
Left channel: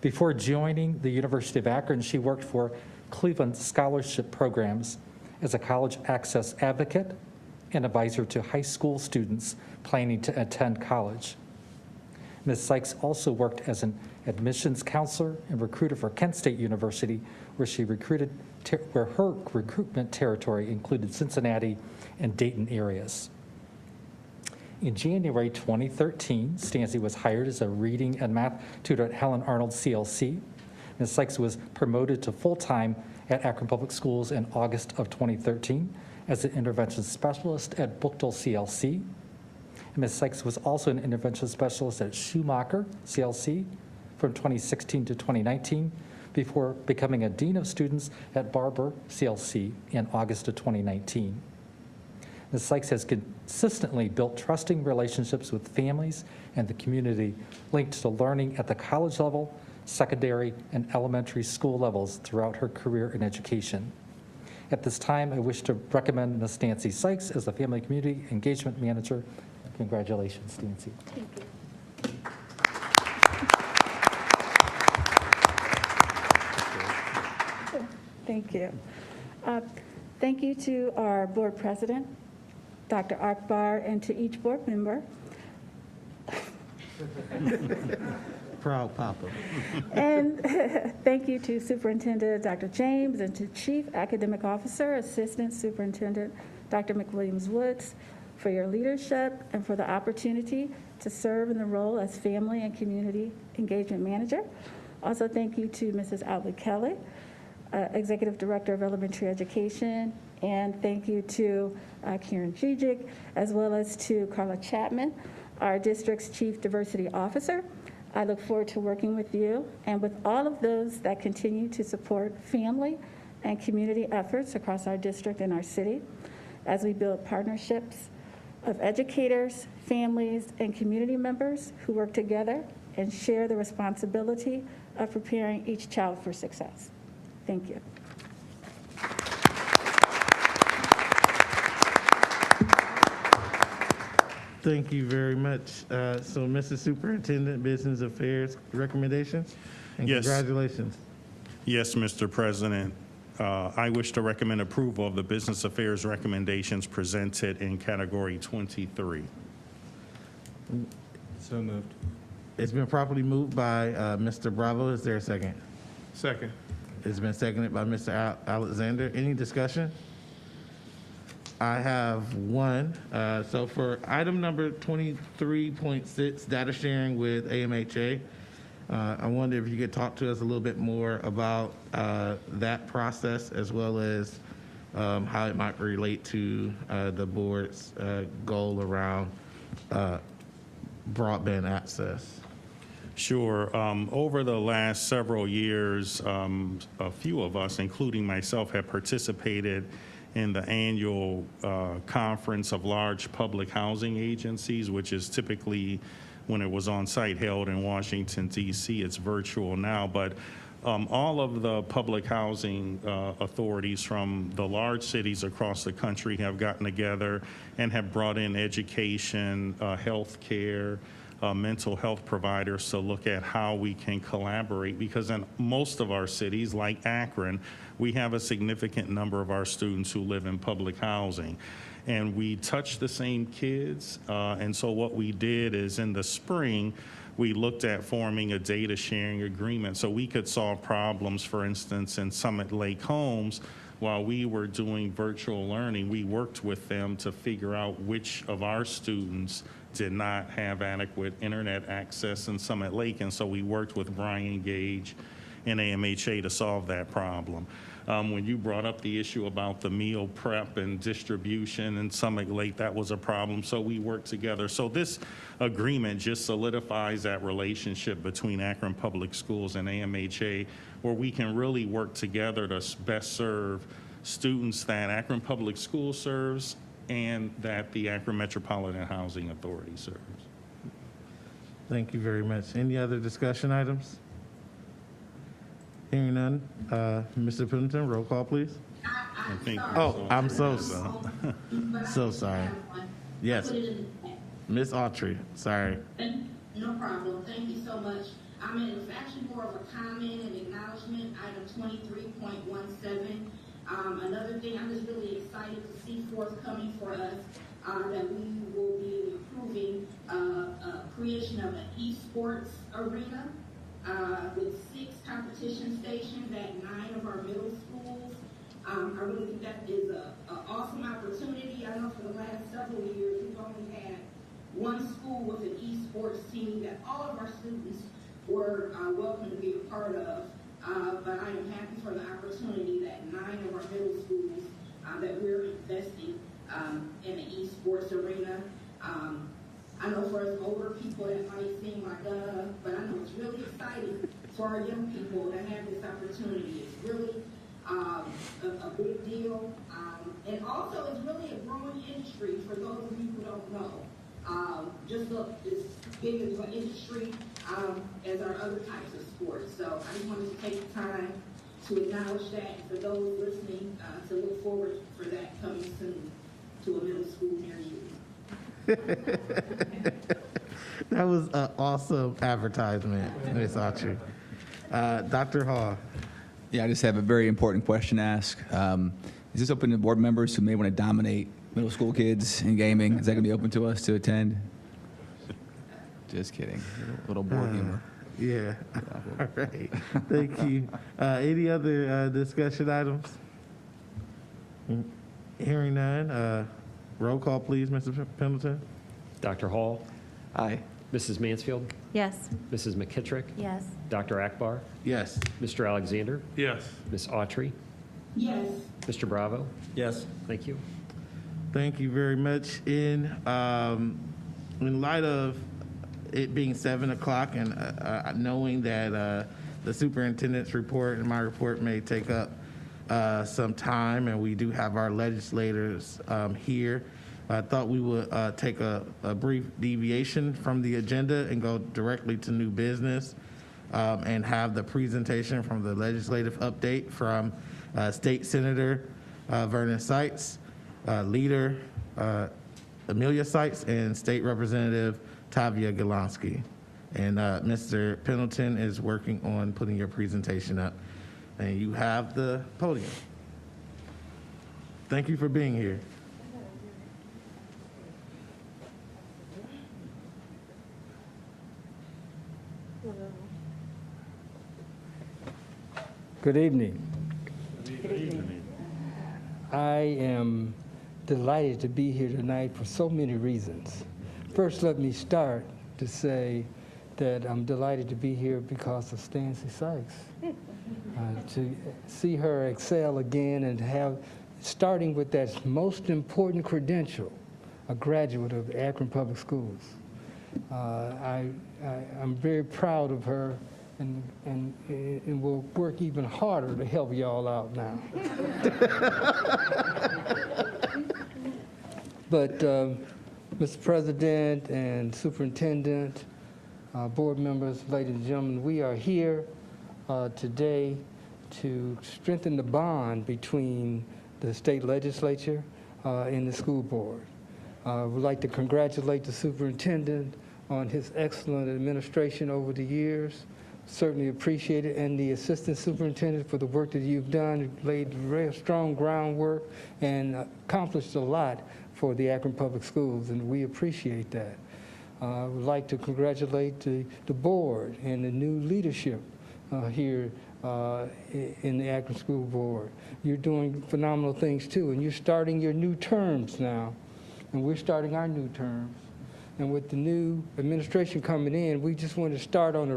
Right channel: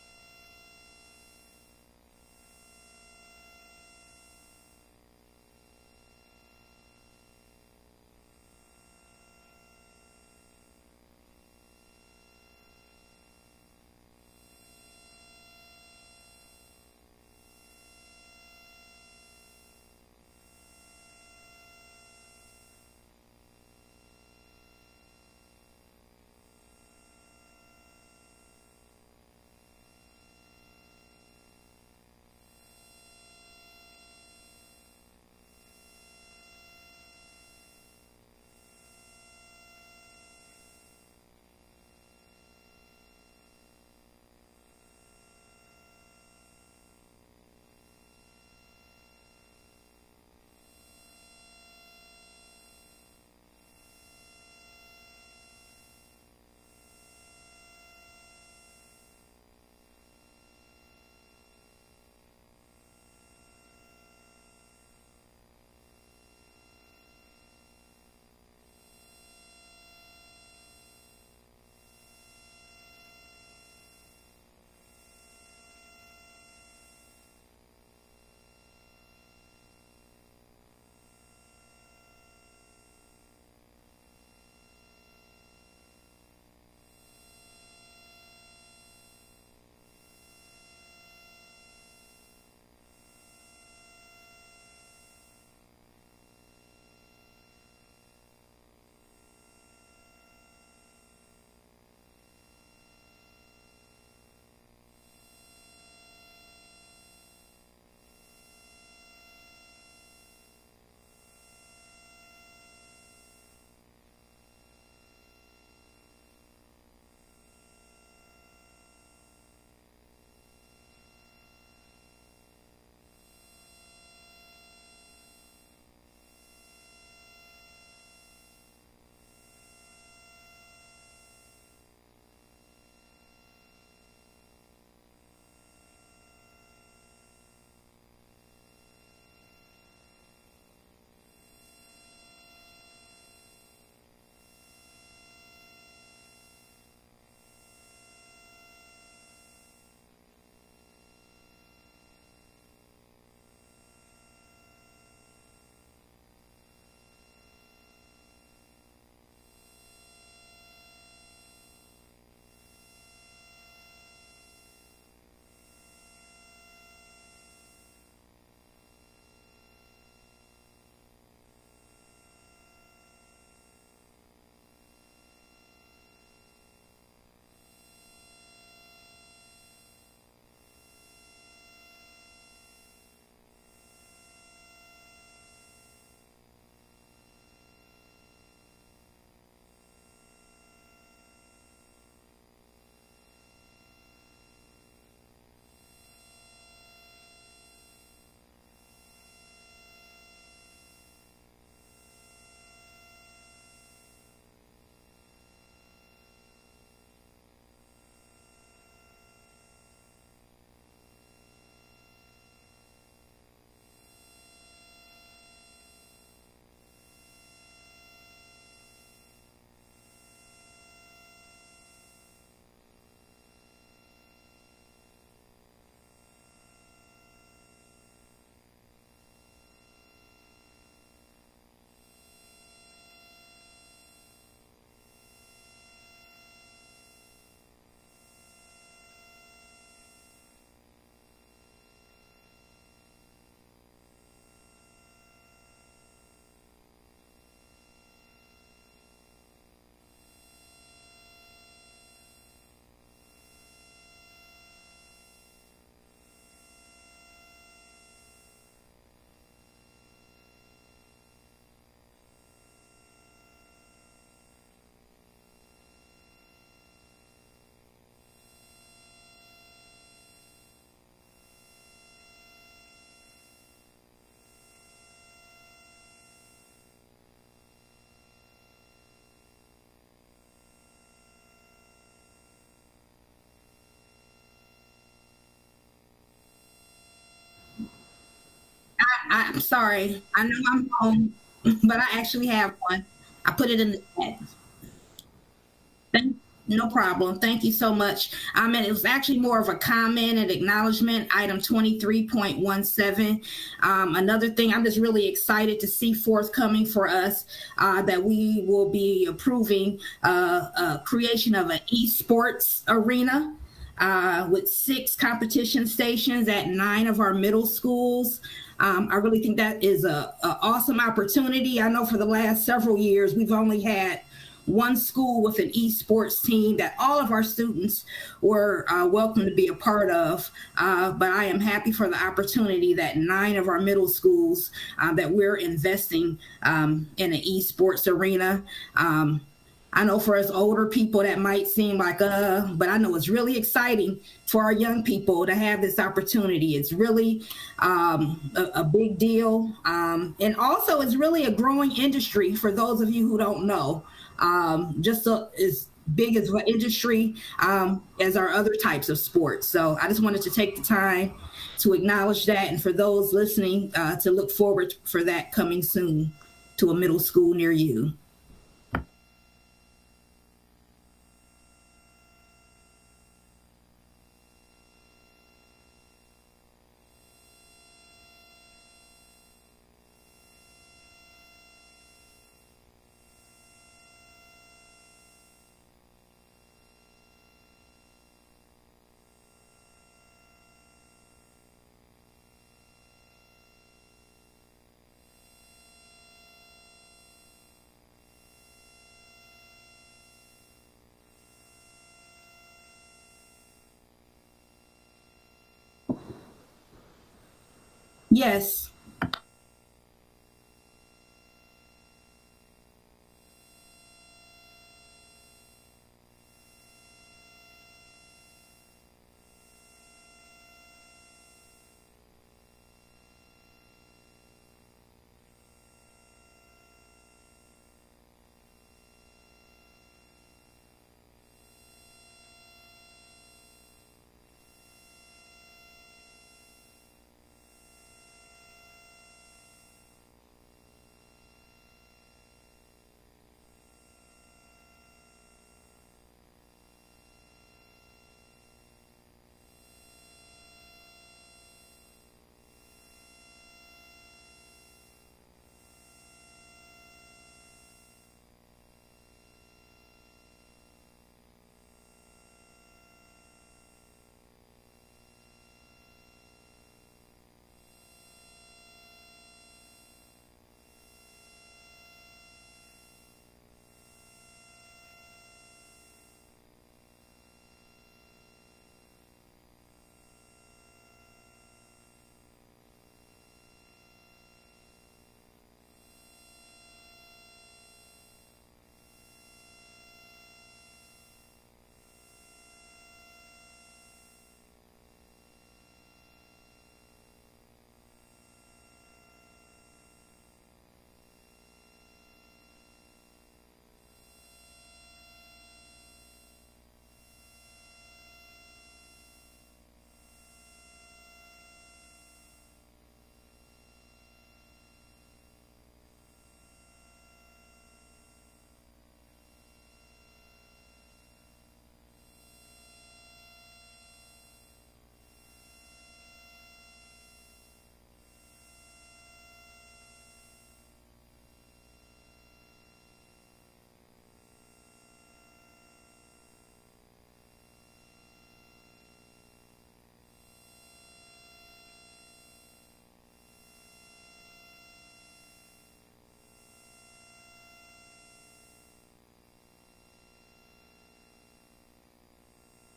Before joining the University of Akron, she worked for Cleveland Scholarship Programs as a college access advocate and advisor to high school students planning to attend college. Ms. Sykes also worked as an admissions counselor and recruiter for Kent State University, where her recruitment territory included Cincinnati and Dayton areas. In January 2013, Stancy was hired as a reading and math tutor at Helen Arnold CLC. Ms. Sykes was promoted to full-time at Akron Public Schools in August of 2013 as an intervention specialist at Bookdale CLC. Ms. Sykes was also an intervention specialist at Schumacher CLC from 2016 to 2019 before becoming a dean of students at Barber CLC in August of 2019. Ms. Sykes has consistently built trusting relationships with families and the community linked to learning at the college level, secondary, and elementary school levels throughout her career in education. At this time, I wish to recommend Ms. Nancy Sykes as the Family Community Engagement Manager. Congratulations, Nancy. Thank you. Thank you. Thank you to our board president, Dr. Akbar, and to each board member. Proud Papa. And thank you to Superintendent Dr. James and to Chief Academic Officer, Assistant Superintendent Dr. McWilliams-Woods for your leadership and for the opportunity to serve in the role as Family and Community Engagement Manager. Also, thank you to Mrs. Albert Kelly, Executive Director of Elementary Education, and thank you to Karen Jijic, as well as to Carla Chapman, our district's Chief Diversity Officer. I look forward to working with you and with all of those that continue to support family and community efforts across our district and our city as we build partnerships of educators, families, and community members who work together and share the responsibility of preparing each child for success. Thank you. Thank you very much. So, Mr. Superintendent, Business Affairs recommendations? And Yes. congratulations. Yes, Mr. President. I wish to recommend approval of the Business Affairs recommendations presented in Category 23. So moved. It's been properly moved by Mr. Bravo. Is there a second? Second. It's been seconded by Mr. Alexander. Any discussion? I have one. So for item number 23.6, data sharing with AMHA, I wonder if you could talk to us a little bit more about that process as well as how it might relate to the board's goal around broadband access. Sure. Over the last several years, a few of us, including myself, have participated in the annual conference of large public housing agencies, which is typically, when it was on site, held in Washington, D.C. It's virtual now, but all of the public housing authorities from the large cities across the country have gotten together and have brought in education, health care, mental health providers to look at how we can collaborate, because in most of our cities, like Akron, we have a significant number of our students who live in public housing. And we touch the same kids, and so what we did is in the spring, we looked at forming a data sharing agreement so we could solve problems. For instance, in Summit Lake Homes, while we were doing virtual learning, we worked with them to figure out which of our students did not have adequate internet access in Summit Lake, and so we worked with Brian Gage and AMHA to solve that problem. When you brought up the issue about the meal prep and distribution in Summit Lake, that was a problem, so we worked together. So this agreement just solidifies that relationship between Akron Public Schools and AMHA, where we can really work together to best serve students that Akron Public Schools serves and that the Akron Metropolitan Housing Authority serves. Thank you very much. Any other discussion items? Hearing none. Mr. Pennington, roll call, please. I'm sorry. Oh, I know I'm home, but I actually have one. I Yes. put it in the chat. Miss Autry, sorry. No problem. Thank you so much. And it was actually more of a comment and acknowledgement, item 23.17. Another thing, I'm just really excited to see forthcoming for us that we will be approving creation of an esports arena with 6 competition stations at 9 of our middle schools. I really think that is a awesome opportunity. I know for the last several years, we've only had one school with an esports team that all of our students were welcome to be a part of. But I am happy for the opportunity that 9 of our middle schools that we're investing in an esports arena. I know for us older people that might seem like, but I know it's really exciting for our young people to have this opportunity. It's really a big deal. And also it's really a growing industry for those of you who don't know. Just is big as an industry as our other types of sports. So I just wanted to take the time to acknowledge that, and for those listening, to look forward for that coming soon to a middle school near you. That was an awesome advertisement, Ms. Autry. Dr. Hall. Yeah, I just have a very important question to ask. Is this open to board members who may want to dominate middle school kids in gaming? Is that going to be open to us to attend? Just kidding. Little board humor. Yeah. All right. Thank you. Any other discussion items? Hearing none. Roll call, please, Mr. Pendleton. Dr. Hall? Aye. Mrs. Mansfield? Yes. Mrs. McKittrick? Yes. Dr. Akbar? Yes. Mr. Alexander? Yes. Ms. Autry? Yes. Mr. Bravo? Yes. Thank you. Thank you very much. In light of it being 7 o'clock and knowing that the superintendent's report and my report may take up some time, and we do have our legislators here, I thought we would take a brief deviation from the agenda and go directly to new business and have the presentation from the legislative update from State Senator Vernon Seitz, Leader Amelia Seitz, and State Representative Tavia Golonsky. And Mr. Pendleton is working on putting your presentation up. And you have the podium. Thank you for being here. Good evening. I am delighted to be here tonight for so many reasons. First, let me start to say that I'm delighted to be here because of Stancy Sykes. To see her excel again and have, starting with that most important credential, a graduate of Akron Public Schools. I'm very proud of her, and will work even harder to help y'all out now. But Mr. President and Superintendent, board members, ladies and gentlemen, we are here today to strengthen the bond between the state legislature and the school board. We'd like to congratulate the superintendent on his excellent administration over the years. Certainly appreciate it, and the assistant superintendent for the work that you've done, laid very strong groundwork and accomplished a lot for the Akron Public Schools, and we appreciate that. I would like to congratulate the board and the new leadership here in the Akron School Board. You're doing phenomenal things too, and you're starting your new terms now, and we're starting our new terms. And with the new administration coming in, we just want to start on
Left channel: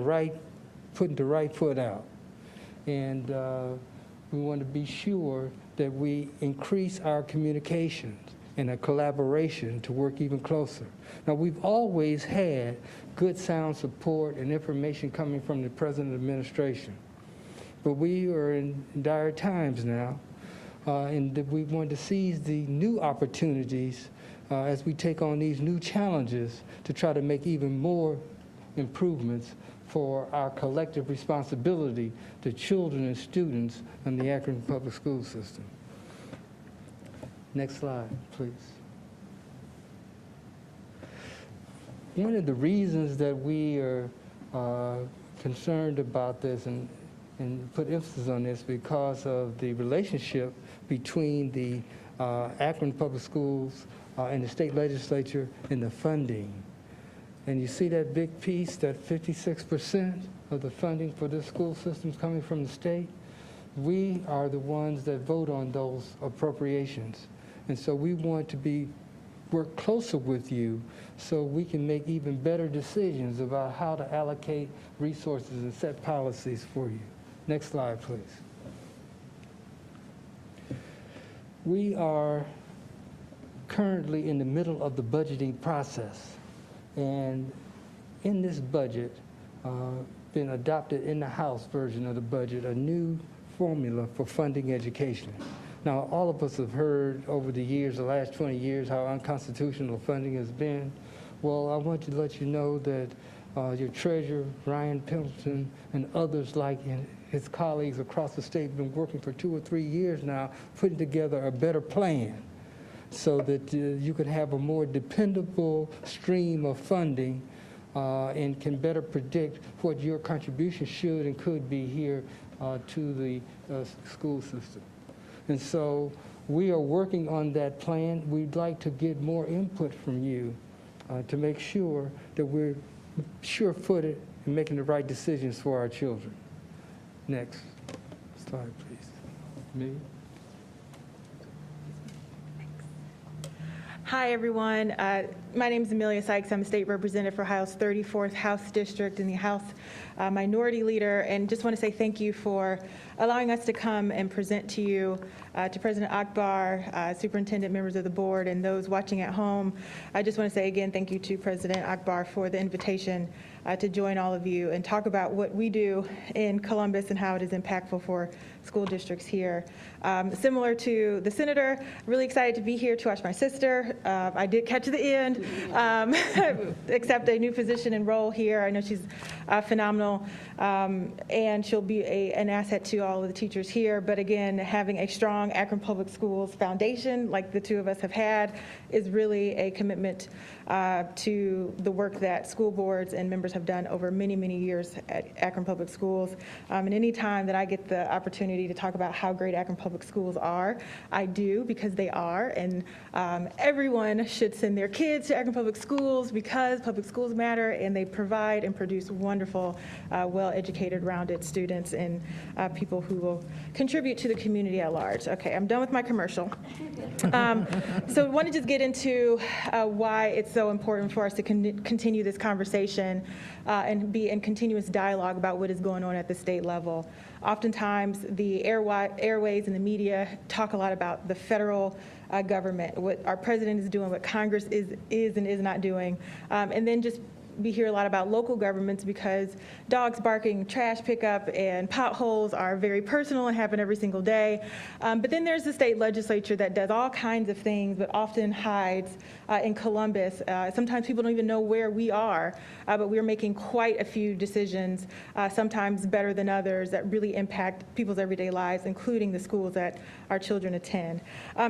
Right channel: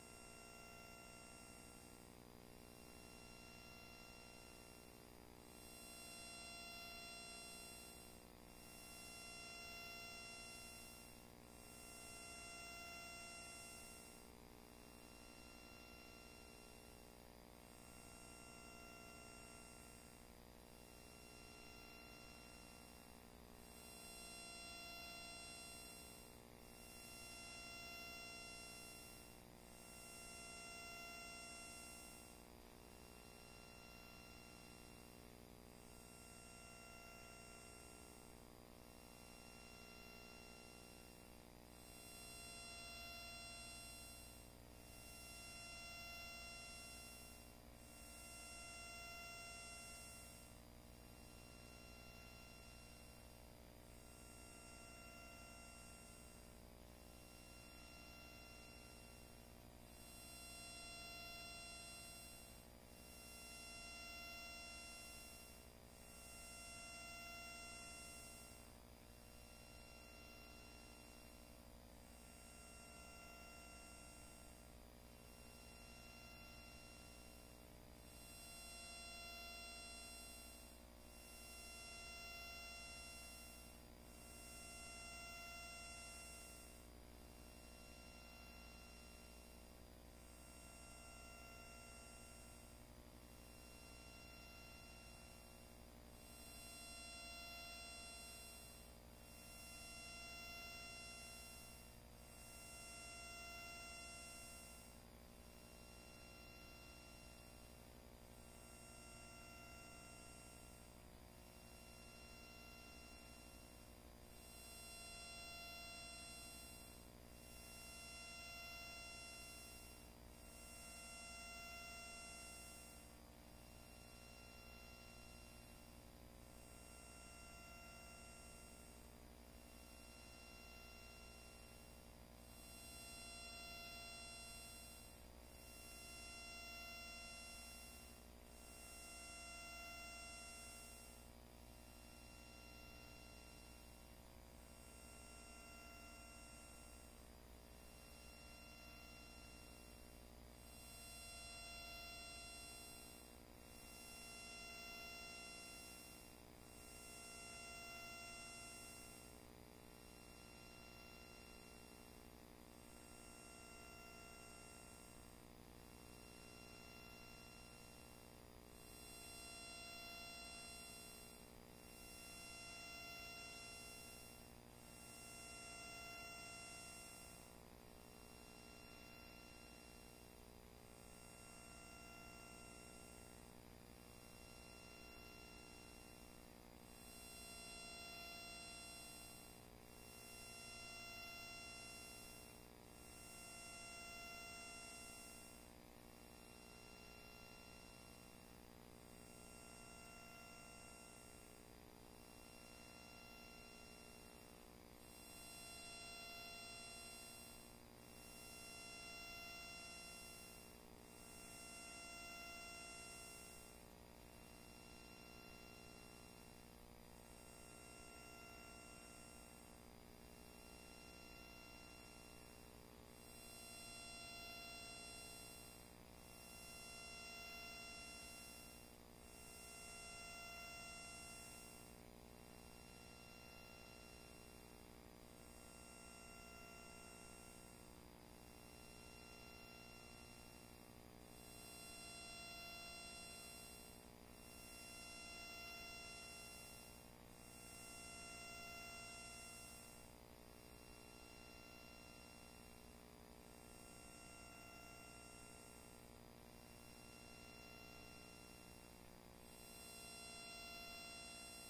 putting the right foot out. And we want to be sure that we increase our communications and our collaboration to work even closer. Now, we've always had good sound support and information coming from the present administration. But we are in dire times now, and we want to seize the new opportunities as we take on these new challenges to try to make even more improvements for our collective responsibility to children and students in the Akron Public School System. Next slide, please. One of the reasons that we are concerned about this and put emphasis on this because of the relationship between the Akron Public Schools and the state legislature and the funding. And you see that big piece, that 56% of the funding for this school system is coming from the state? We are the ones that vote on those appropriations. And so we want to work closer with you so we can make even better decisions about how to allocate resources and set policies for you. Next slide, please. We are currently in the middle of the budgeting process. And in this budget, been adopted in the House version of the budget, a new formula for funding education. Now, all of us have heard over the years, the last 20 years, how unconstitutional funding has been. Well, I want to let you know that your treasurer, Ryan Pendleton, and others like his colleagues across the state have been working for 2 or 3 years now, putting together a better plan so that you could have a more dependable stream of funding and can better predict what your contribution should and could be here to the school system. And so we are working on that plan. We'd like to get more input from you to make sure that we're sure-footed in making the right decisions for our children. Next slide, please. Me? Hi, everyone. My name is Amelia Sykes. I'm a state representative for Ohio's 34th House District and the House Minority Leader, and just want to say thank you for allowing us to come and present to you, to President Akbar, Superintendent, members of the board, and those watching at home. I just want to say again thank you to President Akbar for the invitation to join all of you and talk about what we do in Columbus and how it is impactful for school districts here. Similar to the senator, really excited to be here to watch my sister. I did catch the end, accept a new position and role here. I know she's phenomenal, and she'll be an asset to all of the teachers here. But again, having a strong Akron Public Schools foundation like the two of us have had is really a commitment to the work that school boards and members have done over many, many years at Akron Public Schools. And any time that I get the opportunity to talk about how great Akron Public Schools are, I do, because they are. And everyone should send their kids to Akron Public Schools because public schools matter, and they provide and produce wonderful, well-educated, rounded students and people who will contribute to the community at large. Okay, I'm done with my commercial. So I want to just get into why it's so important for us to continue this conversation and be in continuous dialogue about what is going on at the state level. Oftentimes, the airways and the media talk a lot about the federal government, what our president is doing, what Congress is and is not doing, and then just we hear a lot about local governments because dogs barking, trash pickup, and potholes are very personal and happen every single day. But then there's the state legislature that does all kinds of things, but often hides in Columbus. Sometimes people don't even know where we are, but we're making quite a few decisions, sometimes better than others, that really impact people's everyday lives, including the schools that our children attend.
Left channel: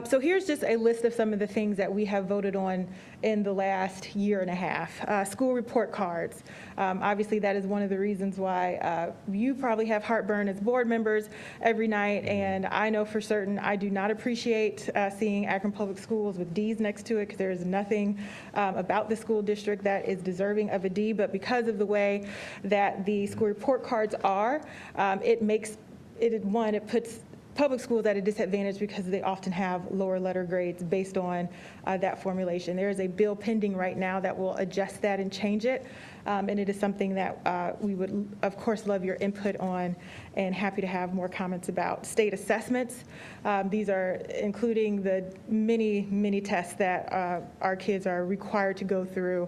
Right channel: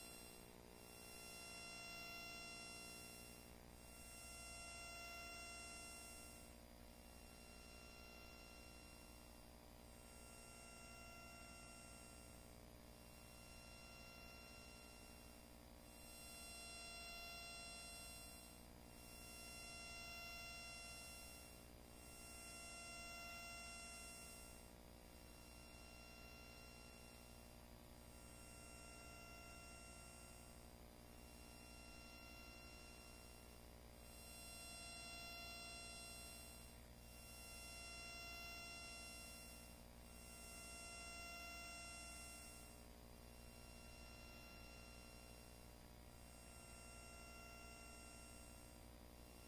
So here's just a list of some of the things that we have voted on in the last year and a half. School report cards. Obviously, that is one of the reasons why you probably have heartburn as board members every night, and I know for certain I do not appreciate seeing Akron Public Schools with D's next to it, because there is nothing about the school district that is deserving of a D, but because of the way that the school report cards are, it puts public schools at a disadvantage because they often have lower letter grades based on that formulation. There is a bill pending right now that will adjust that and change it. And it is something that we would, of course, love your input on and happy to have more comments about. State assessments. These are including the many, many tests that our kids are required to go through,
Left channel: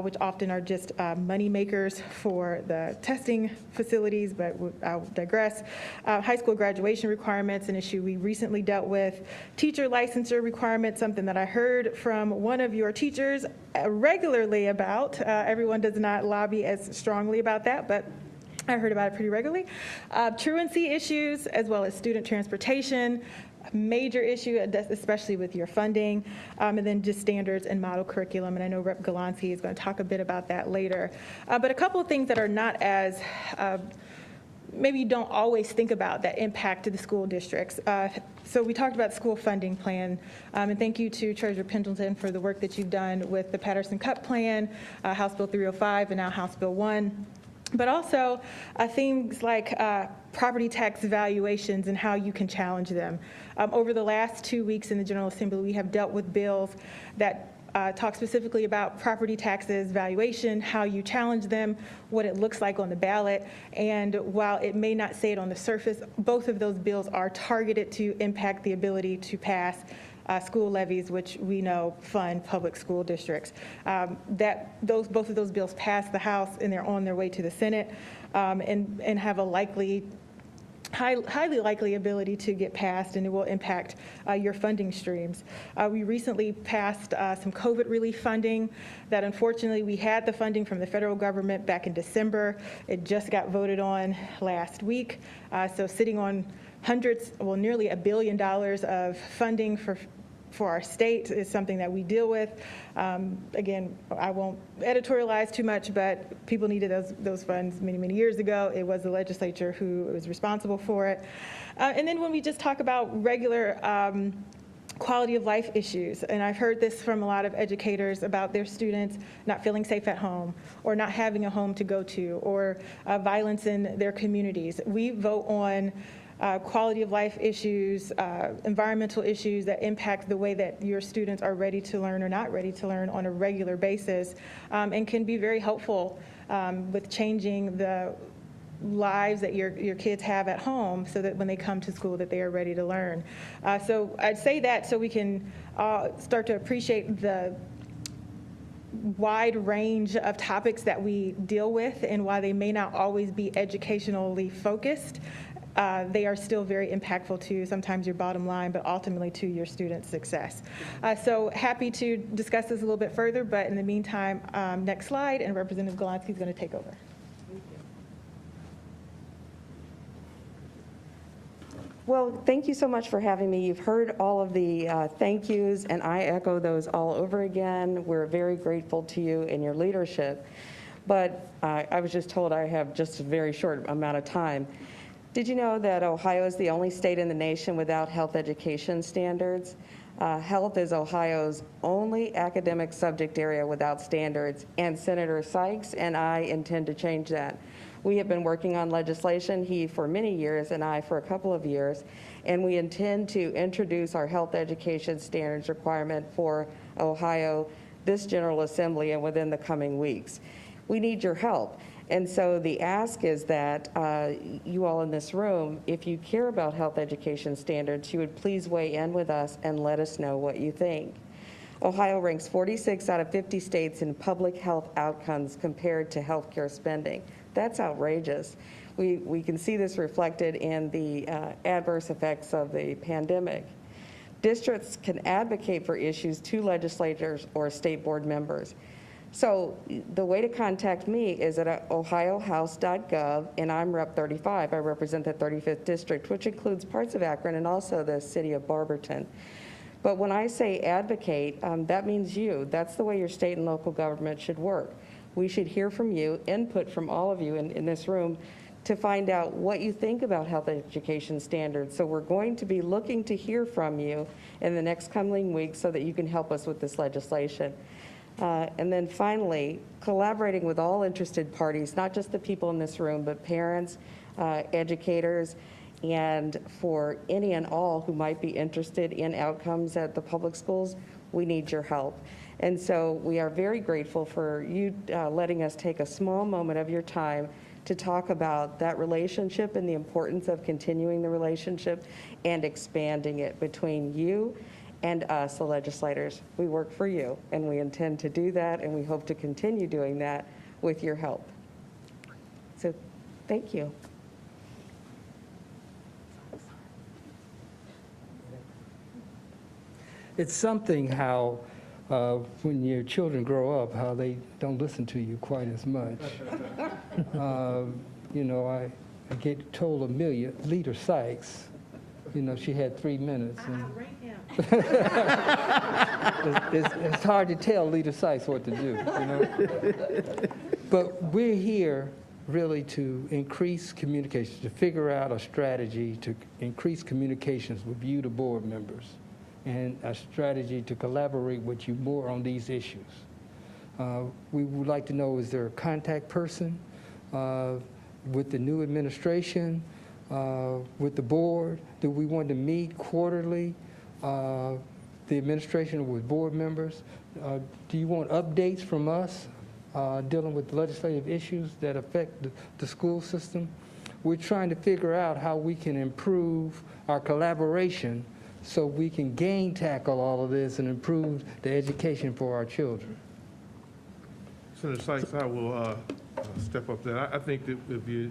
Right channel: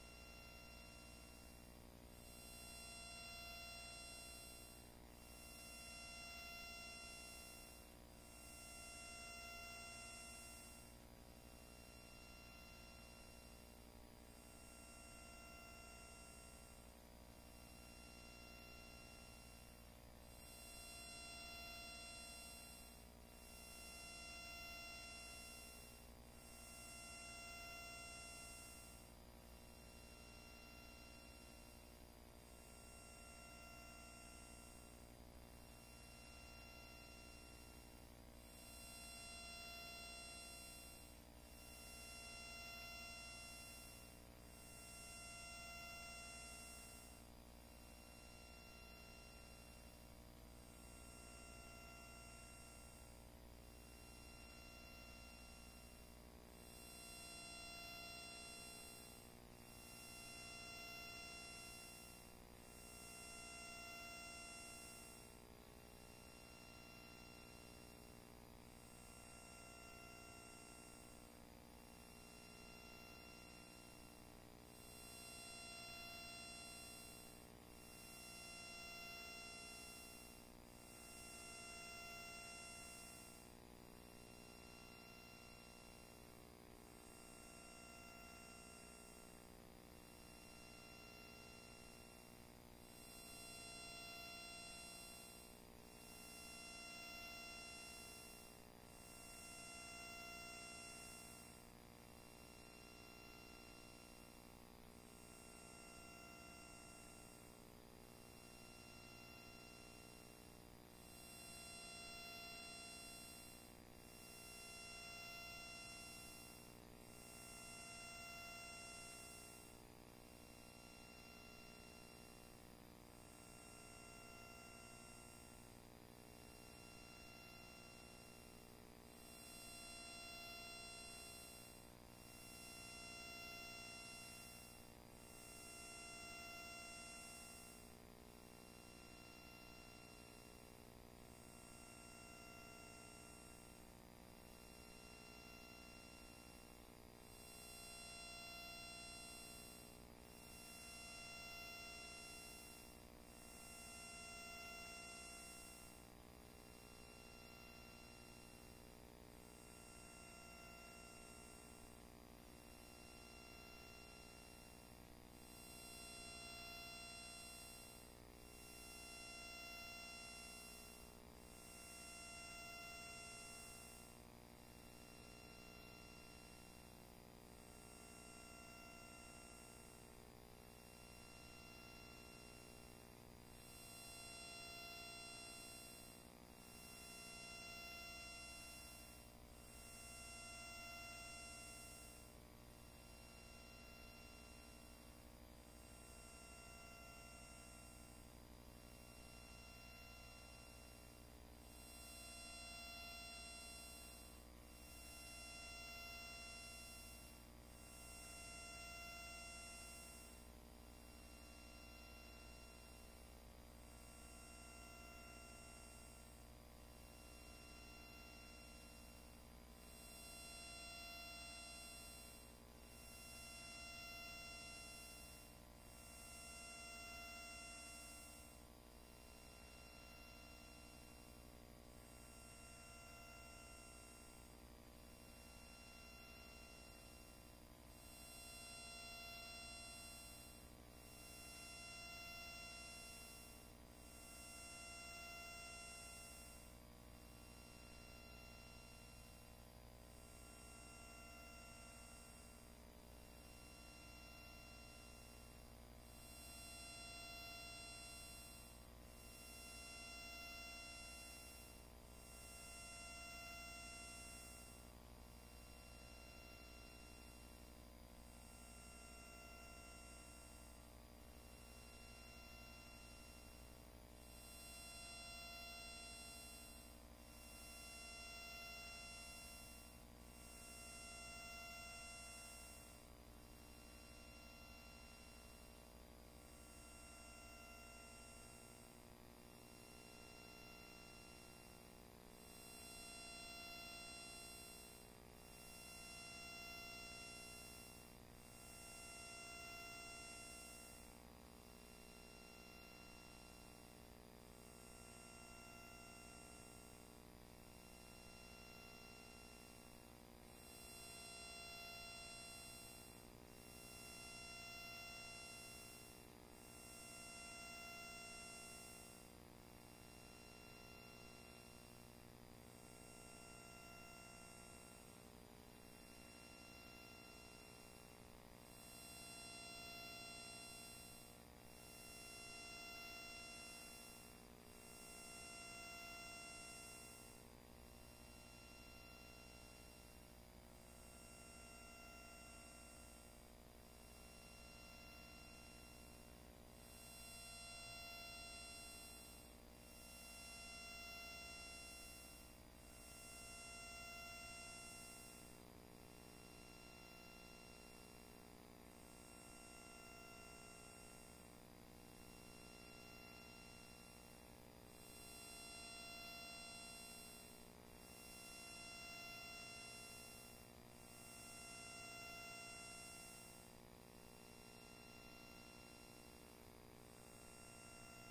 which often are just money makers for the testing facilities, but I'll digress. High school graduation requirements, an issue we recently dealt with. Teacher licensure requirements, something that I heard from one of your teachers regularly about. Everyone does not lobby as strongly about that, but I heard about it pretty regularly. Truancy issues, as well as student transportation, major issue, especially with your funding, and then just standards and model curriculum. And I know Rep. Galanti is going to talk a bit about that later. But a couple of things that are not as, maybe you don't always think about that impact to the school districts. So we talked about the school funding plan, and thank you to Treasurer Pendleton for the work that you've done with the Patterson Cup Plan, House Bill 305, and now House Bill 1. But also things like property tax valuations and how you can challenge them. Over the last 2 weeks in the General Assembly, we have dealt with bills that talk specifically about property taxes, valuation, how you challenge them, what it looks like on the ballot. And while it may not say it on the surface, both of those bills are targeted to impact the ability to pass school levies, which we know fund public school districts. Both of those bills passed the House, and they're on their way to the Senate, and have a likely highly likely ability to get passed, and it will impact your funding streams. We recently passed some COVID relief funding that unfortunately we had the funding from the federal government back in December. It just got voted on last week. So sitting on hundreds, well, nearly $1 billion of funding for our state is something that we deal with. Again, I won't editorialize too much, but people needed those funds many, many years ago. It was the legislature who was responsible for it. And then when we just talk about regular quality of life issues, and I've heard this from a lot of educators about their students not feeling safe at home, or not having a home to go to, or violence in their communities. We vote on quality of life issues, environmental issues that impact the way that your students are ready to learn or not ready to learn on a regular basis, and can be very helpful with changing the lives that your kids have at home, so that when they come to school that they are ready to learn. So I'd say that so we can start to appreciate the wide range of topics that we deal with, and while they may not always be educationally focused, they are still very impactful to sometimes your bottom line, but ultimately to your students' success. So happy to discuss this a little bit further, but in the meantime, next slide, and Representative Golonsky is going to take over. Well, thank you so much for having me. You've heard all of the thank yous, and I echo those all over again. We're very grateful to you and your leadership. But I was just told I have just a very short amount of time. Did you know that Ohio is the only state in the nation without health education standards? Health is Ohio's only academic subject area without standards, and Senator Sykes and I intend to change that. We have been working on legislation, he for many years and I for a couple of years, and we intend to introduce our health education standards requirement for Ohio, this General Assembly, and within the coming weeks. We need your help. And so the ask is that you all in this room, if you care about health education standards, you would please weigh in with us and let us know what you think. Ohio ranks 46 out of 50 states in public health outcomes compared to healthcare spending. That's outrageous. We can see this reflected in the adverse effects of the pandemic. Districts can advocate for issues to legislators or state board members. So the way to contact me is at ohiohouse.gov, and I'm Rep 35. I represent the 35th District, which includes parts of Akron and also the city of Barberton. But when I say advocate, that means you. That's the way your state and local government should work. We should hear from you, input from all of you in this room, to find out what you think about health education standards. So we're going to be looking to hear from you in the next coming weeks so that you can help us with this legislation. And then finally, collaborating with all interested parties, not just the people in this room, but parents, educators, and for any and all who might be interested in outcomes at the public schools, we need your help. And so we are very grateful for you letting us take a small moment of your time to talk about that relationship and the importance of continuing the relationship and expanding it between you and us, the legislators. We work for you, and we intend to do that, and we hope to continue doing that with your help. So thank you. It's something how when your children grow up, how they don't listen to you quite as much. You know, I get told Amelia, Leader Sykes, you know, she had 3 minutes. And it's hard to tell Leader Sykes what to do, you know. But we're here really to increase communication, to figure out a strategy to increase communications with you, the board members, and a strategy to collaborate with you more on these issues. We would like to know, is there a contact person with the new administration, with the board? Do we want to meet quarterly, the administration with board members? Do you want updates from us dealing with legislative issues that affect the school system? We're trying to figure out how we can improve our collaboration so we can tackle all of this and improve the education for our children. Senator Sykes, I will step up there. I think that if you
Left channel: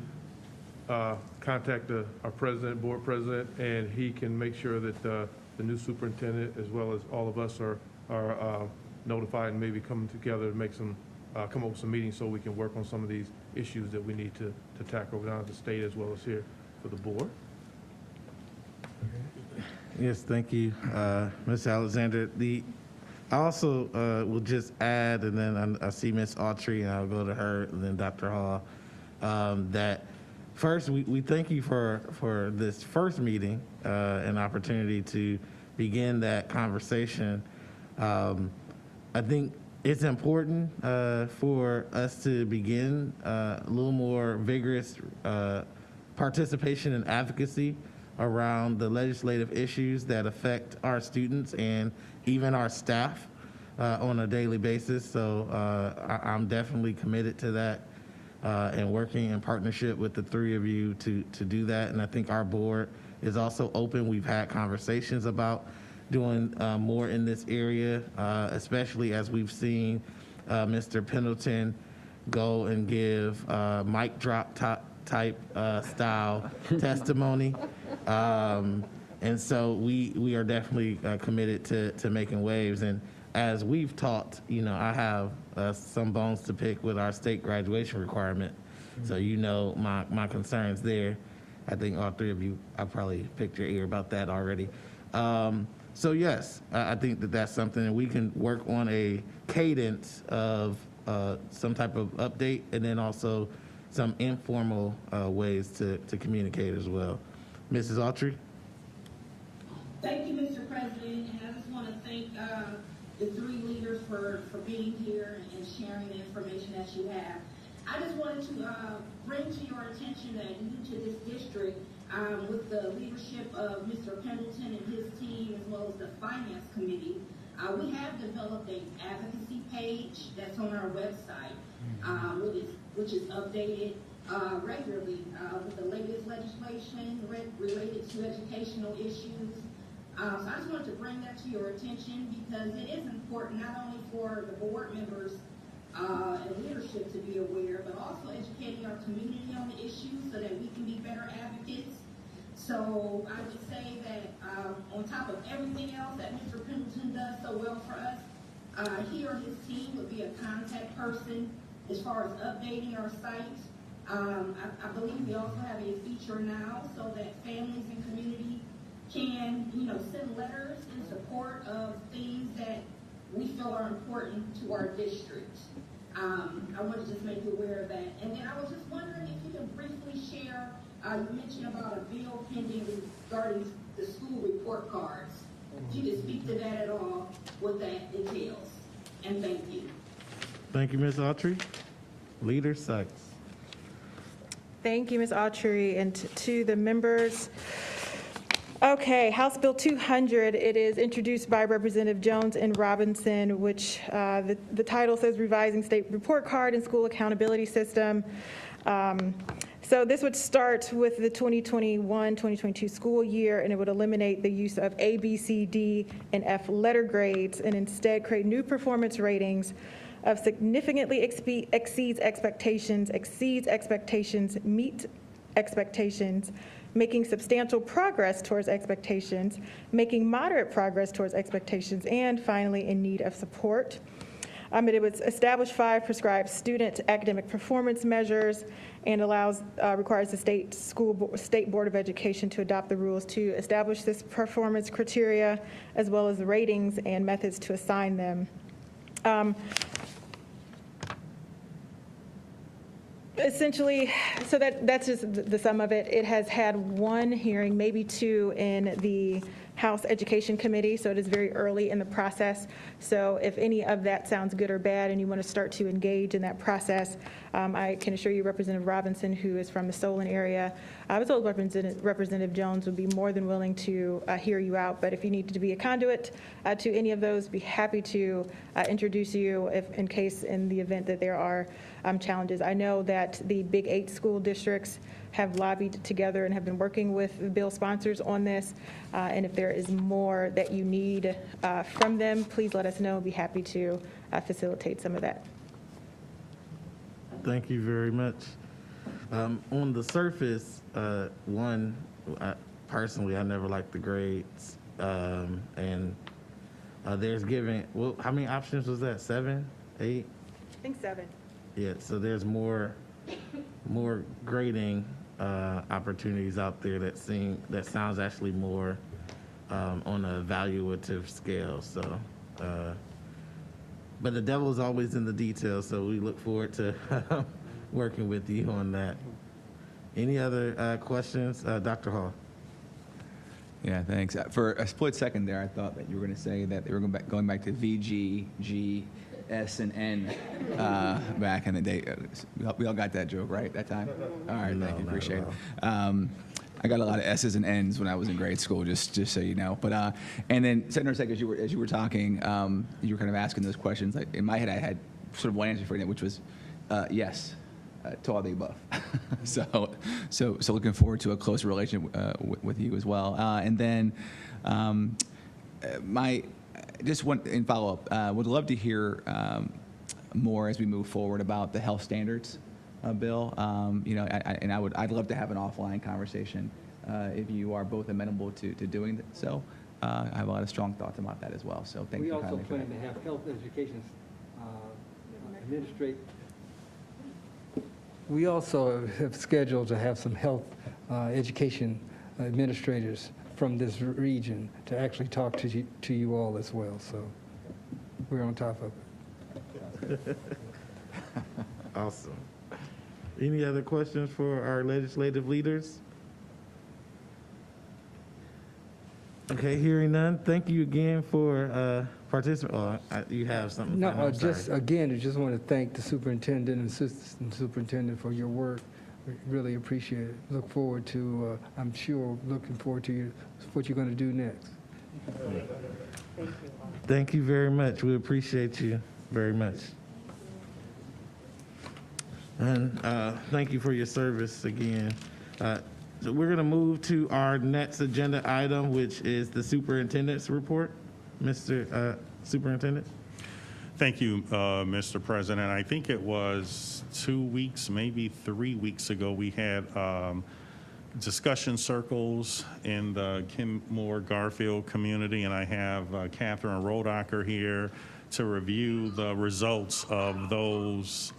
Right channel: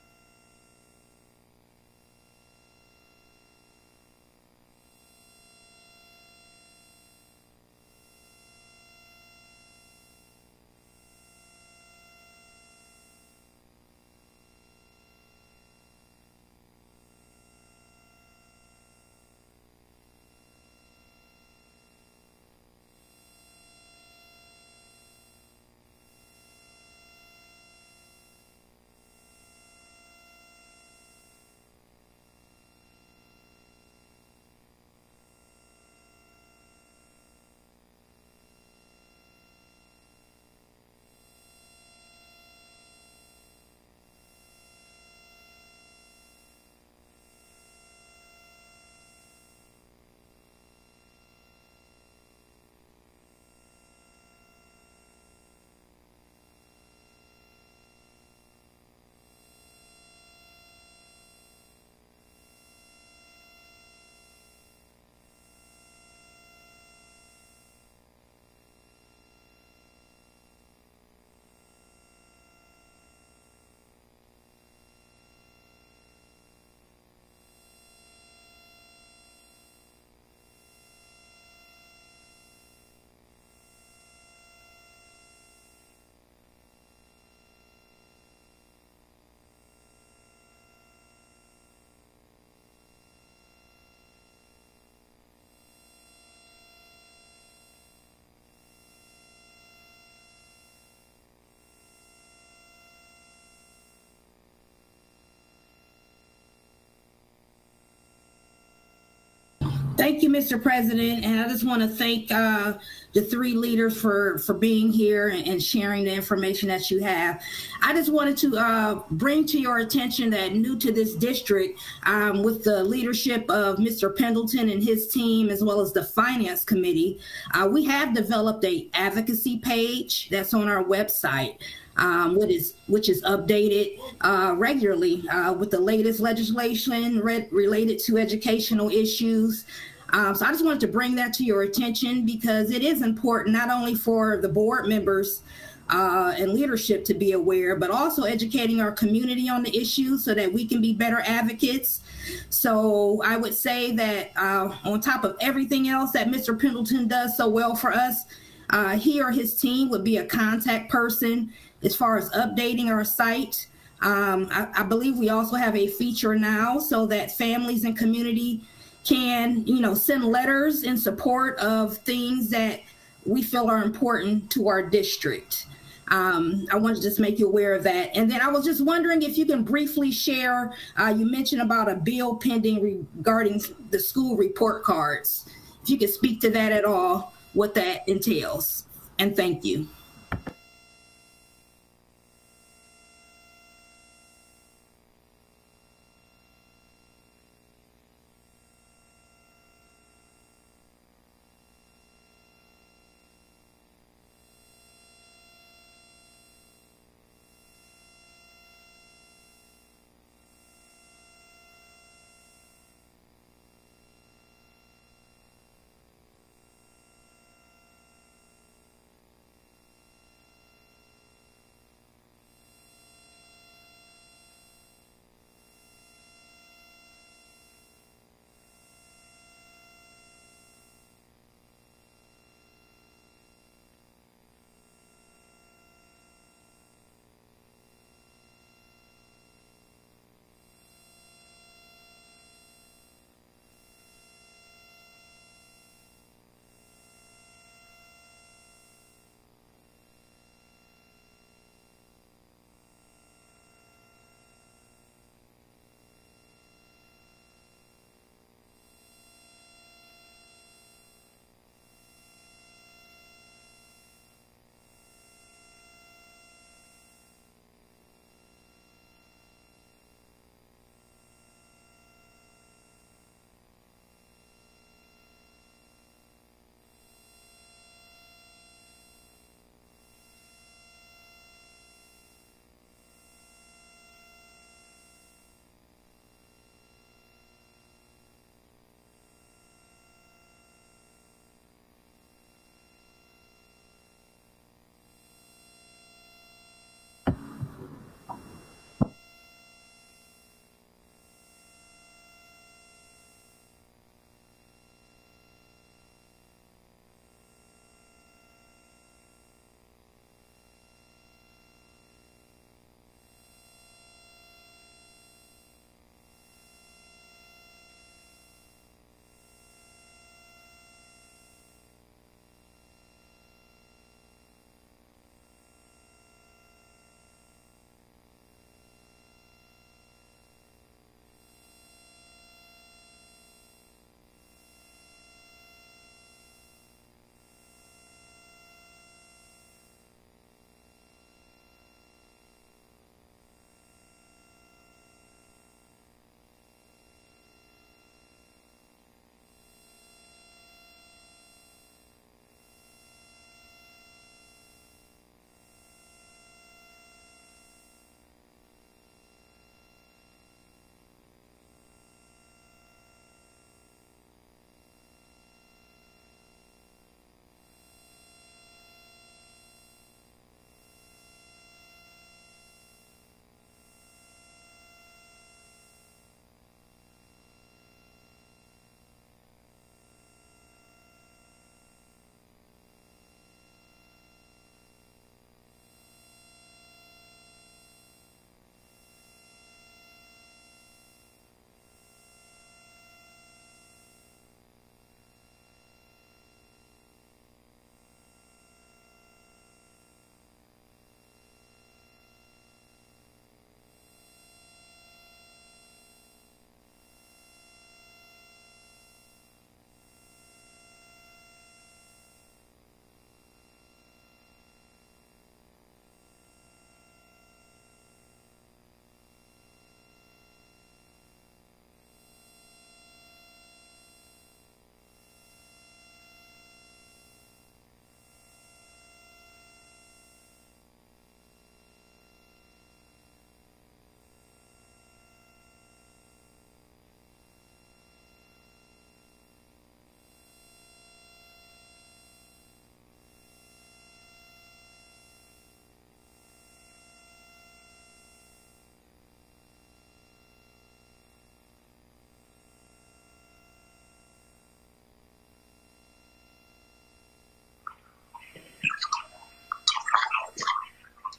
contact our president, board president, and he can make sure that the new superintendent, as well as all of us, are notified and maybe coming together to make come up with some meetings so we can work on some of these issues that we need to tackle down at the state as well as here for the board. Yes, thank you, Ms. Alexander. I also will just add, and then I see Ms. Autry, and I'll go to her, and then Dr. Hall, that first, we thank you for this first meeting, an opportunity to begin that conversation. I think it's important for us to begin a little more vigorous participation and advocacy around the legislative issues that affect our students and even our staff on a daily basis. So I'm definitely committed to that and working in partnership with the three of you to do that. And I think our board is also open. We've had conversations about doing more in this area, especially as we've seen Mr. Pendleton go and give mic drop type style testimony. And so we are definitely committed to making waves. And as we've talked, I have some bones to pick with our state graduation requirement. So my concerns there. I think all three of you, I probably picked your ear about that already. So yes, I think that's something that we can work on, a cadence of some type of update, and then also some informal ways to communicate as well. Mrs. Autry? Thank you, Mr. President, and I just want to thank the three leaders for being here and sharing the information that you have. I just wanted to bring to your attention that new to this district, with the leadership of Mr. Pendleton and his team, as well as the Finance Committee, we have developed an advocacy page that's on our website, which is updated regularly with the latest legislation related to educational issues. So I just wanted to bring that to your attention because it is important not only for the board members and leadership to be aware, but also educating our community on the issues so that we can be better advocates. So I would say that on top of everything else that Mr. Pendleton does so well for us, he or his team would be a contact person as far as updating our site. I believe we also have a feature now so that families and community can, send letters in support of things that we feel are important to our district. I want to just make you aware of that. And then I was just wondering if you can briefly share, you mentioned about a bill pending regarding the school report cards. If you could speak to that at all, what that entails. And thank you. Thank you, Ms. Autry. Leader Sykes. Thank you, Ms. Autry, and to the members. Okay, House Bill 200, it is introduced by Representative Jones and Robinson, which the title says Revising State Report Card and School Accountability System. So this would start with the 2021-2022 school year, and it would eliminate the use of A, B, C, D, and F letter grades, and instead create new performance ratings of significantly exceeds expectations, meet expectations, making substantial progress towards expectations, making moderate progress towards expectations, and finally in need of support. It would establish 5 prescribed student academic performance measures and requires the State Board of Education to adopt the rules to establish this performance criteria, as well as the ratings and methods to assign them. Essentially, so that's just the sum of it. It has had 1 hearing, maybe 2 in the House Education Committee, so it is very early in the process. So if any of that sounds good or bad and you want to start to engage in that process, I can assure you Representative Robinson, who is from the Solon area, as well as Representative Jones, would be more than willing to hear you out. But if you need to be a conduit to any of those, be happy to introduce you in the event that there are challenges. I know that the Big 8 school districts have lobbied together and have been working with the bill sponsors on this. And if there is more that you need from them, please let us know. I'd be happy to facilitate some of that. Thank you very much. On the surface, personally, I never liked the grades. And there's giving, well, how many options was that? 7, 8? I think 7. Yeah, so there's more grading opportunities out there that sounds actually more on a evaluative scale. So, but the devil is always in the details. So we look forward to working with you on that. Any other questions, Dr. Hall? Yeah, thanks. For a split second there, I thought that you were going to say that they were going back to VG, G, S, and N back in the day. We all got that joke, right, that time? All right, thank you, appreciate it. I got a lot of S's and N's when I was in grade school, just so you know. But and then, Senator Sykes, as you were talking, you were kind of asking those questions. In my head, I had sort of one answer for you, which was yes. To all the above. so looking forward to a closer relationship with you as well. And then just one in follow-up, would love to hear more as we move forward about the health standards bill. I'd love to have an offline conversation if you are both amenable to doing so. I have a lot of strong thoughts about that as well. So thank you. We also plan to have health education administrate. We also have scheduled to have some health education administrators from this region to actually talk to you all as well. So we're on top of it. Awesome. Any other questions for our legislative leaders? Okay, hearing none. Thank you again for participating. Oh, you have something? No, I just want to thank the superintendent and assistant superintendent for your work. We really appreciate it. Look forward to, looking forward to what you're going to do next. Thank you very much. We appreciate you very much. And thank you for your service again. So we're going to move to our next agenda item, which is the superintendent's report. Mr. Superintendent. Thank you, Mr. President. I think it was 2 weeks, maybe 3 weeks ago, we had discussion circles in the Kenmore Garfield community, and I have Catherine Rodacker here to review the results of those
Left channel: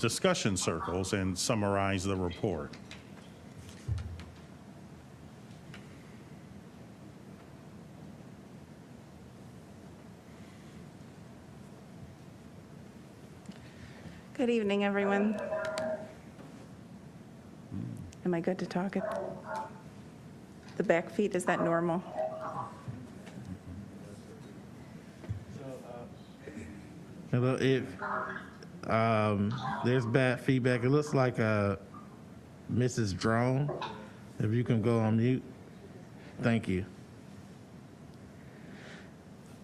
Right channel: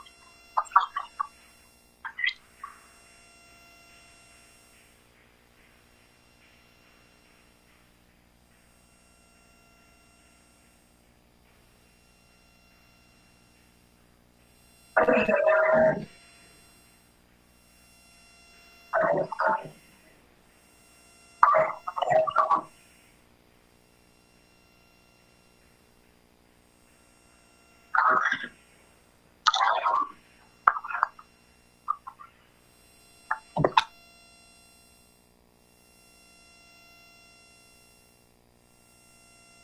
discussion circles and summarize the report. Good evening, everyone. Am I good to talk? The back feet, is that normal? Hello, there's bad feedback. It looks like Mrs. Drone. If you can go on mute. Thank you.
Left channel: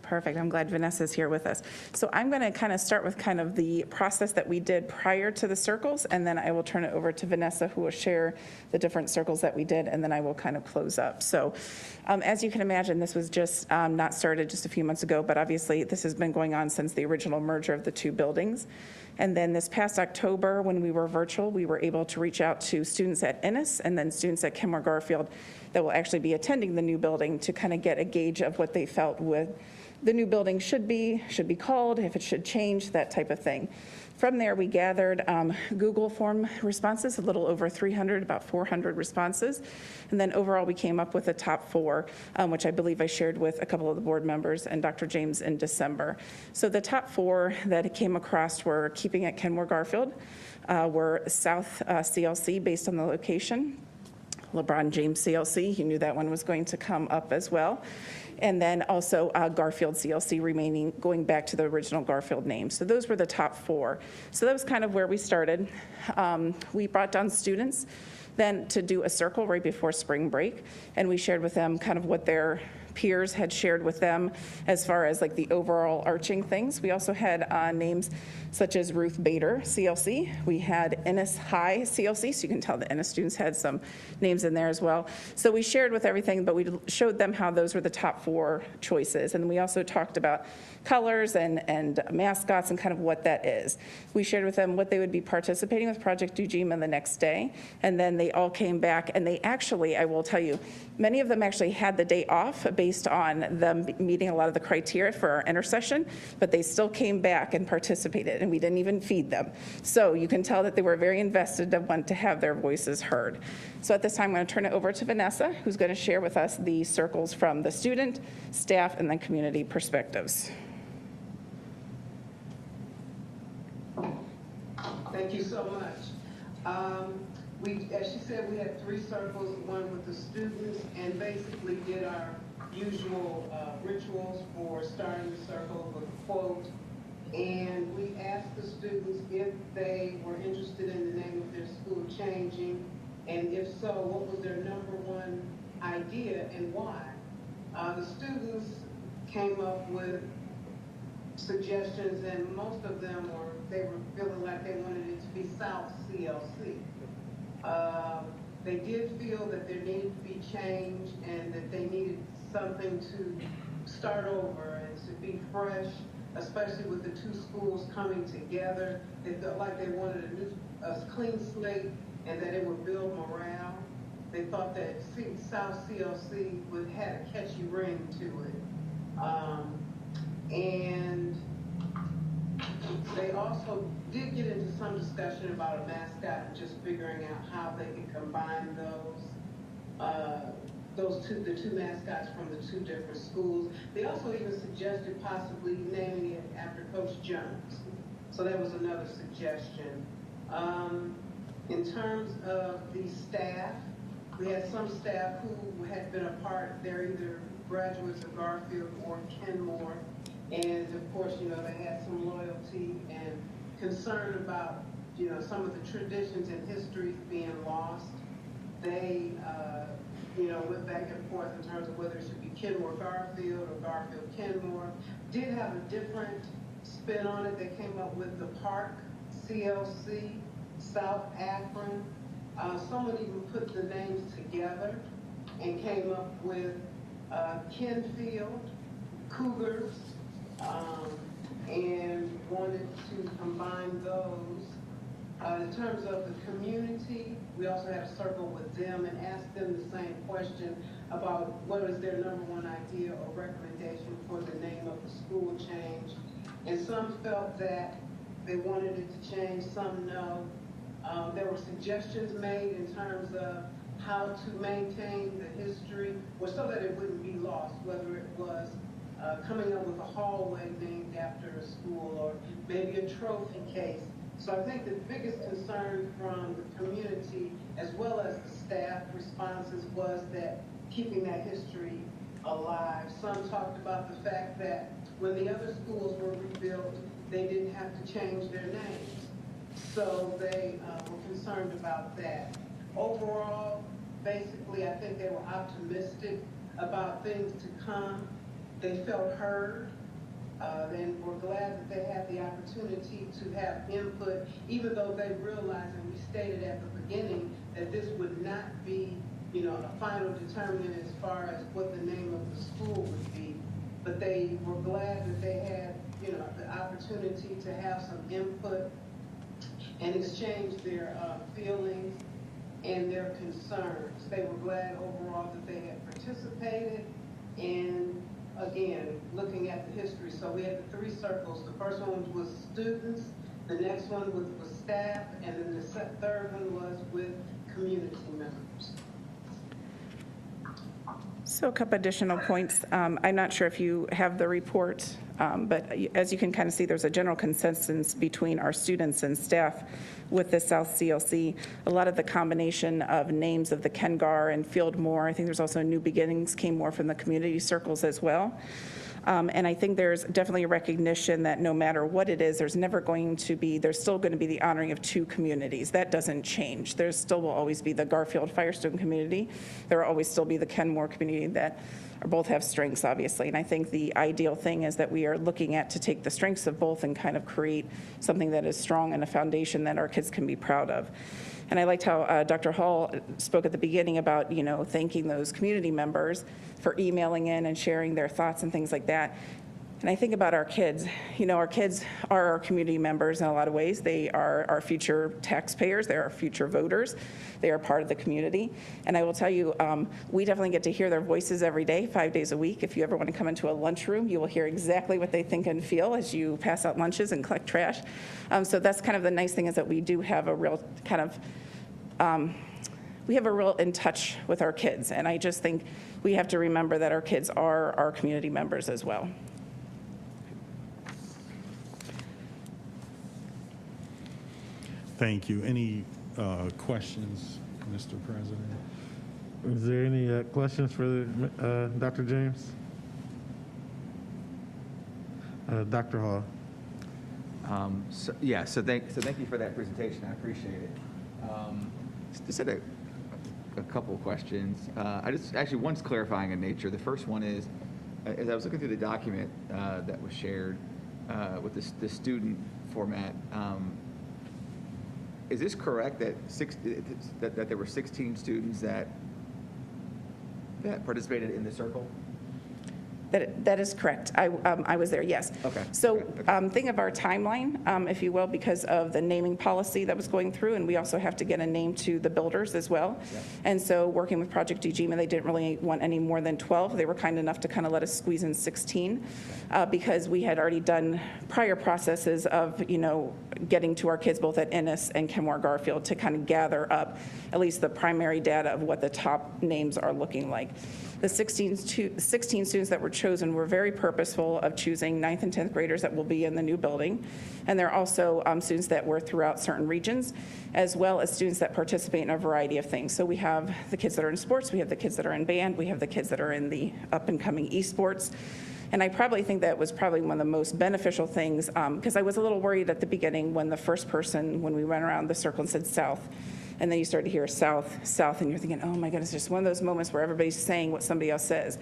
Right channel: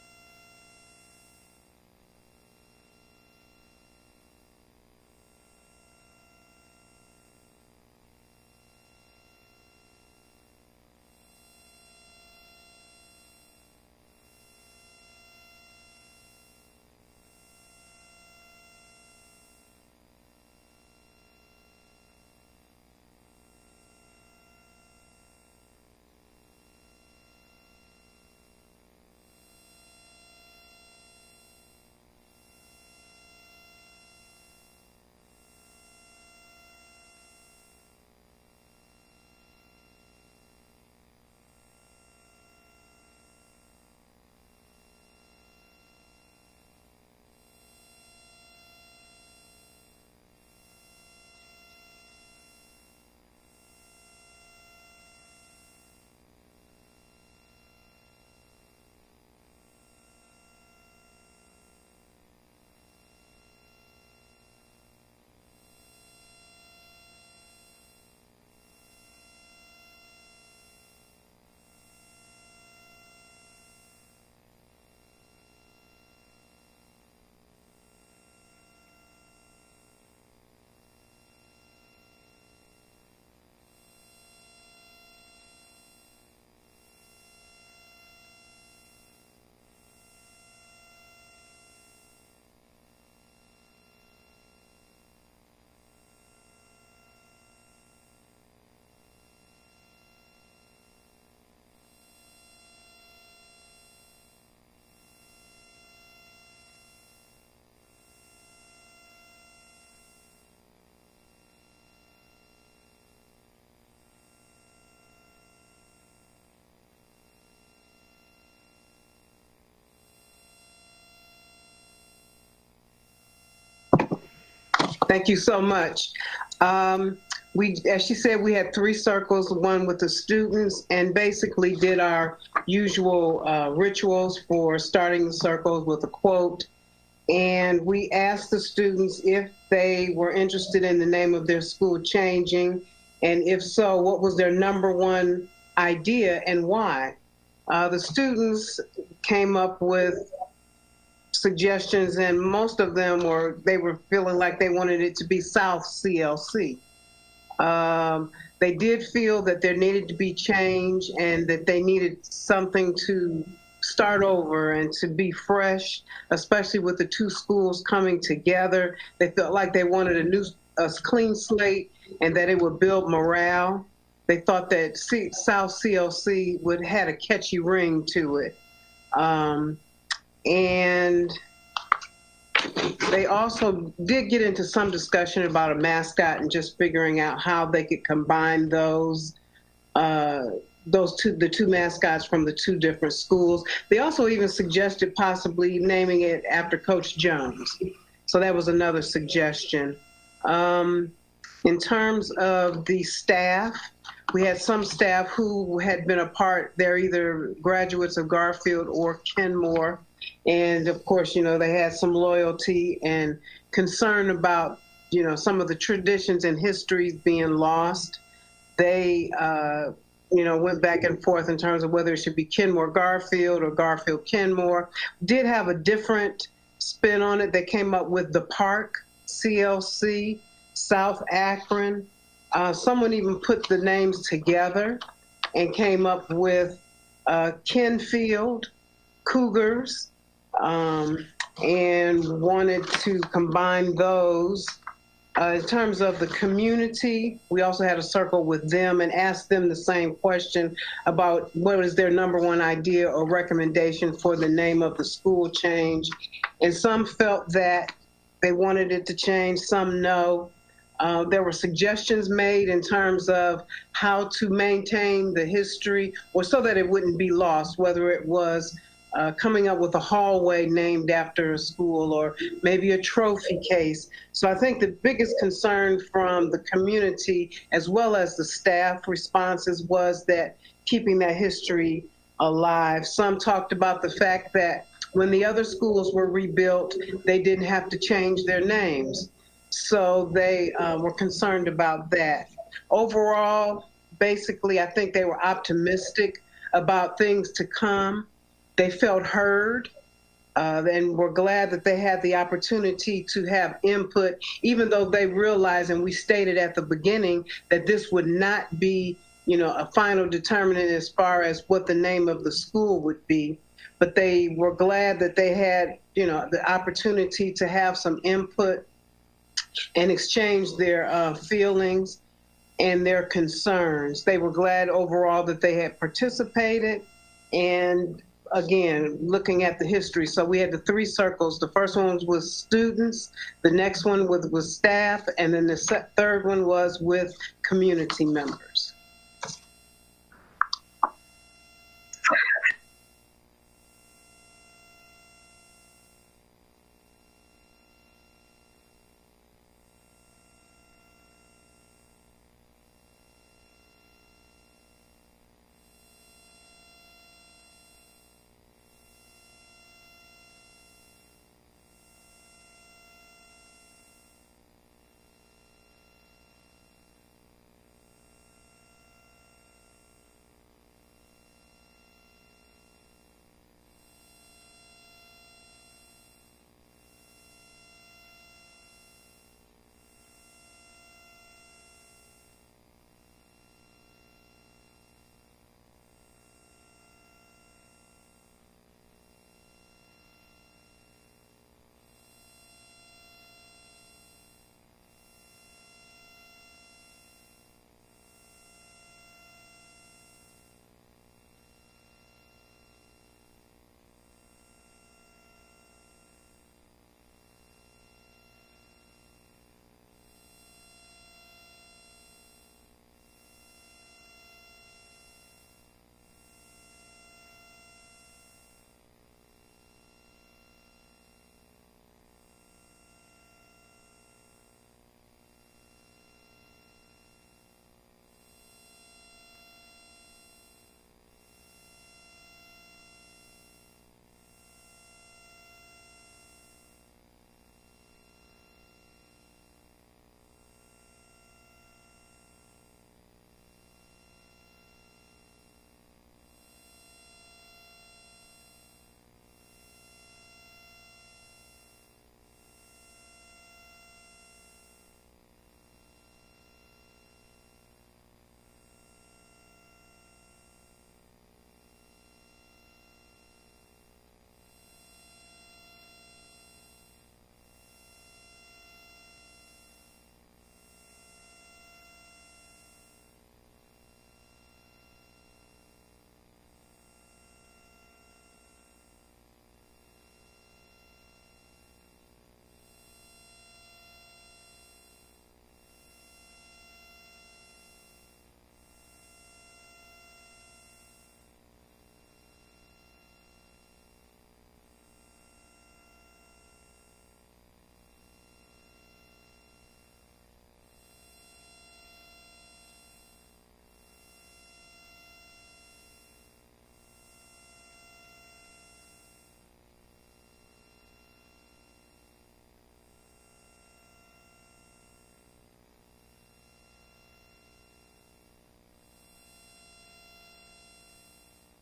Perfect. I'm glad Vanessa's here with us. So I'm going to kind of start with kind of the process that we did prior to the circles, and then I will turn it over to Vanessa, who will share the different circles that we did, and then I will kind of close up. So as you can imagine, this was just not started just a few months ago, but obviously this has been going on since the original merger of the two buildings. And then this past October, when we were virtual, we were able to reach out to students at Ennis and then students at Kenmore Garfield that will actually be attending the new building to kind of get a gauge of what they felt with the new building should be called, if it should change, that type of thing. From there, we gathered Google form responses, a little over 300, about 400 responses. And then overall, we came up with a top 4, which I believe I shared with a couple of the board members and Dr. James in December. So the top 4 that came across were keeping at Kenmore Garfield, were South CLC based on the location, LeBron James CLC, he knew that one was going to come up as well. And then also Garfield CLC remaining, going back to the original Garfield name. So those were the top 4. So that was kind of where we started. We brought down students then to do a circle right before spring break, and we shared with them kind of what their peers had shared with them as far as like the overall arching things. We also had names such as Ruth Bader CLC. We had Ennis High CLC, so you can tell the Ennis students had some names in there as well. So we shared with everything, but we showed them how those were the top 4 choices. And we also talked about colors and mascots and kind of what that is. We shared with them what they would be participating with Project Ujima the next day, and then they all came back, and they actually, I will tell you, many of them actually had the day off based on them meeting a lot of the criteria for our intercession, but they still came back and participated, and we didn't even feed them. So you can tell that they were very invested and want to have their voices heard. So at this time, I'm going to turn it over to Vanessa, who's going to share with us the circles from the student, staff, and then community perspectives. Thank you so much. As she said, we had 3 circles, one with the students, and basically did our usual rituals for starting the circles with a quote. And we asked the students if they were interested in the name of their school changing, and if so, what was their #1 idea and why? The students came up with suggestions, and most of them they were feeling like they wanted it to be South CLC. They did feel that there needed to be change and that they needed something to start over and to be fresh, especially with the 2 schools coming together. They felt like they wanted a clean slate and that it would build morale. They thought that South CLC had a catchy ring to it. And they also did get into some discussion about a mascot and just figuring out how they could combine the 2 mascots from the 2 different schools. They also even suggested possibly naming it after Coach Jones. So that was another suggestion. In terms of the staff, we had some staff who had been a part, they're either graduates of Garfield or Kenmore. And of course, they had some loyalty and concern about, some of the traditions and histories being lost. They, went back and forth in terms of whether it should be Kenmore Garfield or Garfield Kenmore. Did have a different spin on it. They came up with the Park CLC, South Akron. Someone even put the names together and came up with Kenfield, Cougars, and wanted to combine those. In terms of the community, we also had a circle with them and asked them the same question about what is their #1 idea or recommendation for the name of the school change. And some felt that they wanted it to change, some no. There were suggestions made in terms of how to maintain the history or so that it wouldn't be lost, whether it was coming up with a hallway named after a school or maybe a trophy case. So I think the biggest concern from the community as well as the staff responses was that keeping that history alive. Some talked about the fact that when the other schools were rebuilt, they didn't have to change their names. So they were concerned about that. Overall, basically, I think they were optimistic about things to come. They felt heard, and were glad that they had the opportunity to have input, even though they realized, and we stated at the beginning, that this would not be, a final determinant as far as what the name of the school would be. But they were glad that they had, the opportunity to have some input and exchange their feelings and their concerns. They were glad overall that they had participated, and again, looking at the history. So we had the 3 circles. The first one was students, the next one was staff, and then the third one was with community members. So a couple additional points. I'm not sure if you have the report, but as you can kind of see, there's a general consensus between our students and staff with the South CLC. A lot of the combination of names of the Kengar and Fieldmore, I think there's also New Beginnings came more from the community circles as well. And I think there's definitely a recognition that no matter what it is, there's still going to be the honoring of 2 communities. That doesn't change. There still will always be the Garfield Firestone community. There will always still be the Kenmore community that both have strengths, obviously. And I think the ideal thing is that we are looking at to take the strengths of both and kind of create something that is strong and a foundation that our kids can be proud of. And I liked how Dr. Hall spoke at the beginning about, thanking those community members for emailing in and sharing their thoughts and things like that. And I think about our kids. You know, our kids are our community members in a lot of ways. They are our future taxpayers. They're our future voters. They are part of the community. And I will tell you, we definitely get to hear their voices every day, 5 days a week. If you ever want to come into a lunchroom, you will hear exactly what they think and feel as you pass out lunches and collect trash. So that's kind of the nice thing, is that we do have a real kind of, we have a real in touch with our kids. And I just think we have to remember that our kids are our community members as well. Thank you. Any questions, Mr. President? Is there any questions for Dr. James? Dr. Hall. So thank you for that presentation. I appreciate it. Just had a couple of questions. Actually, one's clarifying in nature. The first one is, as I was looking through the document that was shared with the student format, is this correct that that there were 16 students that participated in the circle? That is correct. I was there, yes. Okay. So think of our timeline, if you will, because of the naming policy that was going through, and we also have to get a name to the builders as well. Yeah. And so working with Project Ujima, they didn't really want any more than 12. They were kind enough to kind of let us squeeze in 16 because we had already done prior processes of, you know, getting to our kids both at Ennis and Kenmore Garfield to kind of gather up at least the primary data of what the top names are looking like. The 16 students that were chosen were very purposeful of choosing 9th and 10th graders that will be in the new building. And they're also students that were throughout certain regions, as well as students that participate in a variety of things. So we have the kids that are in sports, we have the kids that are in band, we have the kids that are in the up-and-coming esports. And I probably think that was probably one of the most beneficial things, because I was a little worried at the beginning when the first person, when we went around the circle and said South, and then you start to hear South, South, and you're thinking, oh my goodness, just one of those moments where everybody's saying what somebody else says.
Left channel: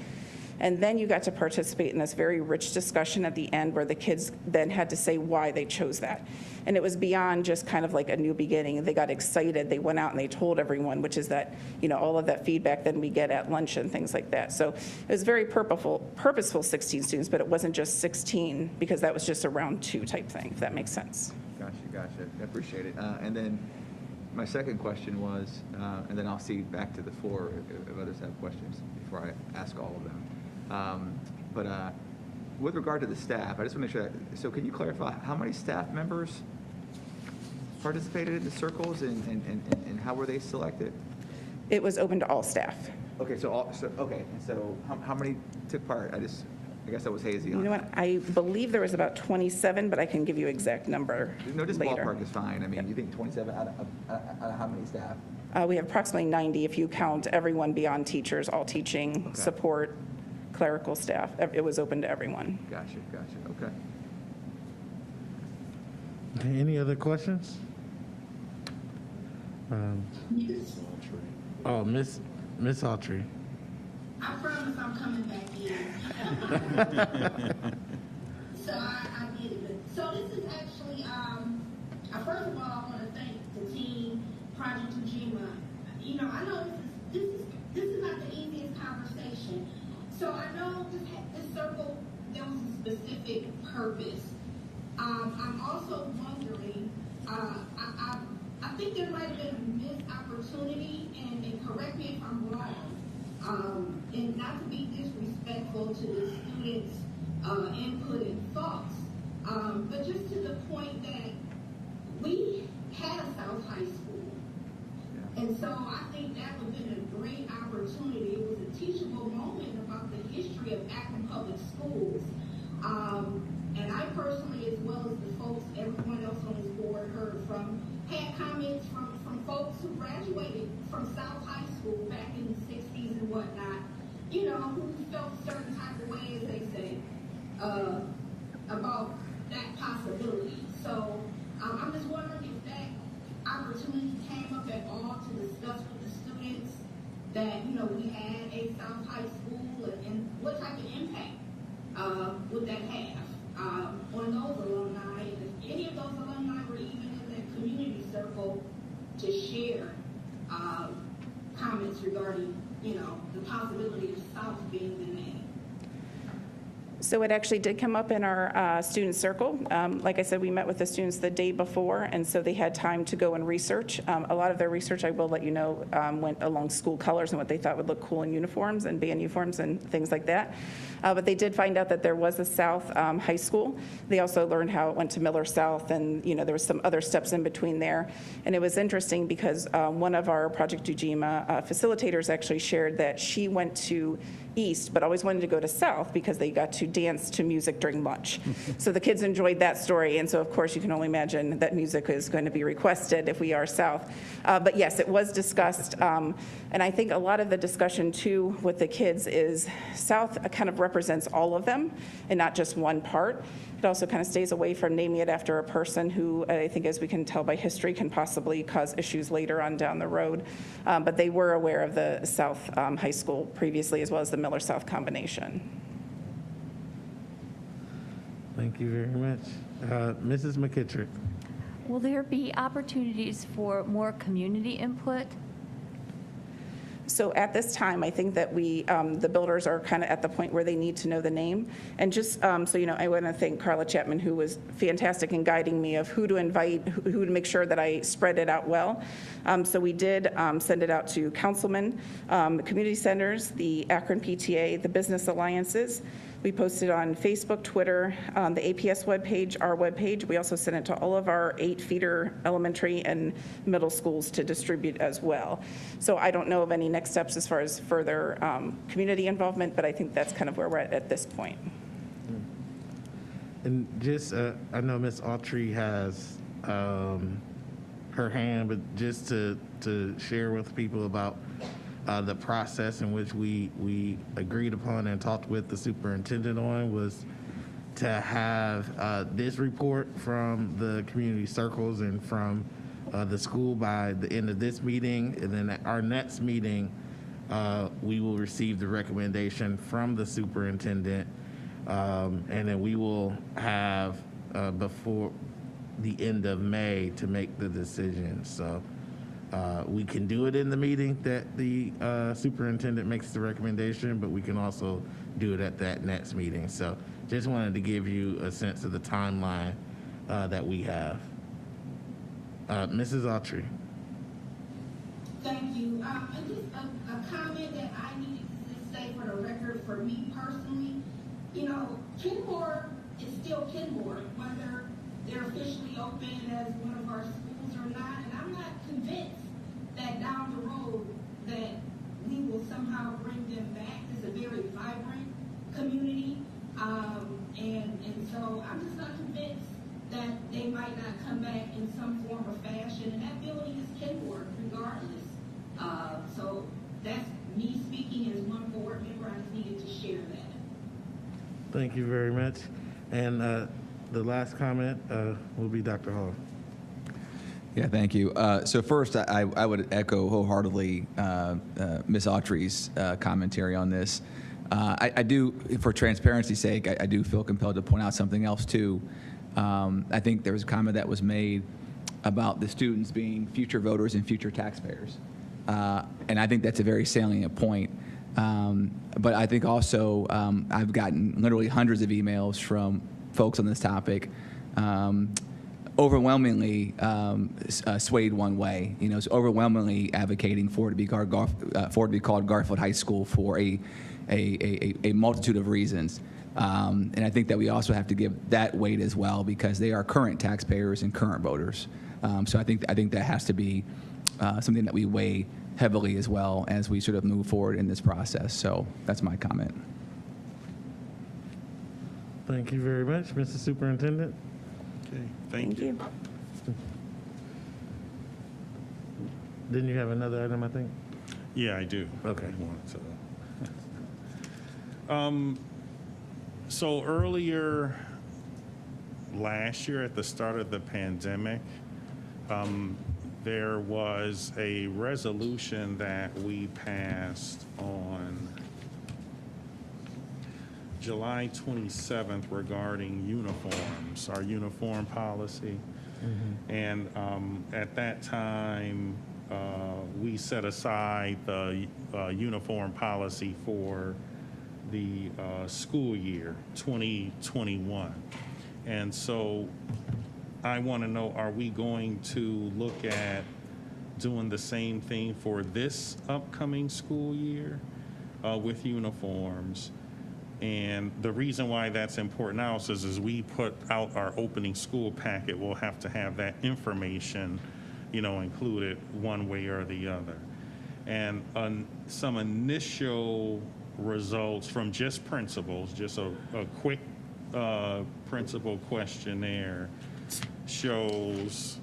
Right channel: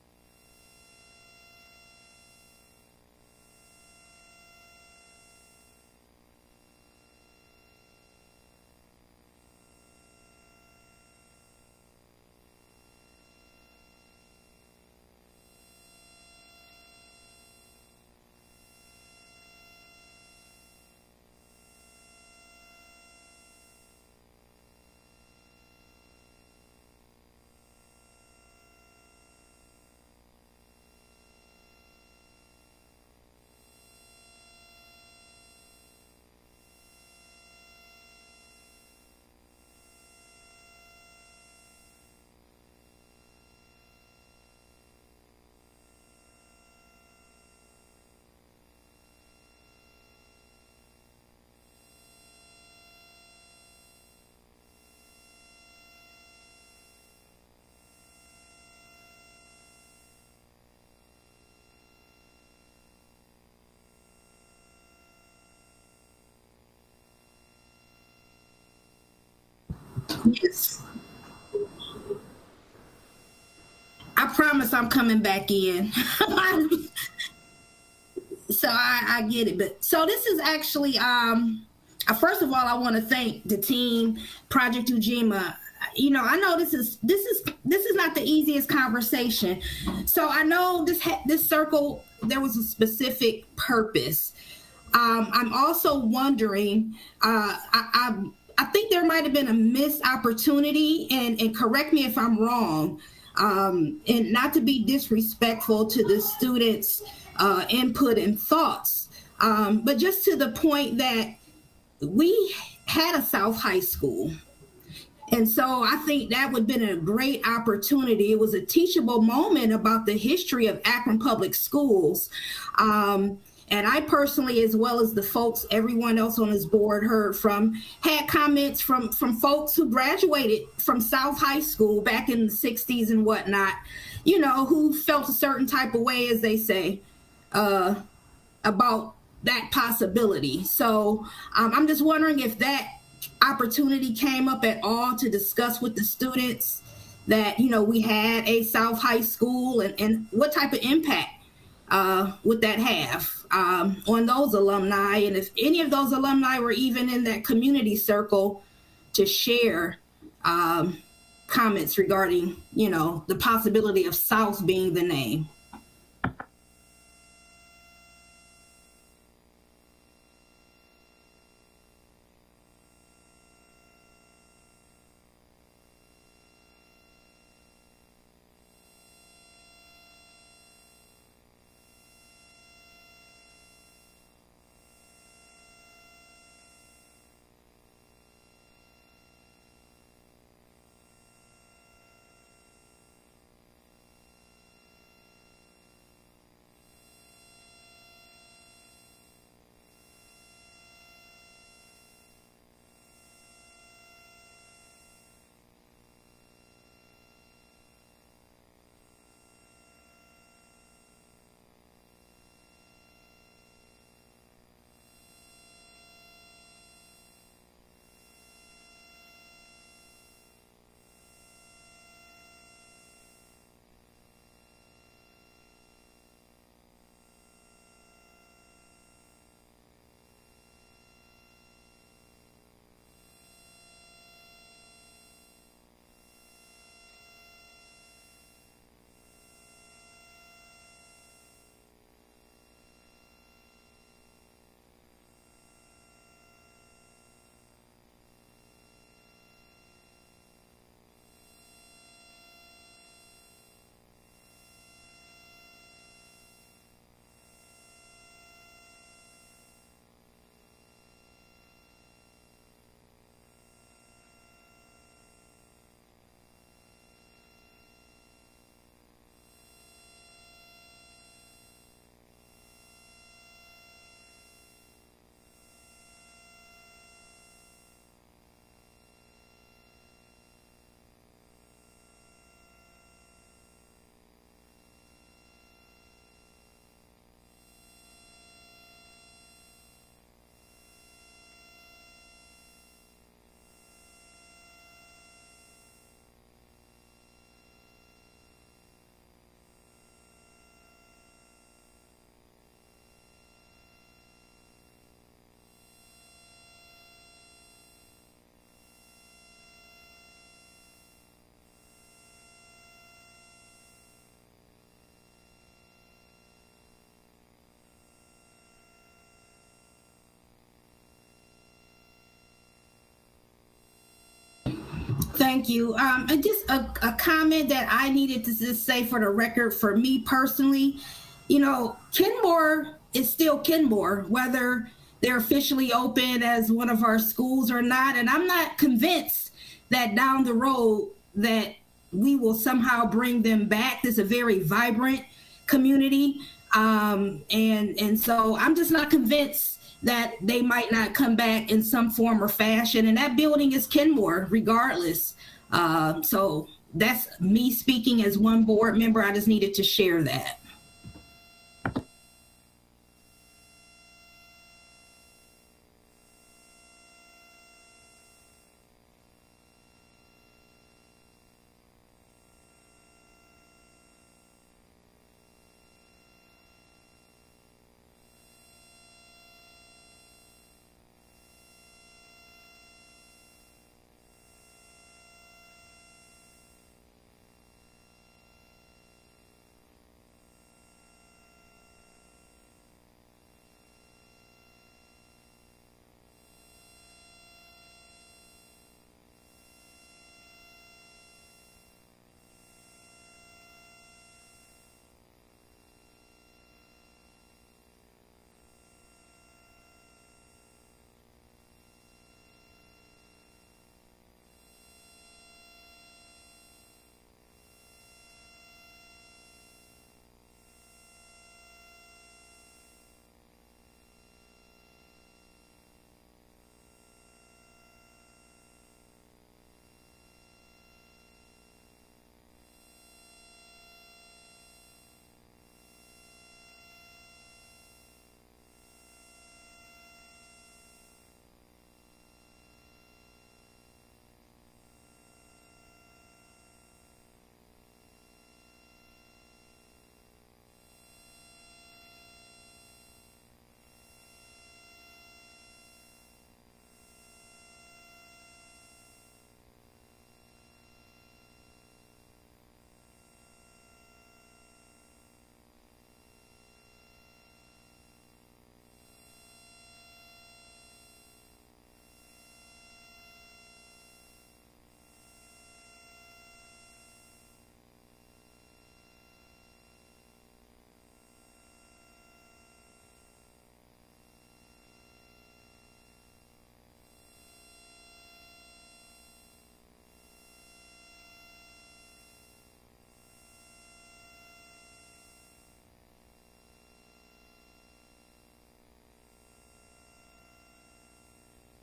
And then you got to participate in this very rich discussion at the end where the kids then had to say why they chose that. And it was beyond just kind of like a new beginning. They got excited. They went out and they told everyone, which is that, you know, all of that feedback then we get at lunch and things like that. So it was very purposeful 16 students, but it wasn't just 16 because that was just a round 2 type thing, if that makes sense. Gotcha. I appreciate it. And then my second question was, and then I'll see back to the floor if others have questions before I ask all of them. But with regard to the staff, I just want to make sure so can you clarify how many staff members participated in the circles and how were they selected? It was open to all staff. Okay, so how many took part? I guess I was hazy on. You know what? I believe there was about 27, but I can give you exact number just later. Ballpark is fine. I mean, you think 27 out of how many staff? We have approximately 90 if you count everyone beyond teachers, all teaching, support, clerical staff. It was open to everyone. Gotcha. Okay. Okay, any other questions? Yes. Oh, Miss Autry. I promise I'm coming back in. So I get it. But so this is actually, first of all, I want to thank the team, Project Ujima. You know, I know this is not the easiest conversation. So I know this circle, there was a specific purpose. I'm also wondering, I think there might have been a missed opportunity, and correct me if I'm wrong, and not to be disrespectful to the students' input and thoughts, but just to the point that we had a South High School. And so I think that would have been a great opportunity. It was a teachable moment about the history of Akron Public Schools. And I personally, as well as the folks, everyone else on this board had comments from folks who graduated from South High School back in the 60s and whatnot, you know, who felt a certain type of way, as they say, about that possibility. So I'm just wondering if that opportunity came up at all to discuss with the students that, you know, we had a South High School and what type of impact would that have on those alumni, and if any of those alumni were even in that community circle to share comments regarding, you know, the possibility of South being the name. So it actually did come up in our student circle. Like I said, we met with the students the day before, and so they had time to go and research. A lot of their research, I will let you know, went along school colors and what they thought would look cool in uniforms and band uniforms and things like that. But they did find out that there was a South high school. They also learned how it went to Miller South, and there was some other steps in between there. And it was interesting because one of our Project Ujima facilitators actually shared that she went to East, but always wanted to go to South because they got to dance to music during lunch. So the kids enjoyed that story, and so of course you can only imagine that music is going to be requested if we are South. But yes, it was discussed, and I think a lot of the discussion too with the kids is South kind of represents all of them and not just one part. It also kind of stays away from naming it after a person who I think, as we can tell by history, can possibly cause issues later on down the road. But they were aware of the South High School previously, as well as the Miller South combination. Thank you very much. Mrs. McKittrick. Will there be opportunities for more community input? So at this time, I think that the builders are kind of at the point where they need to know the name. And just so you know, I want to thank Carla Chapman, who was fantastic in guiding me of who to invite, who to make sure that I spread it out well. So we did send it out to councilmen, community centers, the Akron PTA, the business alliances. We posted on Facebook, Twitter, the APS webpage, our webpage. We also sent it to all of our 8 feeder elementary and middle schools to distribute as well. So I don't know of any next steps as far as further community involvement, but I think that's kind of where we're at this point. And just, I know Ms. Autry has her hand, but just to share with people about the process in which we agreed upon and talked with the superintendent on was to have this report from the community circles and from the school by the end of this meeting. And then at our next meeting, we will receive the recommendation from the superintendent. And then we will have before the end of May to make the decision. So we can do it in the meeting that the superintendent makes the recommendation, but we can also do it at that next meeting. So just wanted to give you a sense of the timeline that we have. Mrs. Autry. Thank you. And just a comment that I needed to just say for the record, for me personally, Kenmore is still Kenmore, whether they're officially open as one of our schools or not. And I'm not convinced that down the road that we will somehow bring them back. This is a very vibrant community. And so I'm just not convinced that they might not come back in some form or fashion. And that building is Kenmore regardless. So that's me speaking as one board member. I just needed to share that. Thank you very much. And the last comment will be Dr. Hall. Yeah, thank you. So first, I would echo wholeheartedly Ms. Autry's commentary on this. I do, for transparency's sake, I do feel compelled to point out something else too. I think there was a comment that was made about the students being future voters and future taxpayers. And I think that's a very salient point. But I think also I've gotten literally hundreds of emails from folks on this topic, overwhelmingly swayed one way. It's overwhelmingly advocating for it to be called Garfield High School for a multitude of reasons. And I think that we also have to give that weight as well because they are current taxpayers and current voters. So I think that has to be something that we weigh heavily as well as we sort of move forward in this process. So that's my comment. Thank you very much, Mr. Superintendent. Okay, thank you. Didn't you have another item, I think? Yeah, I do. Okay. So earlier last year at the start of the pandemic, there was a resolution that we passed on July 27th regarding uniforms, our uniform policy. Mm-hmm. And at that time, we set aside the uniform policy for the school year 2021. And so I want to know, are we going to look at doing the same thing for this upcoming school year with uniforms? And the reason why that's important now is as we put out our opening school packet, we'll have to have that information, included one way or the other. And some initial results from just principals, just a quick principal questionnaire shows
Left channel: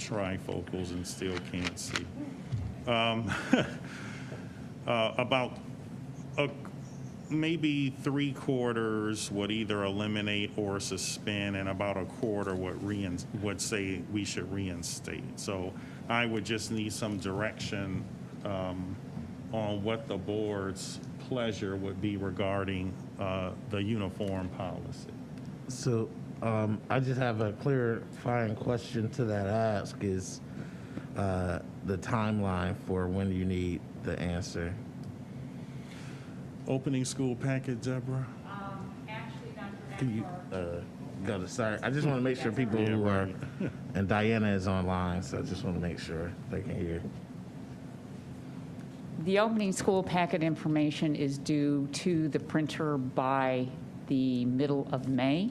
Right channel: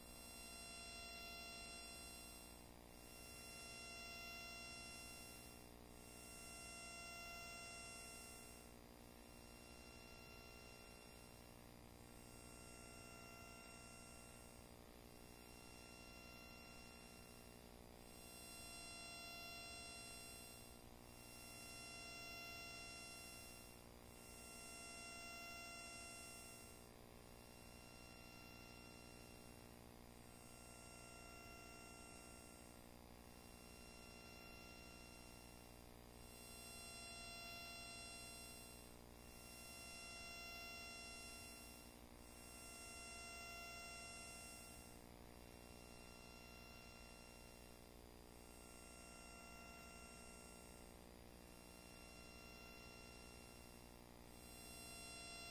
trifocals and still can't see. About maybe 3/4 would either eliminate or suspend, and about 1/4 would say we should reinstate. So I would just need some direction on what the board's pleasure would be regarding the uniform policy. So I just have a clarifying question to that ask is the timeline for when you need the answer. Opening school packet, Deborah? Actually, Dr. Can you go to, sorry, I just want to make sure people who are, and Diana is online, so I just want to make sure they can hear. The opening school packet information is due to the printer by the middle of May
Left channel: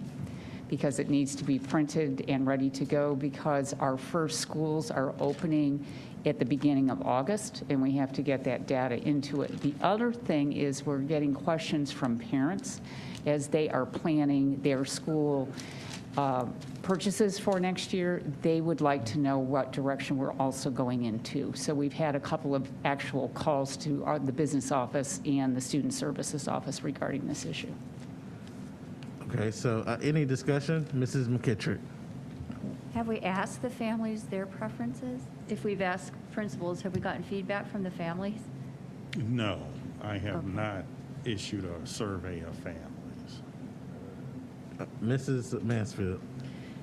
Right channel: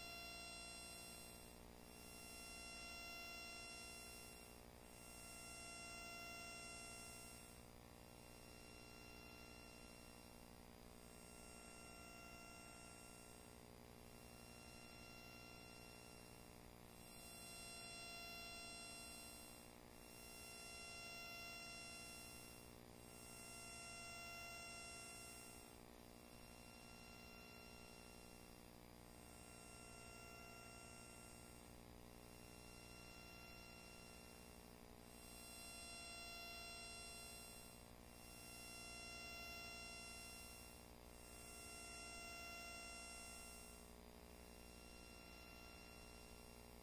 because it needs to be printed and ready to go because our first schools are opening at the beginning of August, and we have to get that data into it. The other thing is we're getting questions from parents as they are planning their school purchases for next year. They would like to know what direction we're also going into. So we've had a couple of actual calls to the business office and the student services office regarding this issue. Okay, so any discussion? Mrs. McKittrick. Have we asked the families their preferences? If we've asked principals, have we gotten feedback from the families? No, I have not issued a survey of families. Mrs. Mansfield.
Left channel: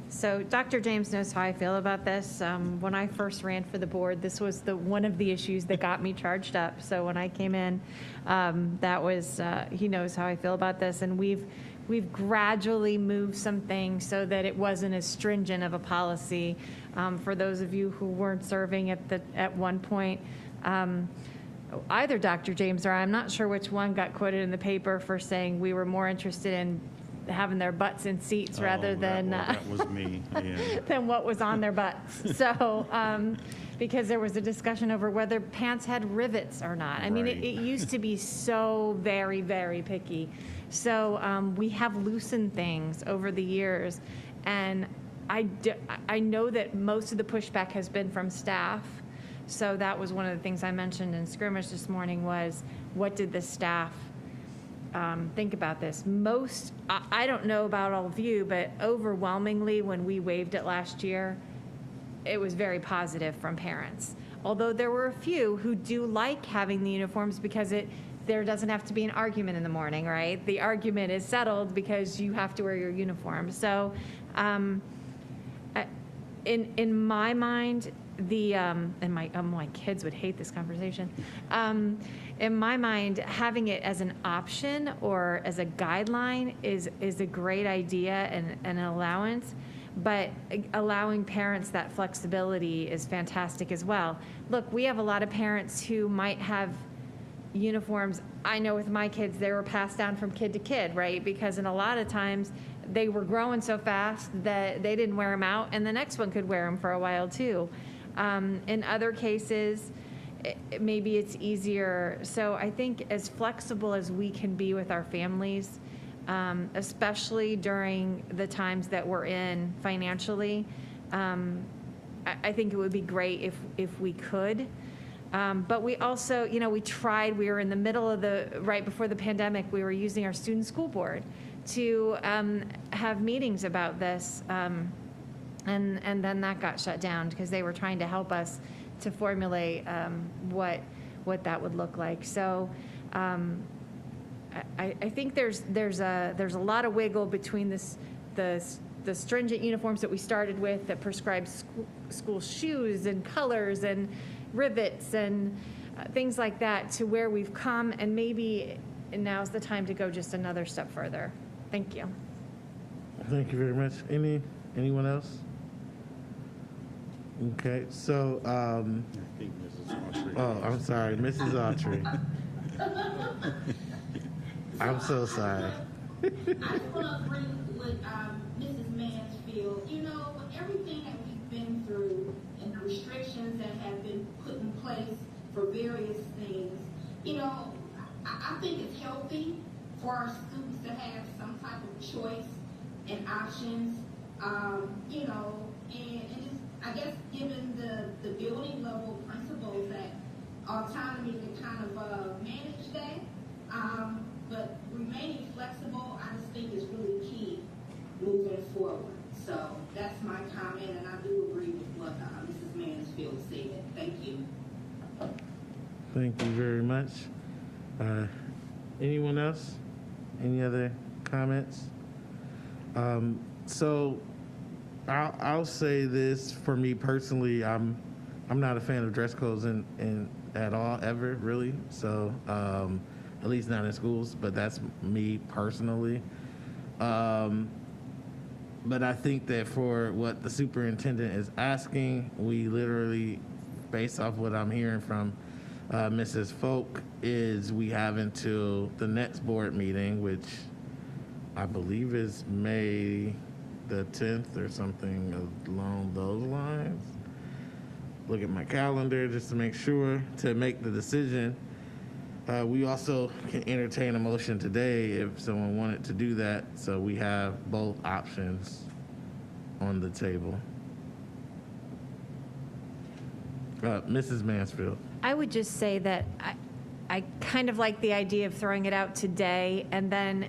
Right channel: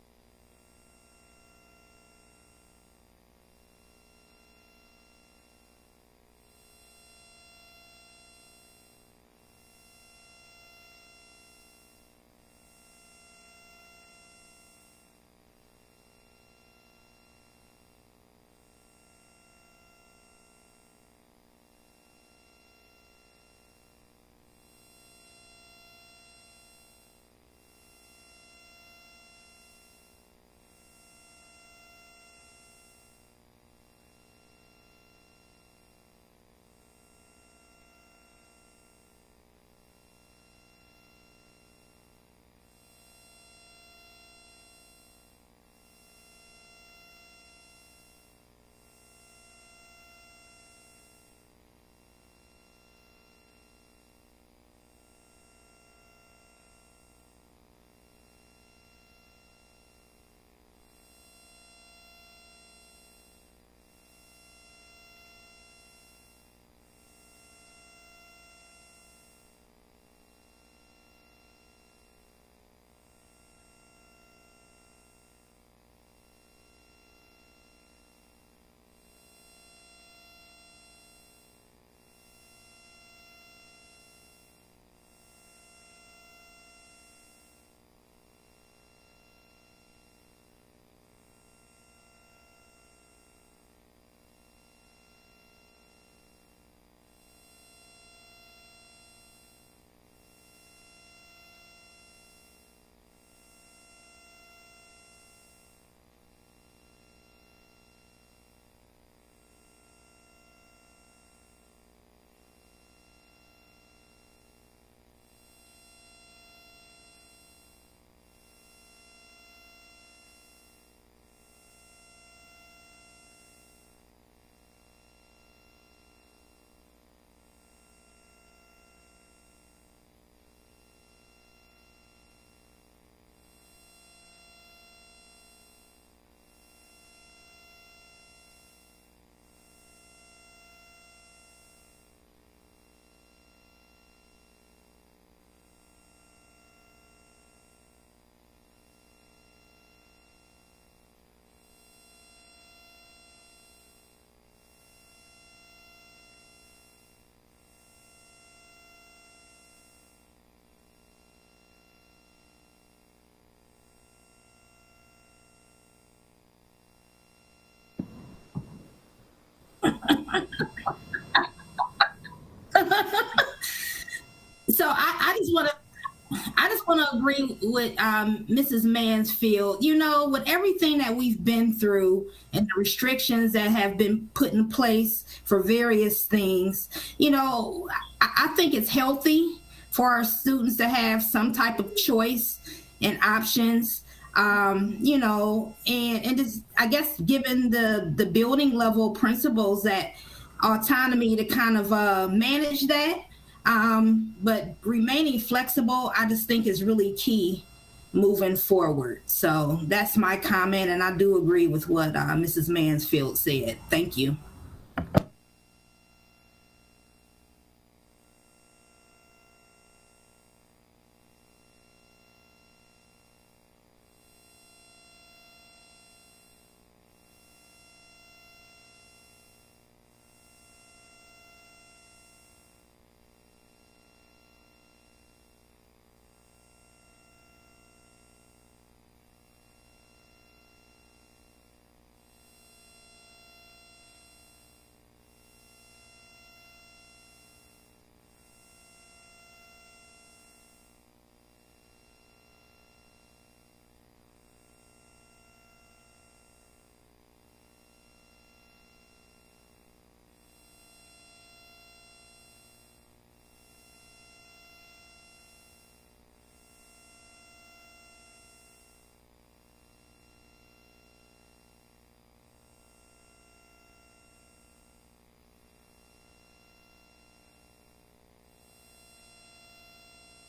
So Dr. James knows how I feel about this. When I first ran for the board, this was one of the issues that got me charged up. So when I came in, that was, he knows how I feel about this. And we've gradually moved some things so that it wasn't as stringent of a policy. For those of you who weren't serving at one point, either Dr. James or I'm not sure which one got quoted in the paper for saying we were more interested in having their butts in seats rather than that was me. Yeah. than what was on their butts. So because there was a discussion over whether pants had rivets or not. I mean, it used to be so very, very picky. So we have loosened things over the years, and I know that most of the pushback has been from staff. So that was one of the things I mentioned in scrimmage this morning was, what did the staff think about this? I don't know about all of you, but overwhelmingly when we waived it last year, it was very positive from parents. Although there were a few who do like having the uniforms because there doesn't have to be an argument in the morning, right? The argument is settled because you have to wear your uniform. So in my mind, and my kids would hate this conversation. In my mind, having it as an option or as a guideline is a great idea and an allowance, but allowing parents that flexibility is fantastic as well. Look, we have a lot of parents who might have uniforms. I know with my kids, they were passed down from kid to kid, right? Because in a lot of times, they were growing so fast that they didn't wear them out, and the next one could wear them for a while too. In other cases, maybe it's easier. So I think as flexible as we can be with our families, especially during the times that we're in financially, I think it would be great if we could. But we also, we tried, we were in the middle of right before the pandemic, we were using our student school board to have meetings about this. And then that got shut down because they were trying to help us to formulate what that would look like. So I think there's a lot of wiggle between the stringent uniforms that we started with that prescribe school shoes and colors and rivets and things like that, to where we've come, and maybe now's the time to go just another step further. Thank you. Thank you very much. Anyone else? Okay, so, oh, I'm sorry, Mrs. Autry. So I just want to agree with Mrs. Mansfield. You know, with everything that we've been through and the restrictions that have been put in place for various things, you know, I think it's healthy for our students to have some type of choice and options. You know, and it's, I guess, given the building level principles that autonomy to kind of manage that. But remaining flexible, I just think is really key moving forward. So that's my comment, and I do agree with what Mrs. Mansfield said. Thank you. Thank you very much. Anyone else? Any other comments? So I'll say this for me personally. I'm not a fan of dress codes in at all, ever, really. So at least not in schools, but that's me personally. But I think that for what the superintendent is asking, we literally, based off what I'm hearing from Mrs. Folk, is we have until the next board meeting, which I believe is May the 10th or something along those lines. Look at my calendar just to make sure to make the decision. We also can entertain a motion today if someone wanted to do that, so we have both options on the table. Mrs. Mansfield. I would just say that I kind of like the idea of throwing it out today, and then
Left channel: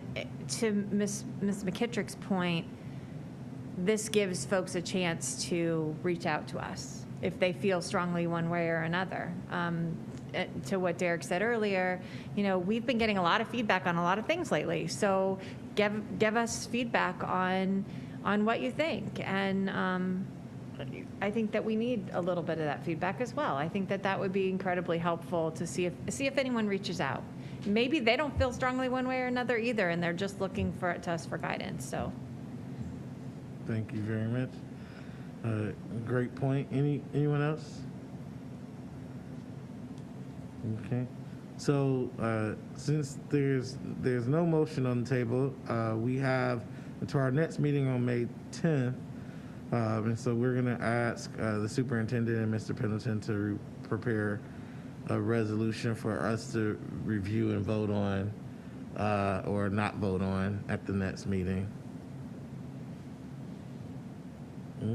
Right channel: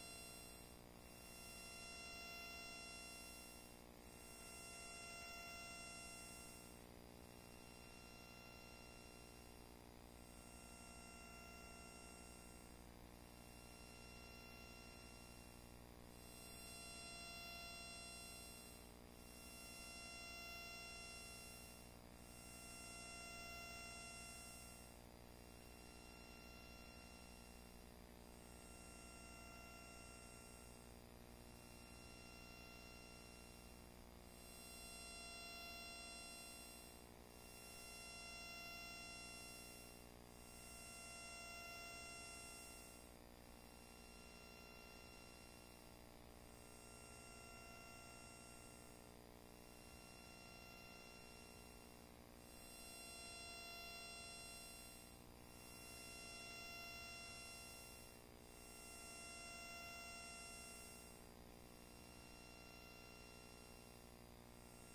to Ms. McKittrick's point, this gives folks a chance to reach out to us if they feel strongly one way or another. To what Derek said earlier, you know, we've been getting a lot of feedback on a lot of things lately, so give us feedback on what you think, and I think that we need a little bit of that feedback as well. I think that would be incredibly helpful to see if anyone reaches out. Maybe they don't feel strongly one way or another either, and they're just looking to us for guidance. So, thank you very much. Great point. Anyone else? Okay. So since there's no motion on the table, we have until our next meeting on May 10th. And so we're going to ask the superintendent and Mr. Pendleton to prepare a resolution for us to review and vote on, or not vote on at the next meeting.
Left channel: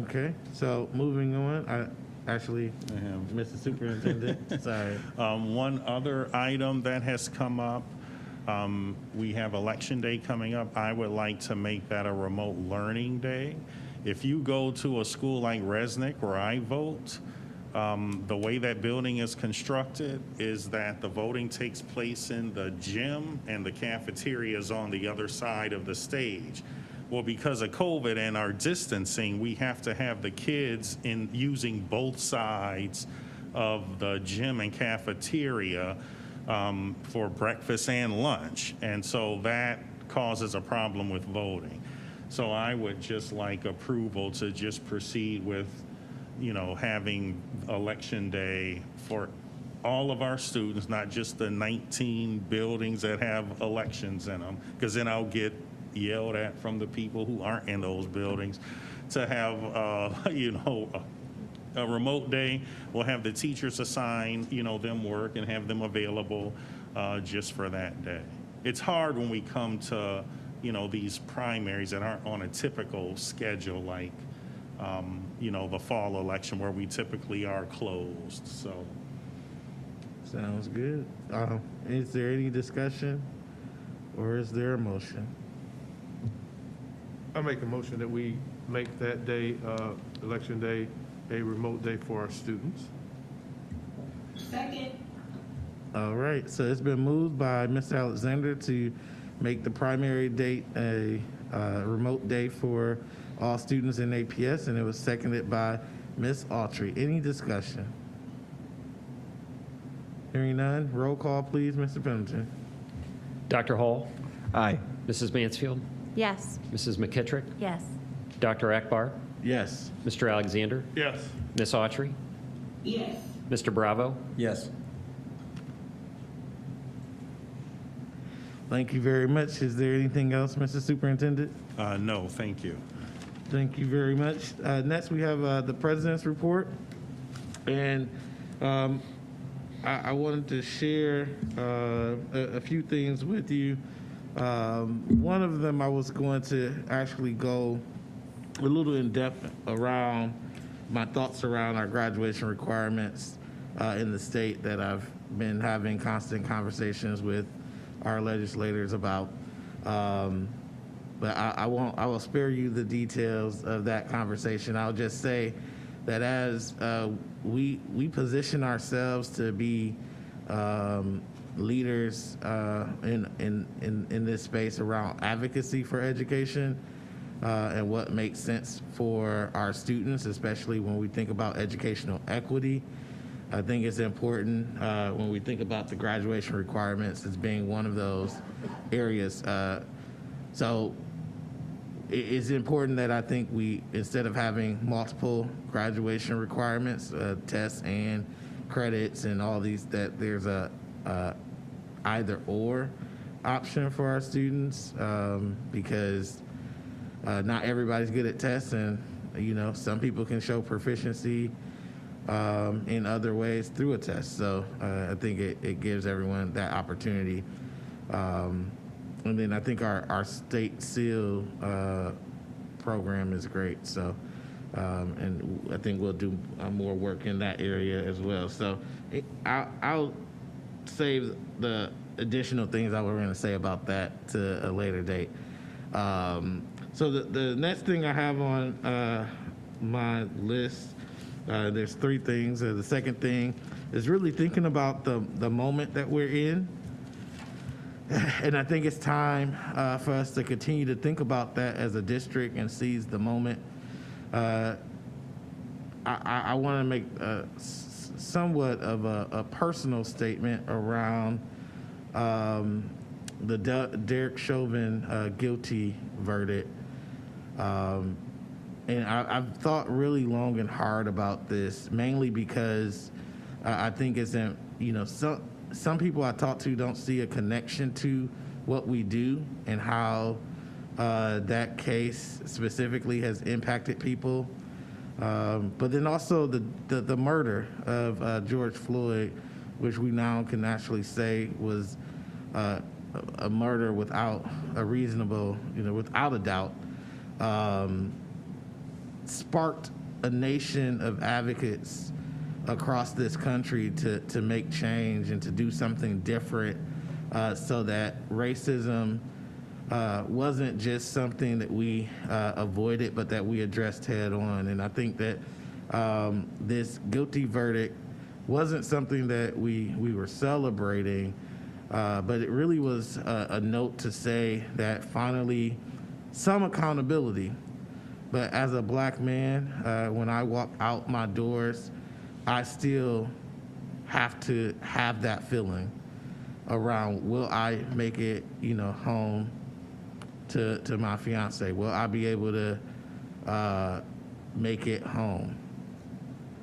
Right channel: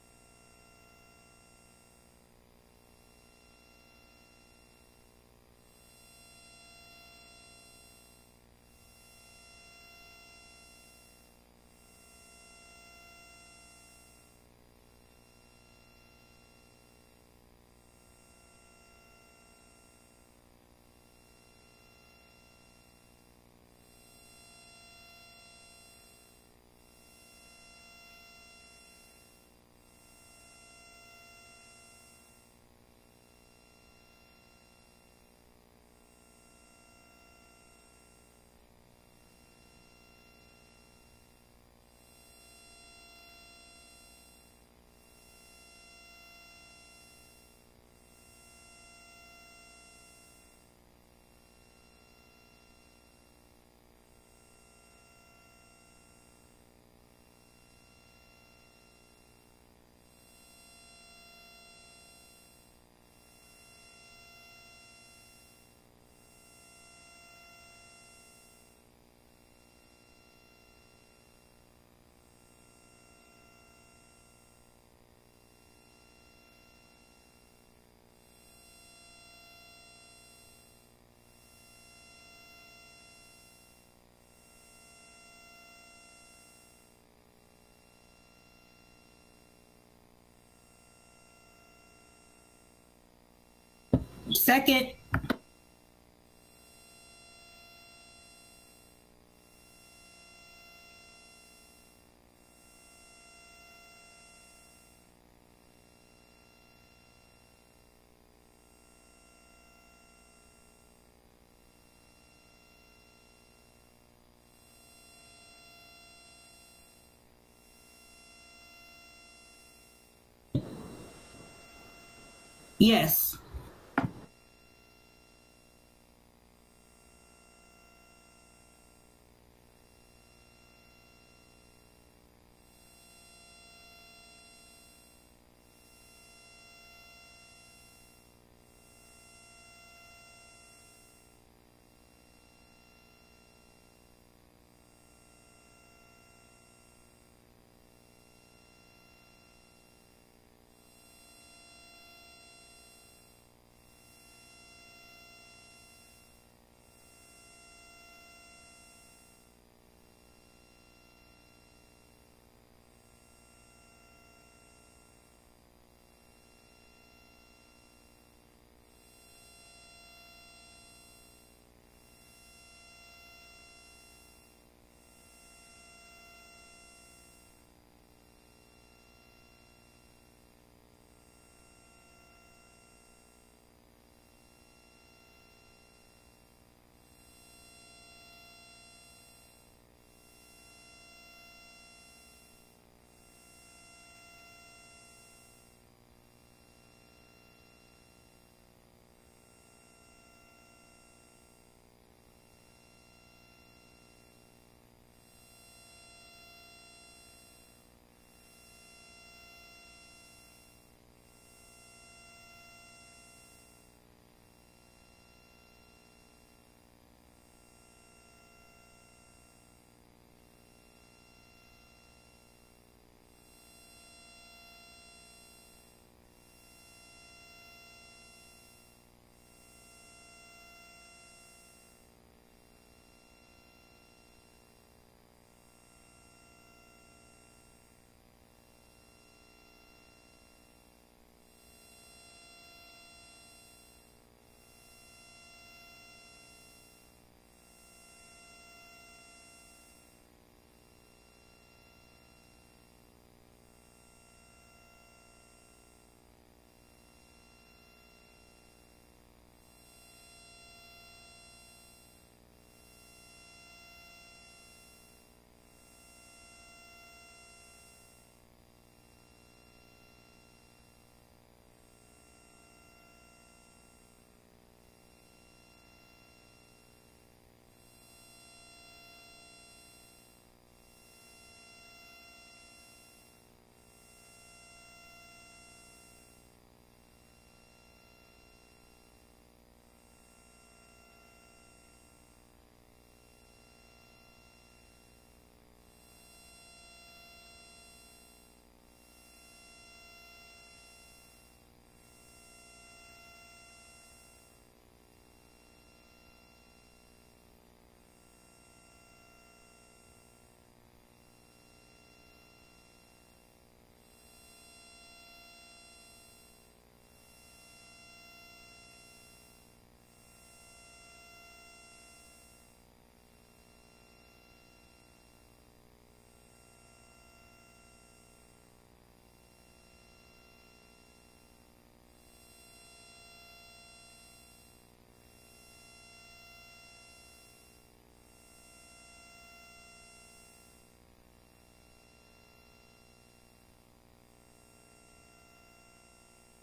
Okay, so moving on, Mr. Superintendent, sorry. One other item that has come up, we have Election Day coming up. I would like to make that a remote learning day. If you go to a school like Resnick, where I vote, the way that building is constructed is that the voting takes place in the gym and the cafeteria is on the other side of the stage. Well, because of COVID and our distancing, we have to have the kids using both sides of the gym and cafeteria for breakfast and lunch. And so that causes a problem with voting. So I would just like approval to just proceed with, you know, having Election Day for all of our students, not just the 19 buildings that have elections in them, because then I'll get yelled at from the people who aren't in those buildings. To have, you know, a remote day, we'll have the teachers assign, you know, them work and have them available just for that day. It's hard when we come to, you know, these primaries that aren't on a typical schedule, like, you know, the fall election where we typically are closed, so. Sounds good. Is there any discussion or is there a motion? I make a motion that we make that day, Election Day, a remote day for our students. Second. All right, so it's been moved by Mr. Alexander to make the primary date a remote day for all students in APS, and it was seconded by Ms. Autry. Any discussion? Hearing none, roll call, please, Mr. Pendleton. Dr. Hall? Aye. Mrs. Mansfield? Yes. Mrs. McKittrick? Yes. Dr. Akbar? Yes. Mr. Alexander? Yes. Ms. Autry? Yes. Mr. Bravo? Yes. Thank you very much. Is there anything else, Mr. Superintendent? No, thank you. Thank you very much. Next, we have the president's report. And I wanted to share a few things with you. One of them, I was going to actually go a little in depth around my thoughts around our graduation requirements in the state that I've been having constant conversations with our legislators about. But I will spare you the details of that conversation. I'll just say that as we position ourselves to be leaders in this space around advocacy for education and what makes sense for our students, especially when we think about educational equity. I think it's important when we think about the graduation requirements as being one of those areas. So it's important that I think we, instead of having multiple graduation requirements, tests and credits and all these, that there's a either or option for our students because not everybody's good at tests, and some people can show proficiency in other ways through a test. So I think it gives everyone that opportunity. And then I think our state seal program is great. So, and I think we'll do more work in that area as well. So I'll save the additional things I was going to say about that to a later date. So the next thing I have on my list, there's three things. The second thing is really thinking about the moment that we're in. And I think it's time for us to continue to think about that as a district and seize the moment. I want to make somewhat of a personal statement around the Derek Chauvin guilty verdict. And I've thought really long and hard about this, mainly because I think it's in, some people I talk to don't see a connection to what we do and how that case specifically has impacted people. But then also the murder of George Floyd, which we now can actually say was a murder without a reasonable, without a doubt, sparked a nation of advocates across this country to make change and to do something different so that racism wasn't just something that we avoided, but that we addressed head on. And I think that this guilty verdict wasn't something that we were celebrating, but it really was a note to say that finally some accountability. But as a Black man, when I walk out my doors, I still have to have that feeling around, will I make it, home to my fiance? Will I be able to make it home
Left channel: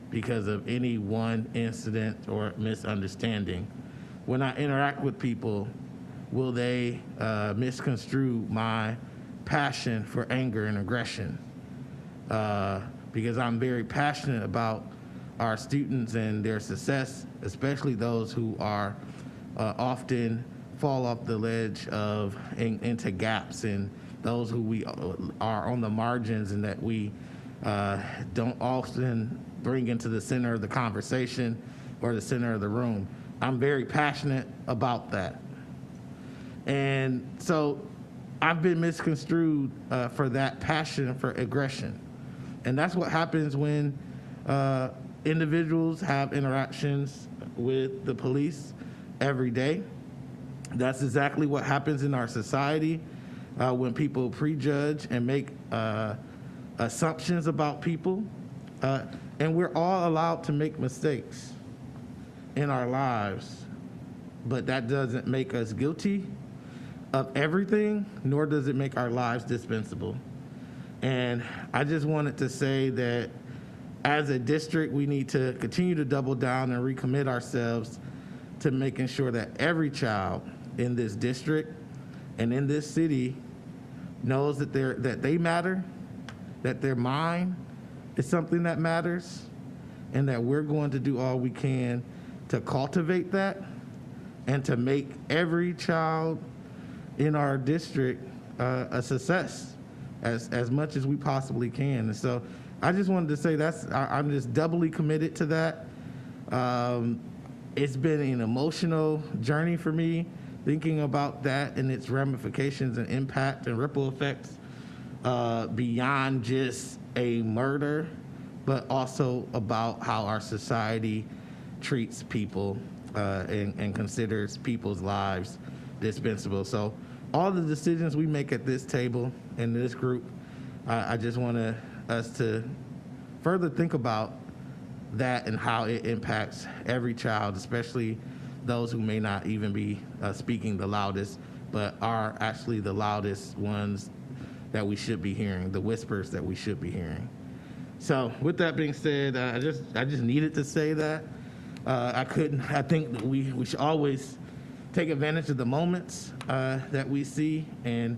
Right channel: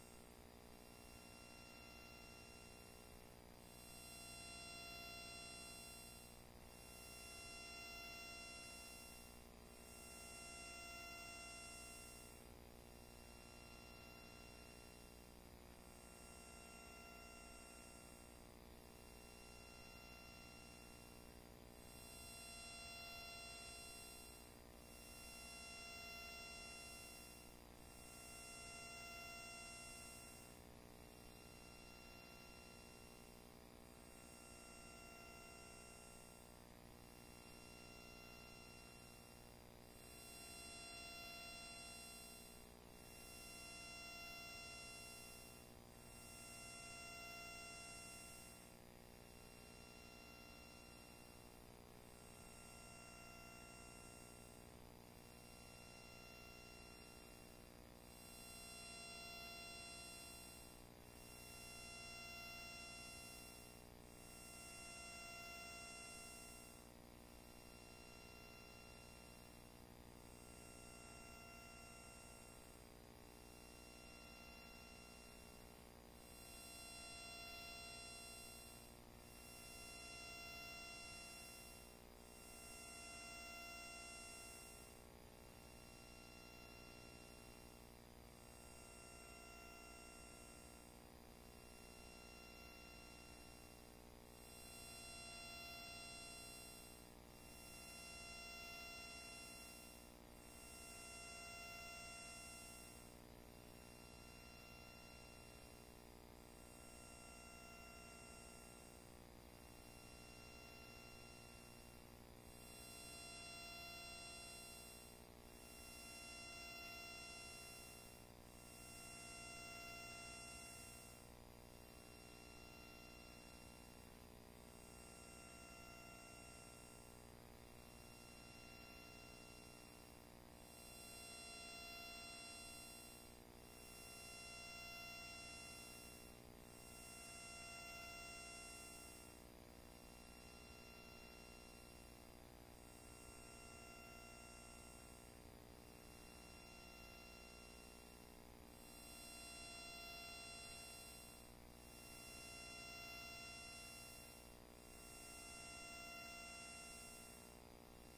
because of any one incident or misunderstanding? When I interact with people, will they misconstrue my passion for anger and aggression? Because I'm very passionate about our students and their success, especially those who are often fall off the ledge of into gaps, and those who we are on the margins and that we don't often bring into the center of the conversation or the center of the room. I'm very passionate about that. And so I've been misconstrued for that passion for aggression. And that's what happens when individuals have interactions with the police every day. That's exactly what happens in our society when people prejudge and make assumptions about people. And we're all allowed to make mistakes in our lives. but that doesn't make us guilty of everything, nor does it make our lives dispensable. And I just wanted to say that as a district, we need to continue to double down and recommit ourselves to making sure that every child in this district and in this city knows that they matter, that their mind is something that matters, and that we're going to do all we can to cultivate that and to make every child in our district a success as much as we possibly can. And so I just wanted to say I'm just doubly committed to that. It's been an emotional journey for me, thinking about that and its ramifications and impact and ripple effects beyond just a murder, but also about how our society treats people and considers people's lives dispensable. So all the decisions we make at this table in this group, I just want us to further think about that and how it impacts every child, especially those who may not even be speaking the loudest, but are actually the loudest ones that we should be hearing, the whispers that we should be hearing. So with that being said, I just needed to say that. I think that we should always take advantage of the moments that we see and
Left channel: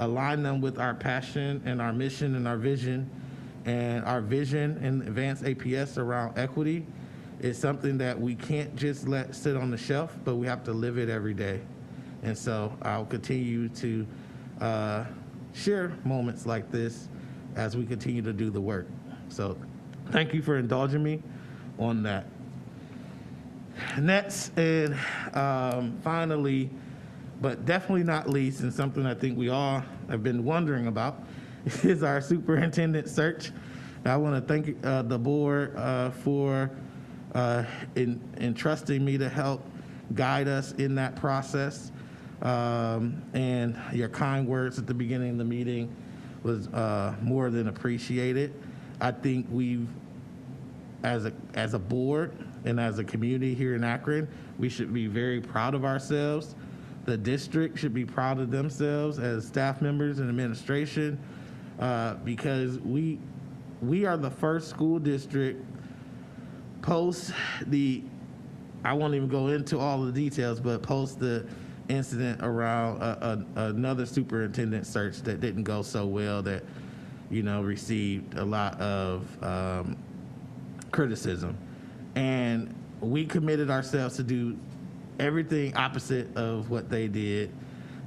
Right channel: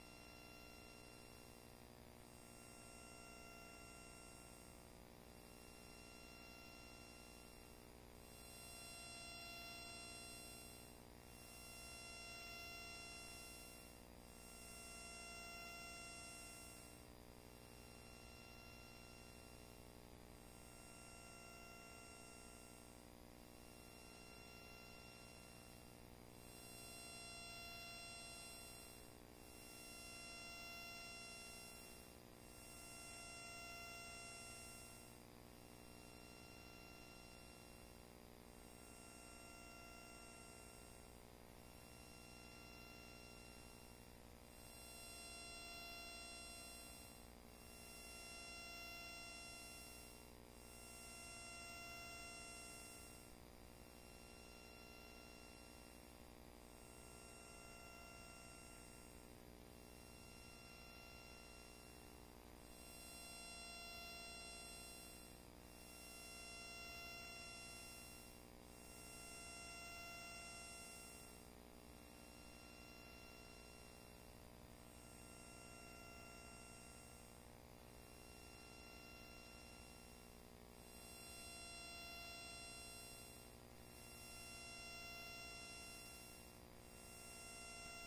align them with our passion and our mission and our vision. And our vision in Advanced APS around equity is something that we can't just let sit on the shelf, but we have to live it every day. And so I'll continue to share moments like this as we continue to do the work. So thank you for indulging me on that. Next, and finally, but definitely not least, and something I think we all have been wondering about, is our superintendent search. I want to thank the board for entrusting me to help guide us in that process. And your kind words at the beginning of the meeting was more than appreciated. I think we've, as a board and as a community here in Akron, we should be very proud of ourselves. The district should be proud of themselves as staff members and administration, because we are the first school district post I won't even go into all the details, but post the incident around another superintendent search that didn't go so well, that received a lot of criticism. And we committed ourselves to do everything opposite of what they did,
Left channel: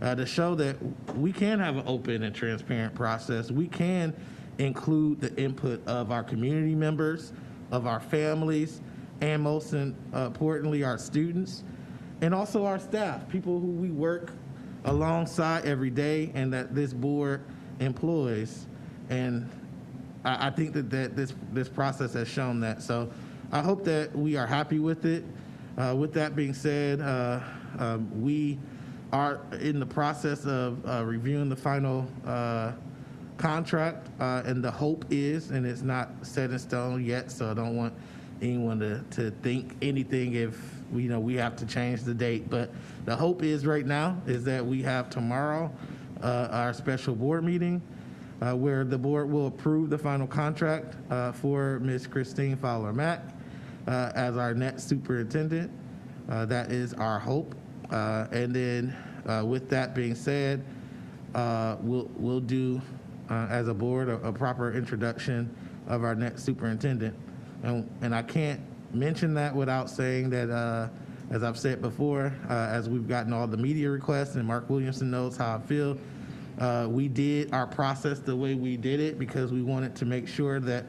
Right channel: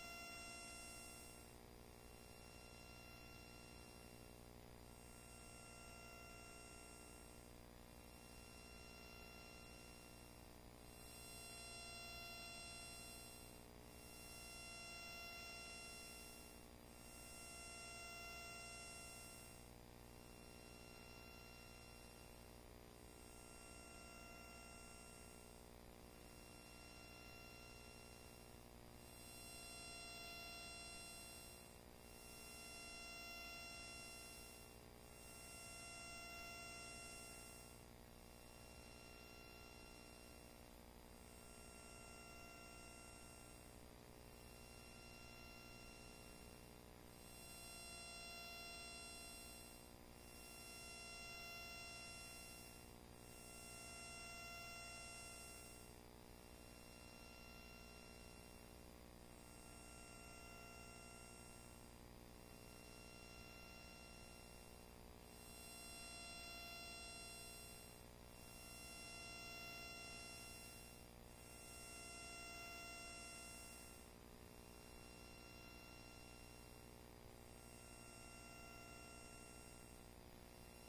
to show that we can have an open and transparent process. We can include the input of our community members, of our families, and most importantly, our students, and also our staff, people who we work alongside every day and that this board employs. And I think that this process has shown that. So I hope that we are happy with it. With that being said, we are in the process of reviewing the final contract, and the hope is, and it's not set in stone yet, so I don't want anyone to think anything if we have to change the date. But the hope is right now is that we have tomorrow our special board meeting where the board will approve the final contract for Ms. Christine Fowler-Mack as our next superintendent. That is our hope. And then with that being said, we'll do as a board a proper introduction of our next superintendent. And I can't mention that without saying that, as I've said before, as we've gotten all the media requests and Mark Williamson knows how I feel, we did our process the way we did it because we wanted to make sure that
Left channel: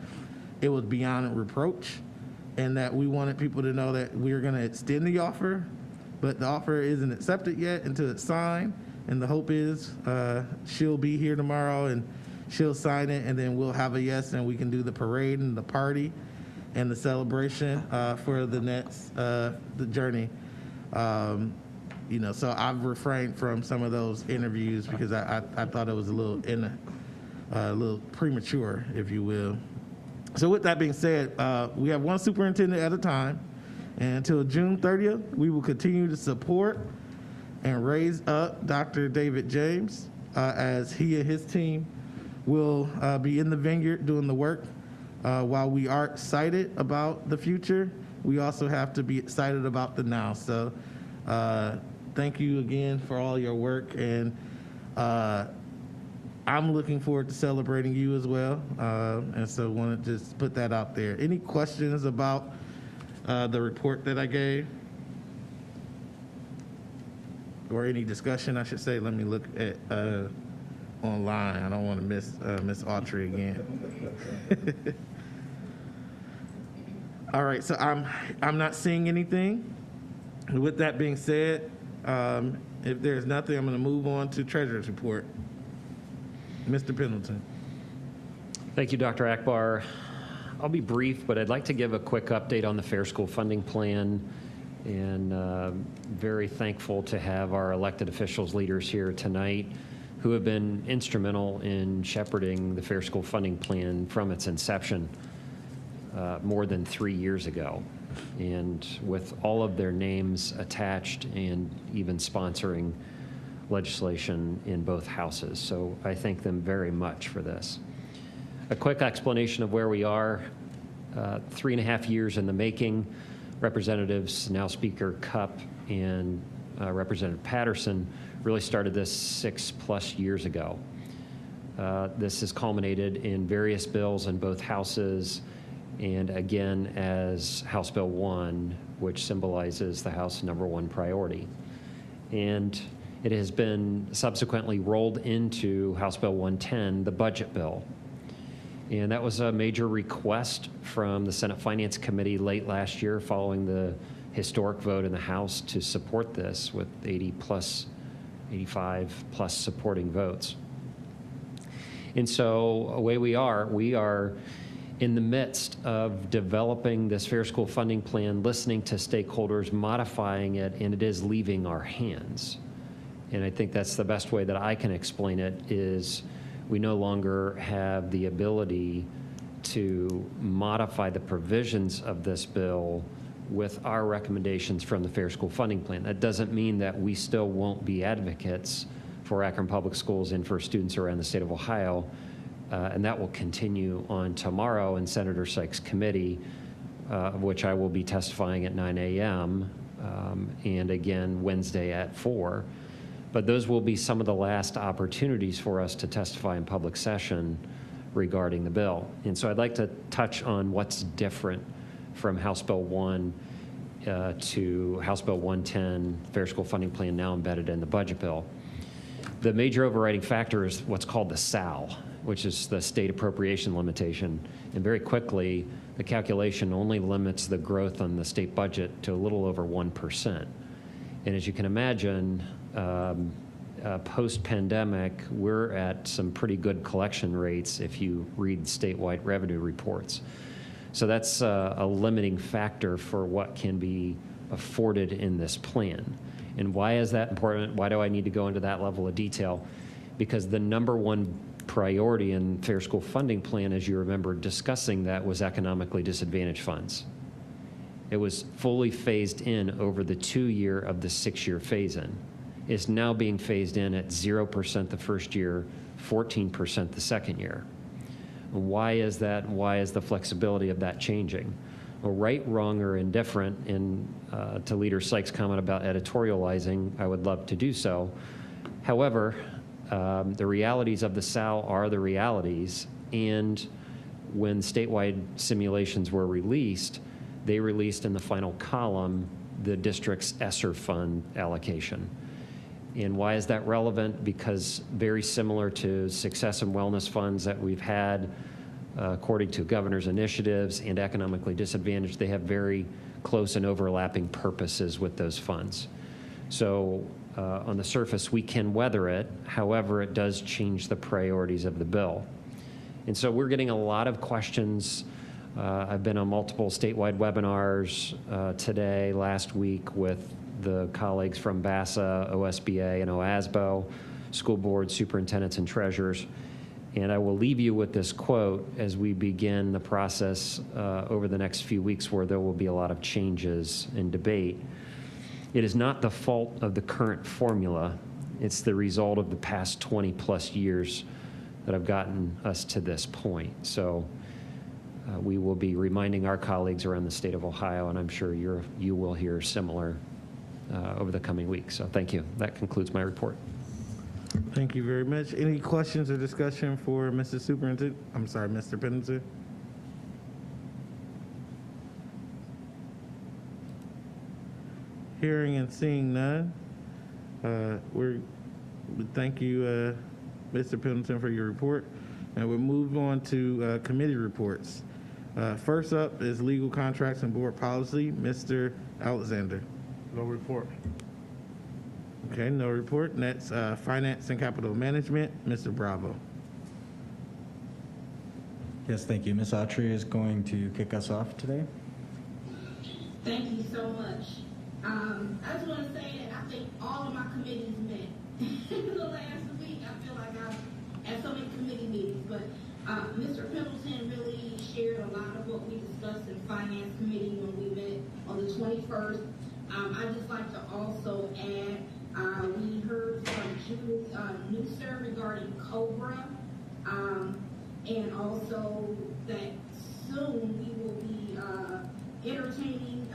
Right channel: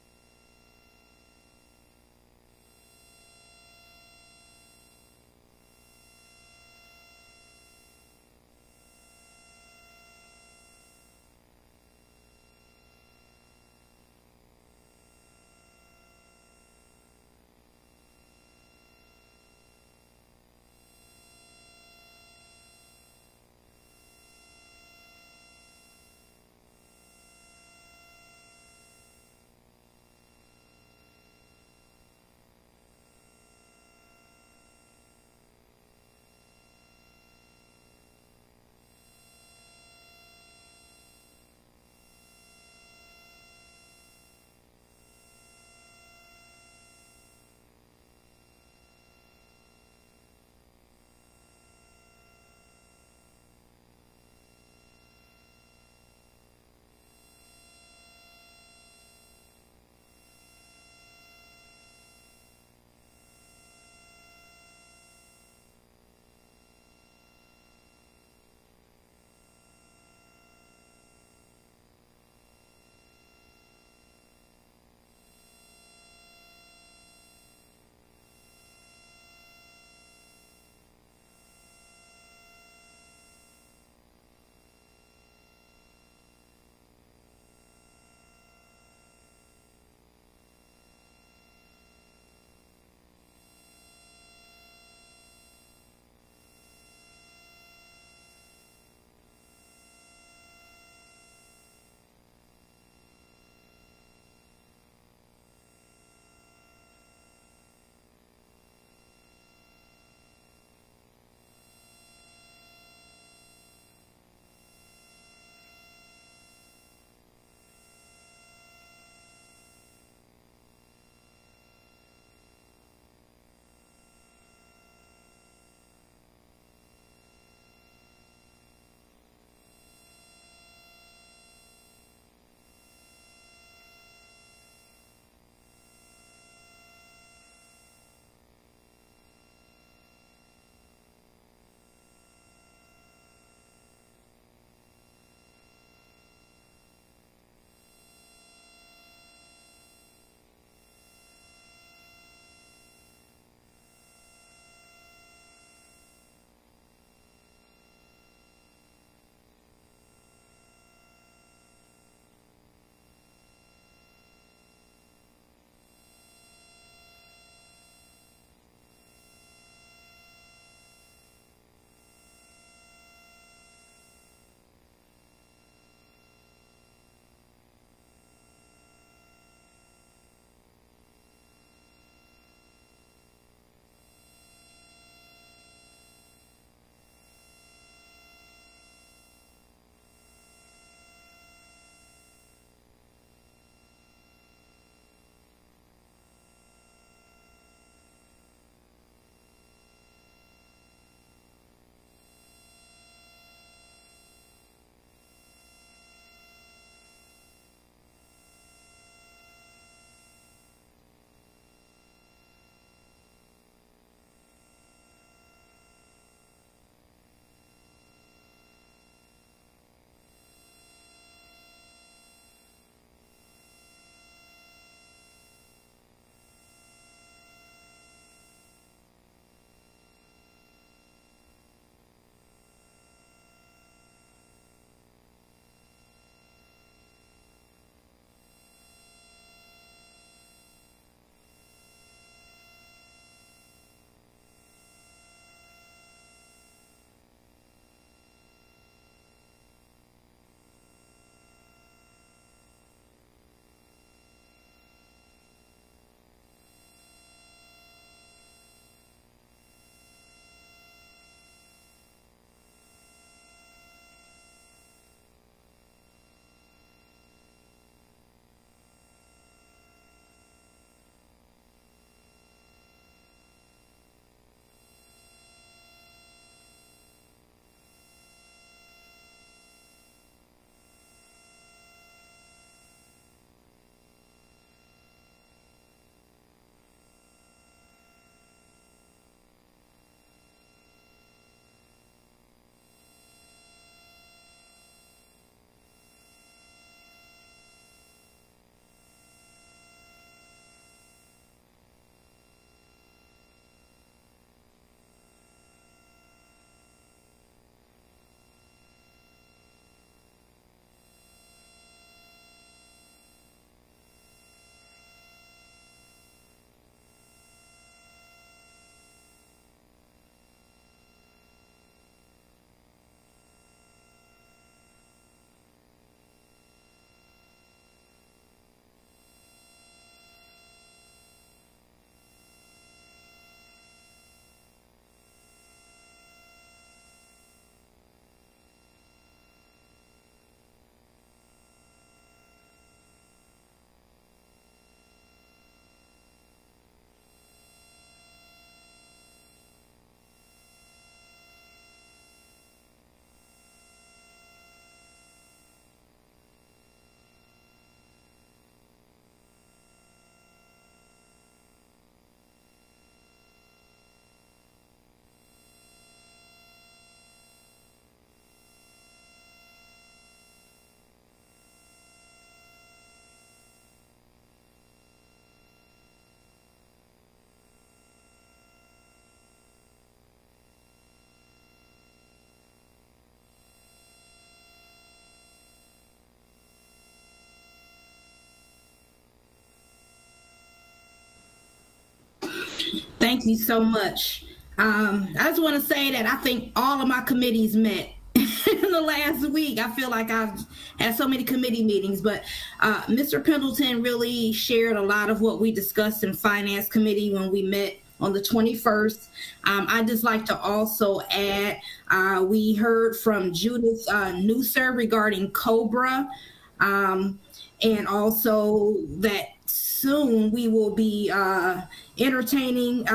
it was beyond reproach, and that we wanted people to know that we were going to extend the offer, but the offer isn't accepted yet until it's signed. And the hope is she'll be here tomorrow and she'll sign it, and then we'll have a yes, and we can do the parade and the party and the celebration for the next the journey. So I've refrained from some of those interviews because I thought it was a little premature, if you will. So with that being said, we have one superintendent at a time, And until June 30th, we will continue to support and raise up Dr. David James as he and his team will be in the vineyard doing the work. While we are excited about the future, we also have to be excited about the now. So thank you again for all your work, and I'm looking forward to celebrating you as well. And so want to just put that out there. Any questions about the report that I gave? Or any discussion, I should say. Let me look at online. I don't want to miss Miss Autry again. All right, so I'm not seeing anything. With that being said, if there's nothing, I'm going to move on to Treasurer's Report. Mr. Pendleton. Thank you, Dr. Akbar. I'll be brief, but I'd like to give a quick update on the Fair School Funding Plan, and very thankful to have our elected officials, leaders here tonight who have been instrumental in shepherding the Fair School Funding Plan from its inception more than 3 years ago, and with all of their names attached and even sponsoring legislation in both houses. So I thank them very much for this. A quick explanation of where we are. 3.5 years in the making. Representatives, now Speaker Cupp and Representative Patterson, really started this 6+ years ago. This has culminated in various bills in both houses, and again as House Bill 1, which symbolizes the House #1 priority. And it has been subsequently rolled into House Bill 110, the budget bill. And that was a major request from the Senate Finance Committee late last year following the historic vote in the House to support this with 85 plus supporting votes. And so away we are in the midst of developing this Fair School Funding Plan, listening to stakeholders, modifying it, and it is leaving our hands. And I think that's the best way that I can explain it is we no longer have the ability to modify the provisions of this bill with our recommendations from the Fair School Funding Plan. That doesn't mean that we still won't be advocates for Akron Public Schools and for students around the state of Ohio, and that will continue on tomorrow in Senator Sykes' committee, of which I will be testifying at 9 a.m. And again Wednesday at 4. But those will be some of the last opportunities for us to testify in public session regarding the bill. And so I'd like to touch on what's different from House Bill 1 to House Bill 110, Fair School Funding Plan now embedded in the budget bill. The major overriding factor is what's called the SAL, which is the state appropriation limitation. And very quickly, the calculation only limits the growth on the state budget to a little over 1%. And as you can imagine, post-pandemic, we're at some pretty good collection rates if you read statewide revenue reports. So that's a limiting factor for what can be afforded in this plan. And why is that important? Why do I need to go into that level of detail? Because the #1 priority in Fair School Funding Plan, as you remember discussing that, was economically disadvantaged funds. It was fully phased in over the 2-year of the 6-year phase-in. Is now being phased in at 0% the first year, 14% the second year. Why is that? Why is the flexibility of that changing? Well, right, wrong, or indifferent, and to Leader Sykes' comment about editorializing, I would love to do so. However, the realities of the SAL are the realities, and when statewide simulations were released, they released in the final column the district's ESSER fund allocation. And why is that relevant? Because very similar to success and wellness funds that we've had, according to governor's initiatives and economically disadvantaged, they have very close and overlapping purposes with those funds. So on the surface, we can weather it. However, it does change the priorities of the bill. And so we're getting a lot of questions. I've been on multiple statewide webinars today, last week, with the colleagues from BASA, OSBA, and OASBO, school board superintendents and treasurers. And I will leave you with this quote as we begin the process over the next few weeks where there will be a lot of changes and debate. It is not the fault of the current formula. It's the result of the past 20 plus years that have gotten us to this point. So we will be reminding our colleagues around the state of Ohio, and I'm sure you will hear similar over the coming weeks. So thank you. That concludes my report. Thank you very much. Any questions or discussion for Mr. Superintendent? I'm sorry, Mr. Pendleton? Hearing and seeing none, we thank you, Mr. Pendleton, for your report. And we'll move on to committee reports. First up is legal contracts and board policy. Mr. Alexander. No report. Okay, no report. Next, finance and capital management. Mr. Bravo. Yes, thank you. Ms. Autry is going to kick us off today. Thank you so much. I just want to say that I think all of my committees met in the last week. I feel like I've had so many committee meetings, but Mr. Pendleton really shared a lot of what we discussed in Finance Committee when we met on the 21st. I'd just like to also add, we heard from Judith Nusser regarding COBRA, and also that soon we will be entertaining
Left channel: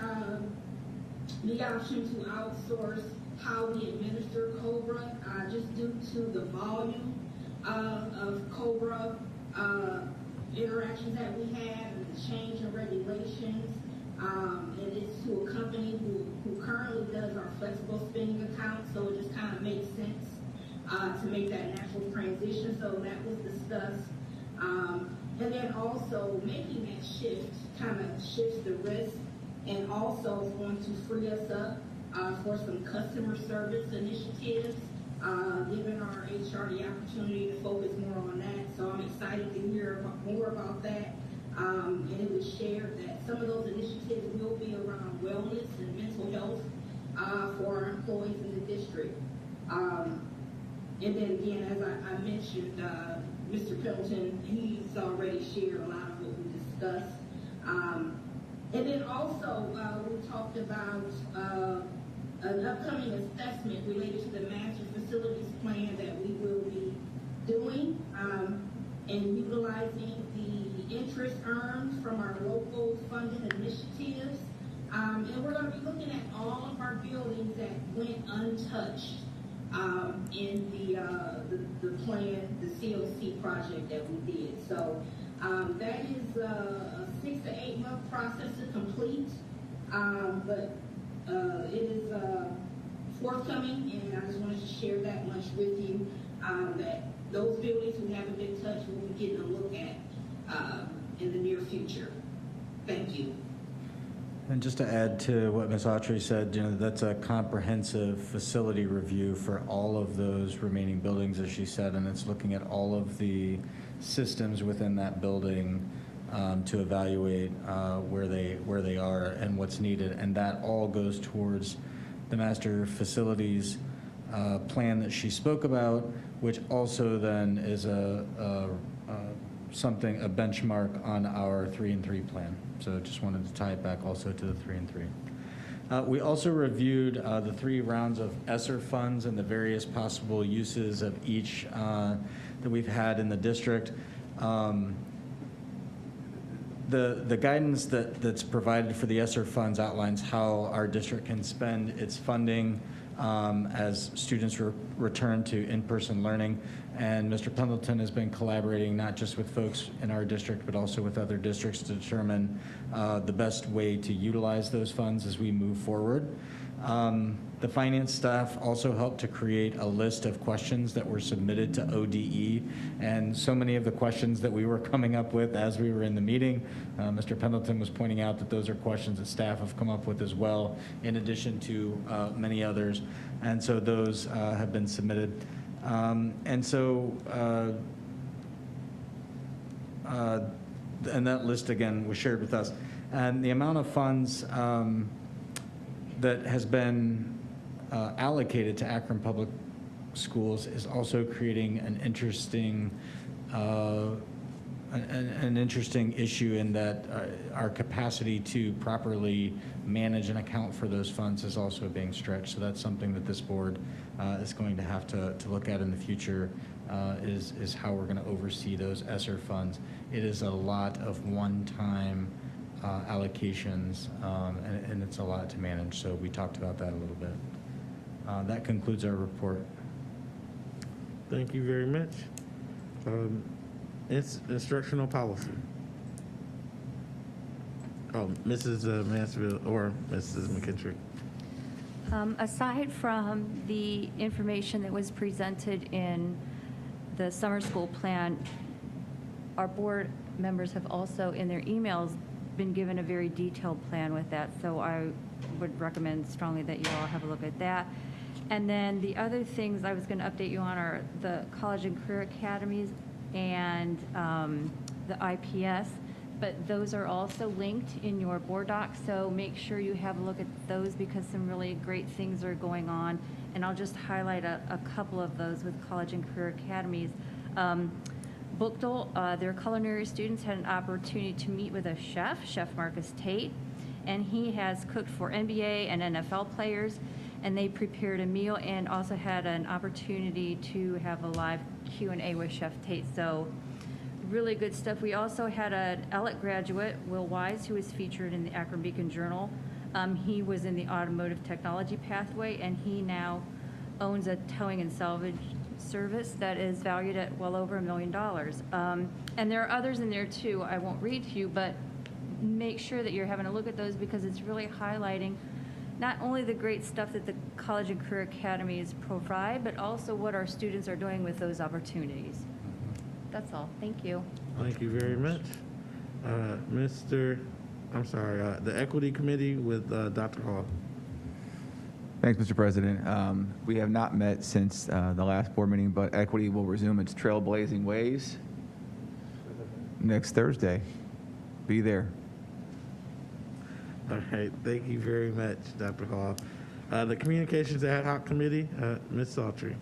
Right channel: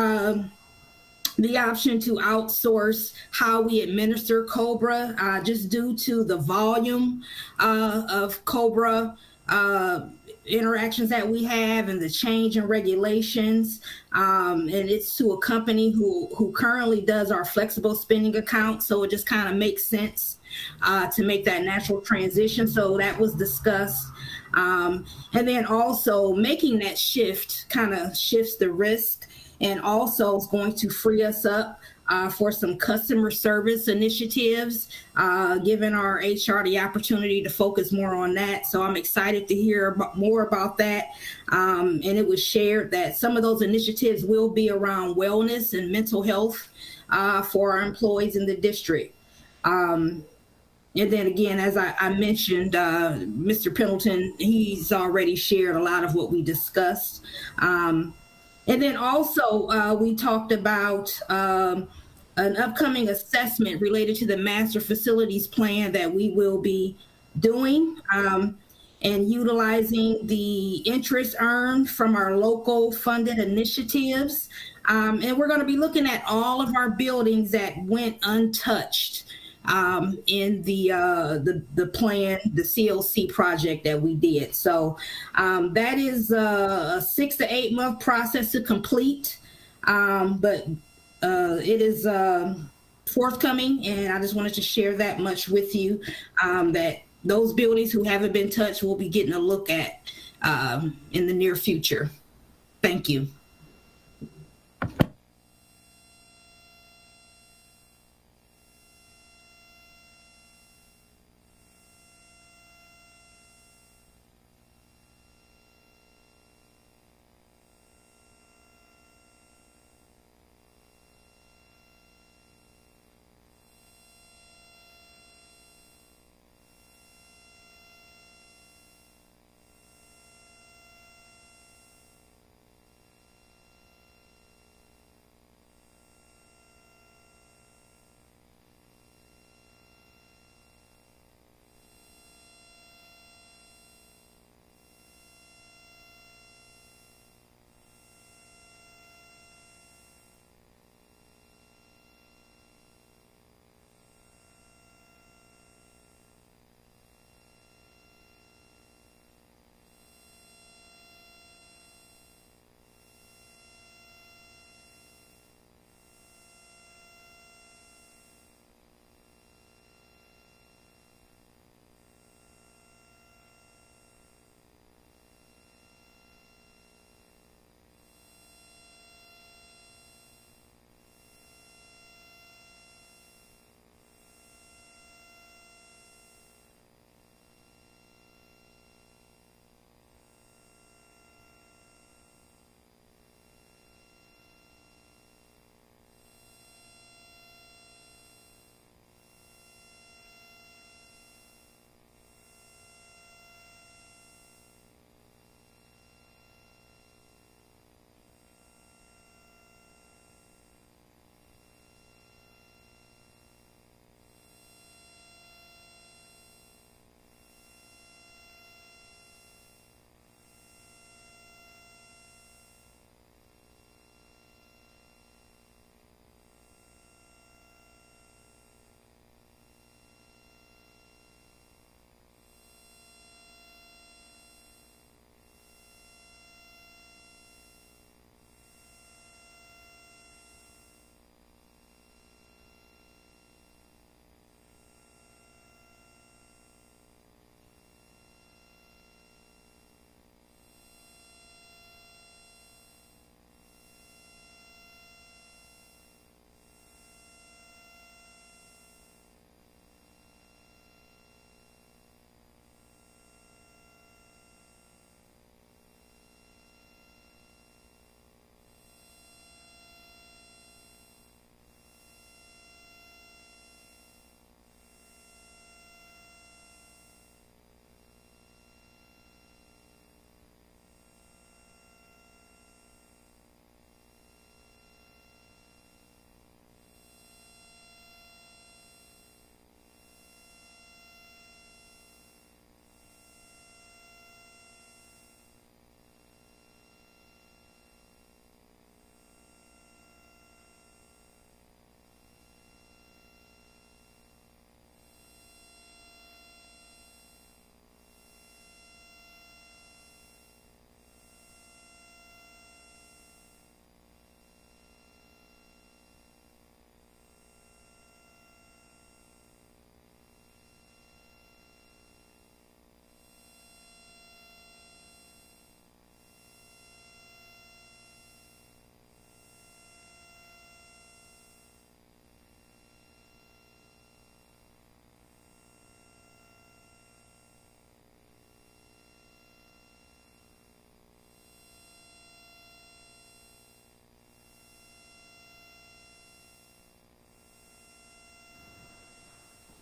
the option to outsource how we administer COBRA, just due to the volume of COBRA interactions that we have and the change in regulations. And it's to a company who currently does our flexible spending account, so it just kind of makes sense to make that natural transition. So that was discussed. And then also making that shift kind of shifts the risk, and also is going to free us up for some customer service initiatives, giving our HR the opportunity to focus more on that. So I'm excited to hear more about that. And it was shared that some of those initiatives will be around wellness and mental health for our employees in the district. And then again, as I mentioned, Mr. Pendleton, he's already shared a lot of what we discussed. And then also, we talked about an upcoming assessment related to the master facilities plan that we will be doing, and utilizing the interest earned from our local funded initiatives. And we're going to be looking at all of our buildings that went untouched in the plan, the CLC project that we did. So that is a 6 to 8 month process to complete, but it is forthcoming, and I just wanted to share that much with you, that those buildings who haven't been touched will be getting a look at in the near future. Thank you. And just to add to what Ms. Autry said, that's a comprehensive facility review for all of those remaining buildings, as she said, and it's looking at all of the systems within that building to evaluate where they are and what's needed, and that all goes towards the master facilities plan that she spoke about, which also then is a benchmark on our 3-and-3 plan. So just wanted to tie it back also to the 3-and-3. We also reviewed the 3 rounds of ESSER funds and the various possible uses of each that we've had in the district. The guidance that's provided for the ESSER funds outlines how our district can spend its funding as students return to in-person learning. And Mr. Pendleton has been collaborating not just with folks in our district, but also with other districts to determine the best way to utilize those funds as we move forward. The finance staff also helped to create a list of questions that were submitted to ODE, and so many of the questions that we were coming up with as we were in the meeting, Mr. Pendleton was pointing out that those are questions that staff have come up with as well, in addition to many others, and so those have been submitted. And that list again was shared with us, and the amount of funds that has been allocated to Akron Public Schools is also creating an interesting an interesting issue in that our capacity to properly manage and account for those funds is also being stretched. So that's something that this board is going to have to look at in the future, is how we're going to oversee those ESSER funds. It is a lot of one-time allocations, and it's a lot to manage. So we talked about that a little bit. That concludes our report. Thank you very much. It's instructional policy. Oh, Mrs. Mansfield or Mrs. McKittrick. Aside from the information that was presented in the summer school plan, our board members have also, in their emails, been given a very detailed plan with that. So I would recommend strongly that you all have a look at that. And then the other things I was going to update you on are the college and career academies and the IPS, but those are also linked in your board doc, so make sure you have a look at those because some really great things are going on. And I'll just highlight a couple of those with college and career academies. Bookdale, their culinary students had an opportunity to meet with a chef, Chef Marcus Tate, and he has cooked for NBA and NFL players, and they prepared a meal and also had an opportunity to have a live Q&A with Chef Tate. So really good stuff. We also had an ELLIT graduate, Will Wise, who was featured in the Akron Beacon Journal. He was in the automotive technology pathway, and he now owns a towing and salvage service that is valued at well over $1 million. And there are others in there too. I won't read to you, but make sure that you're having a look at those because it's really highlighting not only the great stuff that the college and career academies provide, but also what our students are doing with those opportunities. That's all. Thank you. Thank you very much. The Equity Committee with Dr. Hall. Thanks, Mr. President. We have not met since the last board meeting, but Equity will resume its trailblazing ways next Thursday. Be there. All right, thank you very much, Dr. Hall. The Communications Ad Hoc Committee, Ms. Saltry.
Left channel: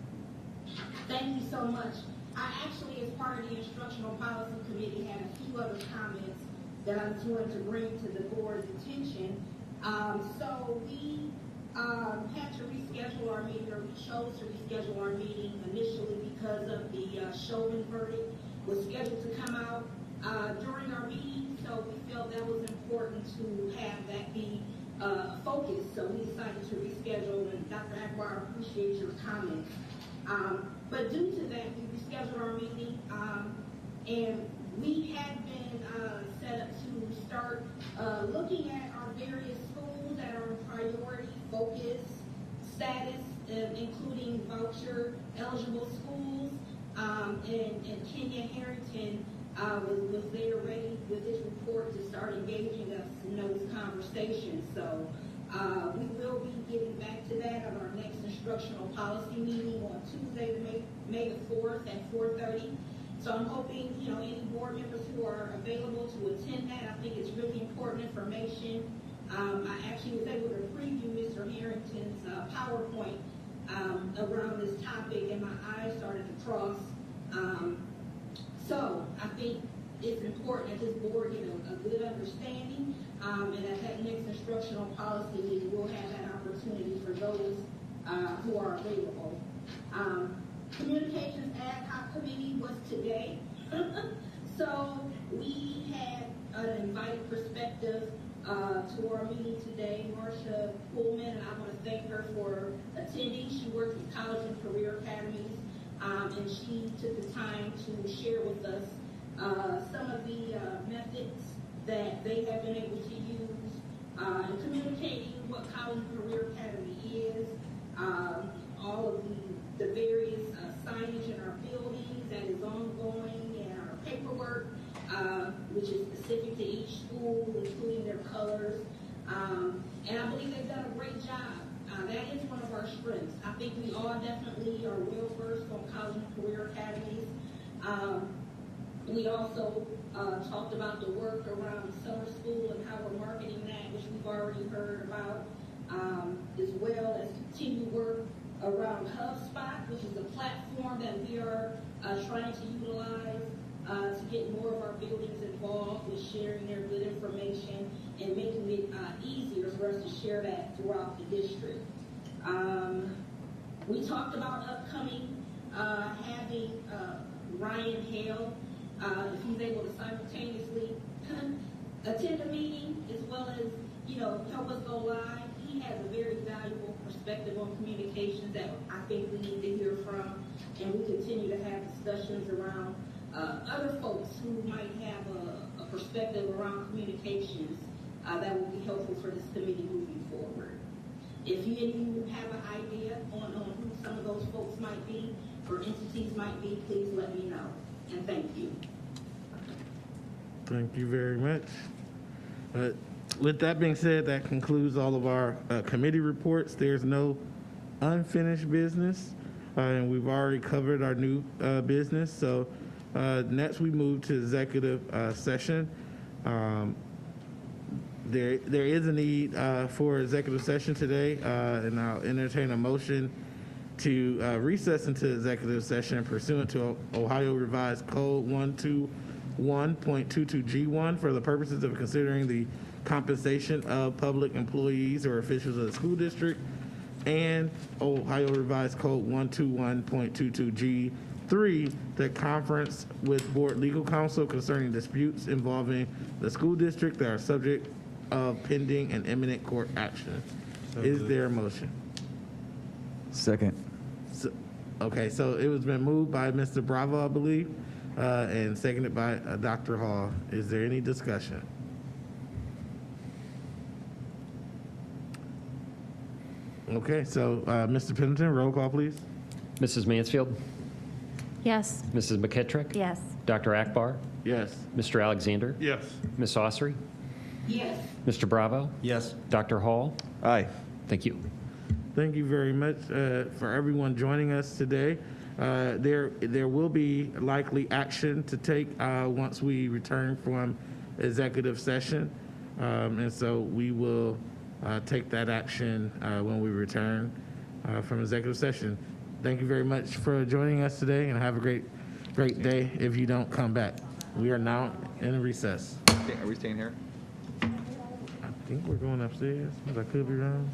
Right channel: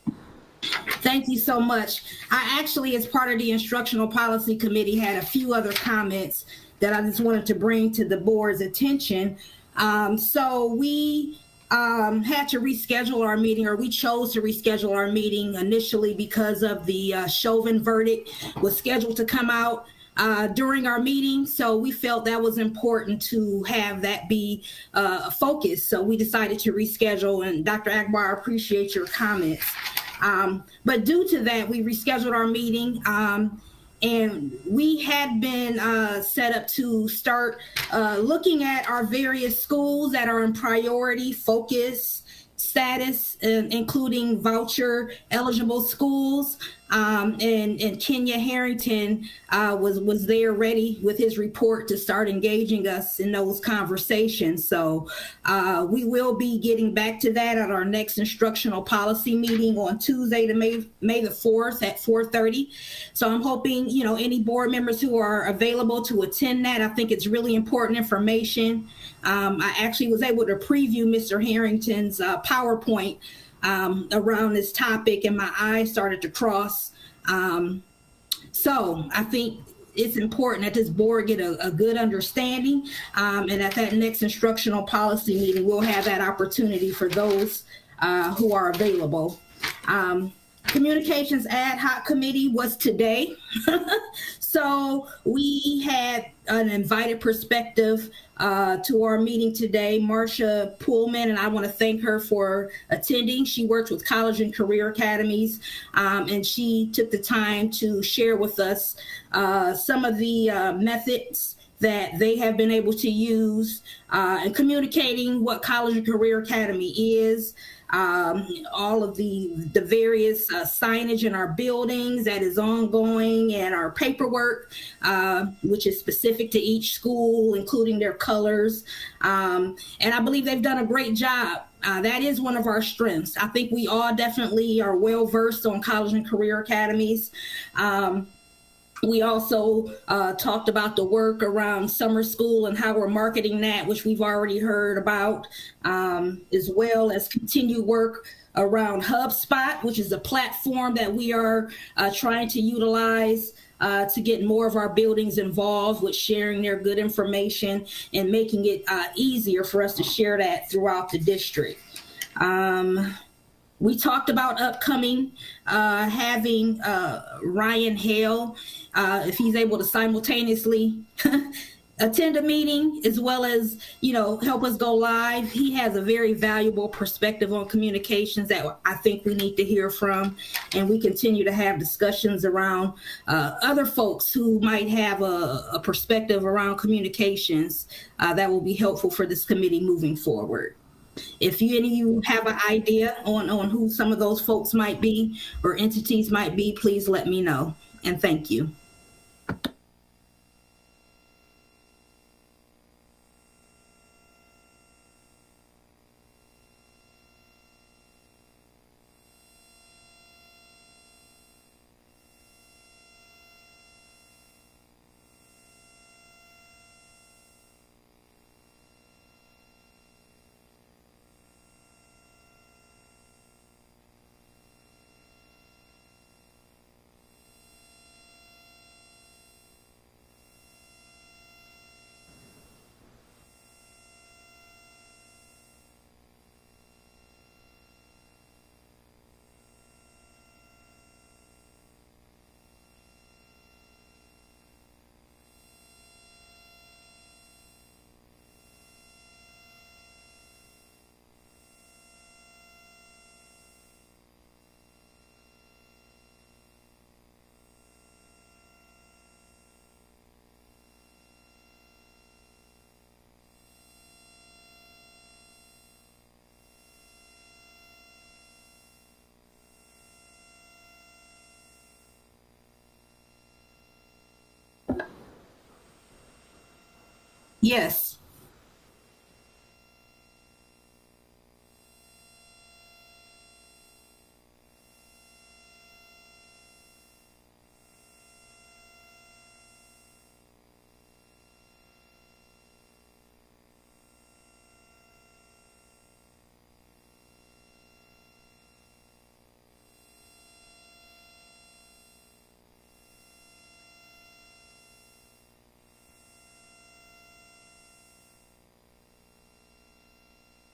Thank you so much. I actually, as part of the Instructional Policy Committee, had a few other comments that I just wanted to bring to the board's attention. So we had to reschedule our meeting, or we chose to reschedule our meeting initially because of the Chauvin verdict was scheduled to come out during our meeting, so we felt that was important to have that be a focus. So we decided to reschedule, and Dr. Akbar, I appreciate your comments. But due to that, we rescheduled our meeting, and we had been set up to start looking at our various schools that are in priority focus status, including voucher eligible schools. And Kenya Harrington was there ready with his report to start engaging us in those conversations. So we will be getting back to that at our next instructional policy meeting on Tuesday, May the 4th at 4:30. So I'm hoping, any board members who are available to attend that. I think it's really important information. I actually was able to preview Mr. Harrington's PowerPoint around this topic, and my eyes started to cross. So I think it's important that this board get a good understanding, and at that next instructional policy meeting, we'll have that opportunity for those who are available. Communications Ad Hoc Committee was today. So we had an invited perspective to our meeting today. Marcia Pullman, and I want to thank her for attending. She works with college and career academies, and she took the time to share with us some of the methods that they have been able to use in communicating what College and Career Academy is, all of the various signage in our buildings that is ongoing, and our paperwork, which is specific to each school, including their colors. And I believe they've done a great job. That is one of our strengths. I think we all definitely are well versed on college and career academies. We also talked about the work around summer school and how we're marketing that, which we've already heard about, as well as continued work around HubSpot, which is a platform that we are trying to utilize to get more of our buildings involved with sharing their good information and making it easier for us to share that throughout the district. We talked about upcoming having Ryan Hale, if he's able to simultaneously attend a meeting as well as, help us go live. He has a very valuable perspective on communications that I think we need to hear from. And we continue to have discussions around other folks who might have a perspective around communications that will be helpful for this committee moving forward. If any of you have an idea on who some of those folks might be or entities might be, please let me know. And thank you. Thank you very much. With that being said, that concludes all of our committee reports. There's no unfinished business, and we've already covered our new business. So next we move to executive session. There is a need for executive session today, and I'll entertain a motion to recess into executive session pursuant to Ohio Revised Code 121.22G1 for the purposes of considering the compensation of public employees or officials of the school district, and Ohio Revised Code 121.22G3, the conference with board legal counsel concerning disputes involving the school district that are subject of pending and imminent court action. Is there a motion? Second. Okay, so it was been moved by Mr. Bravo, I believe, and seconded by Dr. Hall. Is there any discussion? Okay, so Mr. Pendleton, roll call, please. Mrs. Mansfield, Yes. Mrs. McKittrick, Yes. Dr. Akbar, Yes. Mr. Alexander, Yes. Ms. Osry, Yes. Mr. Bravo, Yes. Dr. Hall. Aye. Thank you. Thank you very much for everyone joining us today. There will be likely action to take once we return from executive session, and so we will take that action when we return from executive session. Thank you very much for joining us today, and have a great day if you don't come back. We are now in a recess. Are we staying here? I think we're going upstairs, but I could be wrong.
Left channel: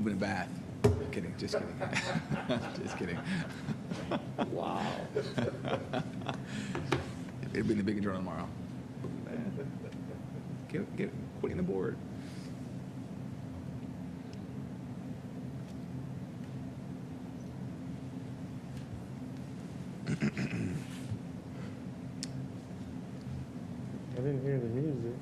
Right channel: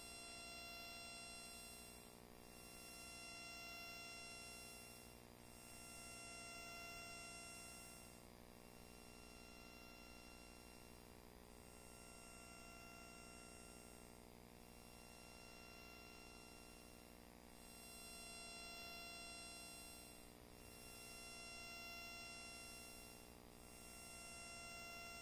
moving it back. Kidding, just kidding. Just kidding. Wow. It'll be in the big journal tomorrow. Get putting the board. I didn't hear the music.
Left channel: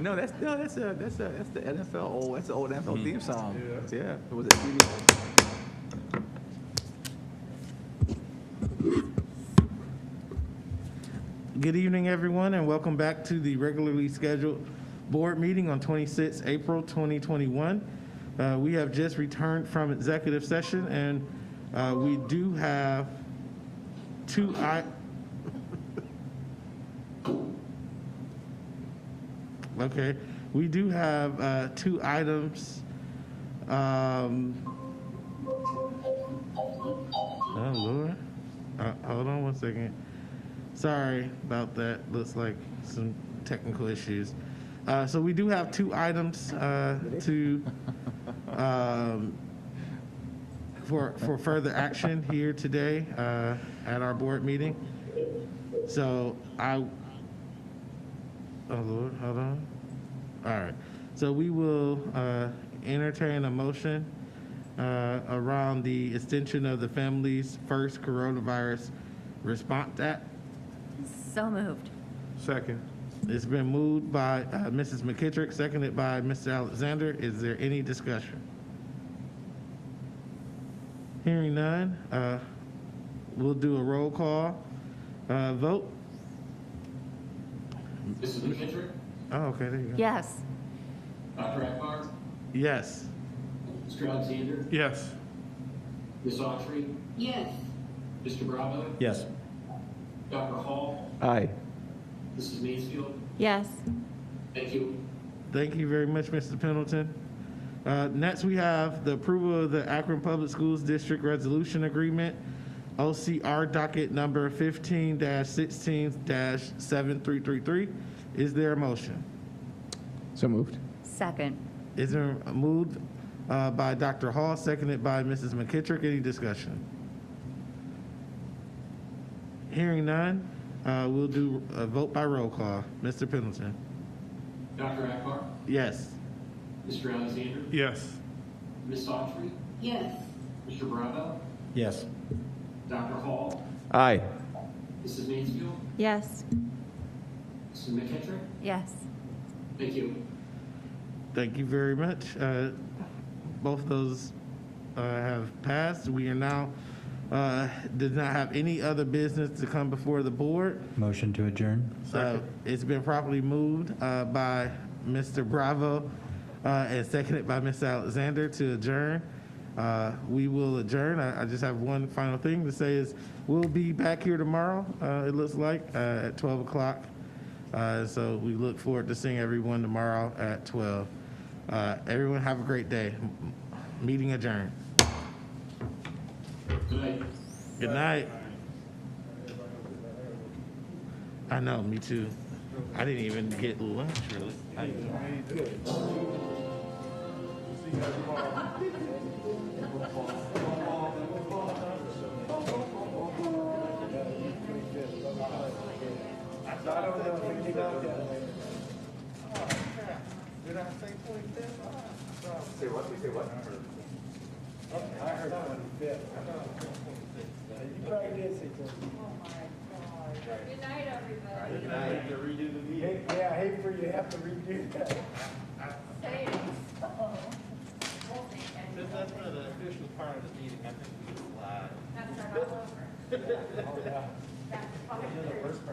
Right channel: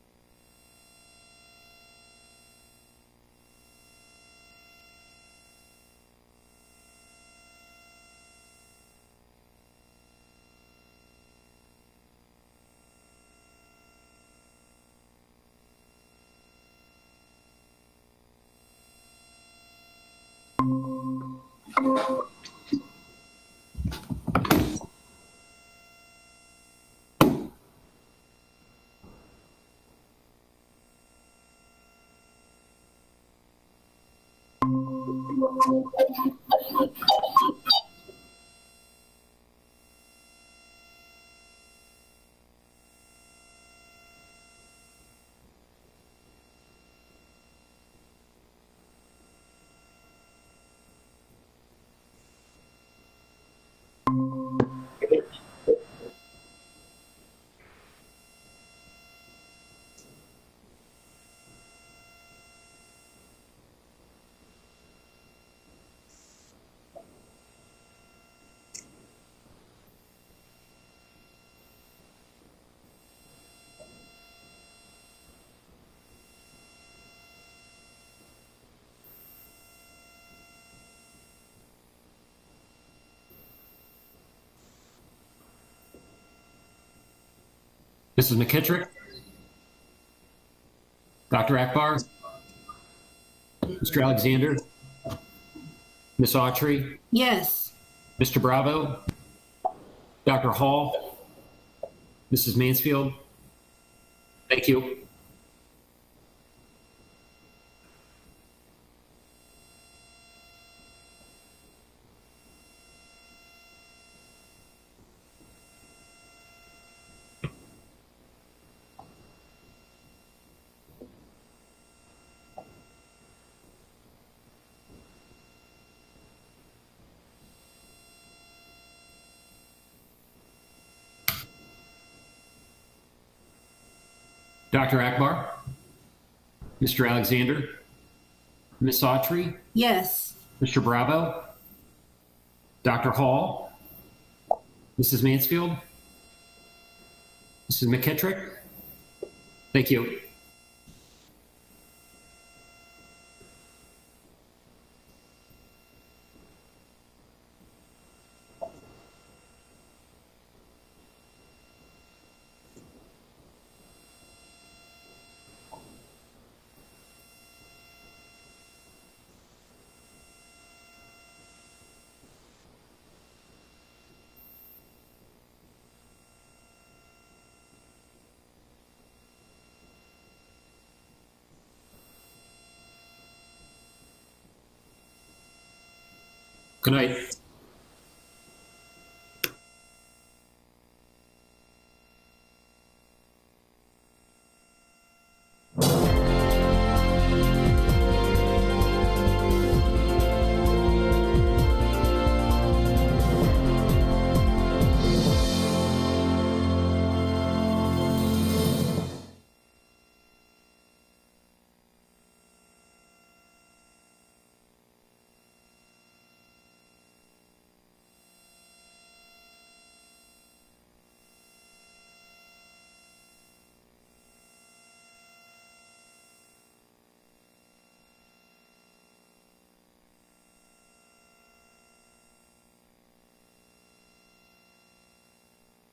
No, that's the NFL old NFL theme song. Yeah. It was Good evening, everyone, and welcome back to the regularly scheduled board meeting on 26 April 2021. We have just returned from executive session, and we do have we do have two items. Oh, Lord. Hold on one second. Sorry about that. Looks like some technical issues. So we do have two items for further action here today at our board meeting. So oh Lord, hold on. All right. So we will entertain a motion around the extension of the Families First Coronavirus Response Act. So moved. Second. It's been moved by Mrs. McKittrick, seconded by Mr. Alexander. Is there any discussion? Hearing none, we'll do a roll call vote. Mrs. McKittrick? Oh, okay, there you go. Yes. Dr. Akbar? Yes. Mr. Alexander? Yes. Ms. Autry? Yes. Mr. Bravo? Yes. Dr. Hall? Aye. Mrs. Mansfield? Yes. Thank you. Thank you very much, Mr. Pendleton. Next, we have the approval of the Akron Public Schools District Resolution Agreement, OCR docket number 15-16-7333. Is there a motion? So moved. Second. Is there moved by Dr. Hall, seconded by Mrs. McKittrick? Any discussion? Hearing none, we'll do a vote by roll call. Mr. Pendleton? Dr. Akbar? Yes. Mr. Alexander? Yes. Ms. Autry? Yes. Mr. Bravo? Yes. Dr. Hall? Aye. Mrs. Mansfield? Yes. Mrs. McKittrick? Yes. Thank you. Thank you very much. Both of those have passed. We are now, did not have any other business to come before the board. Motion to adjourn. It's been properly moved by Mr. Bravo and seconded by Mr. Alexander to adjourn. We will adjourn. I just have one final thing to say is we'll be back here tomorrow, it looks like, at 12 o'clock. So we look forward to seeing everyone tomorrow at 12. Everyone have a great day. Meeting adjourned. Good night. Good night. I know, me too. I didn't even get lunch, really. Yeah, I hate for you to have to redo that.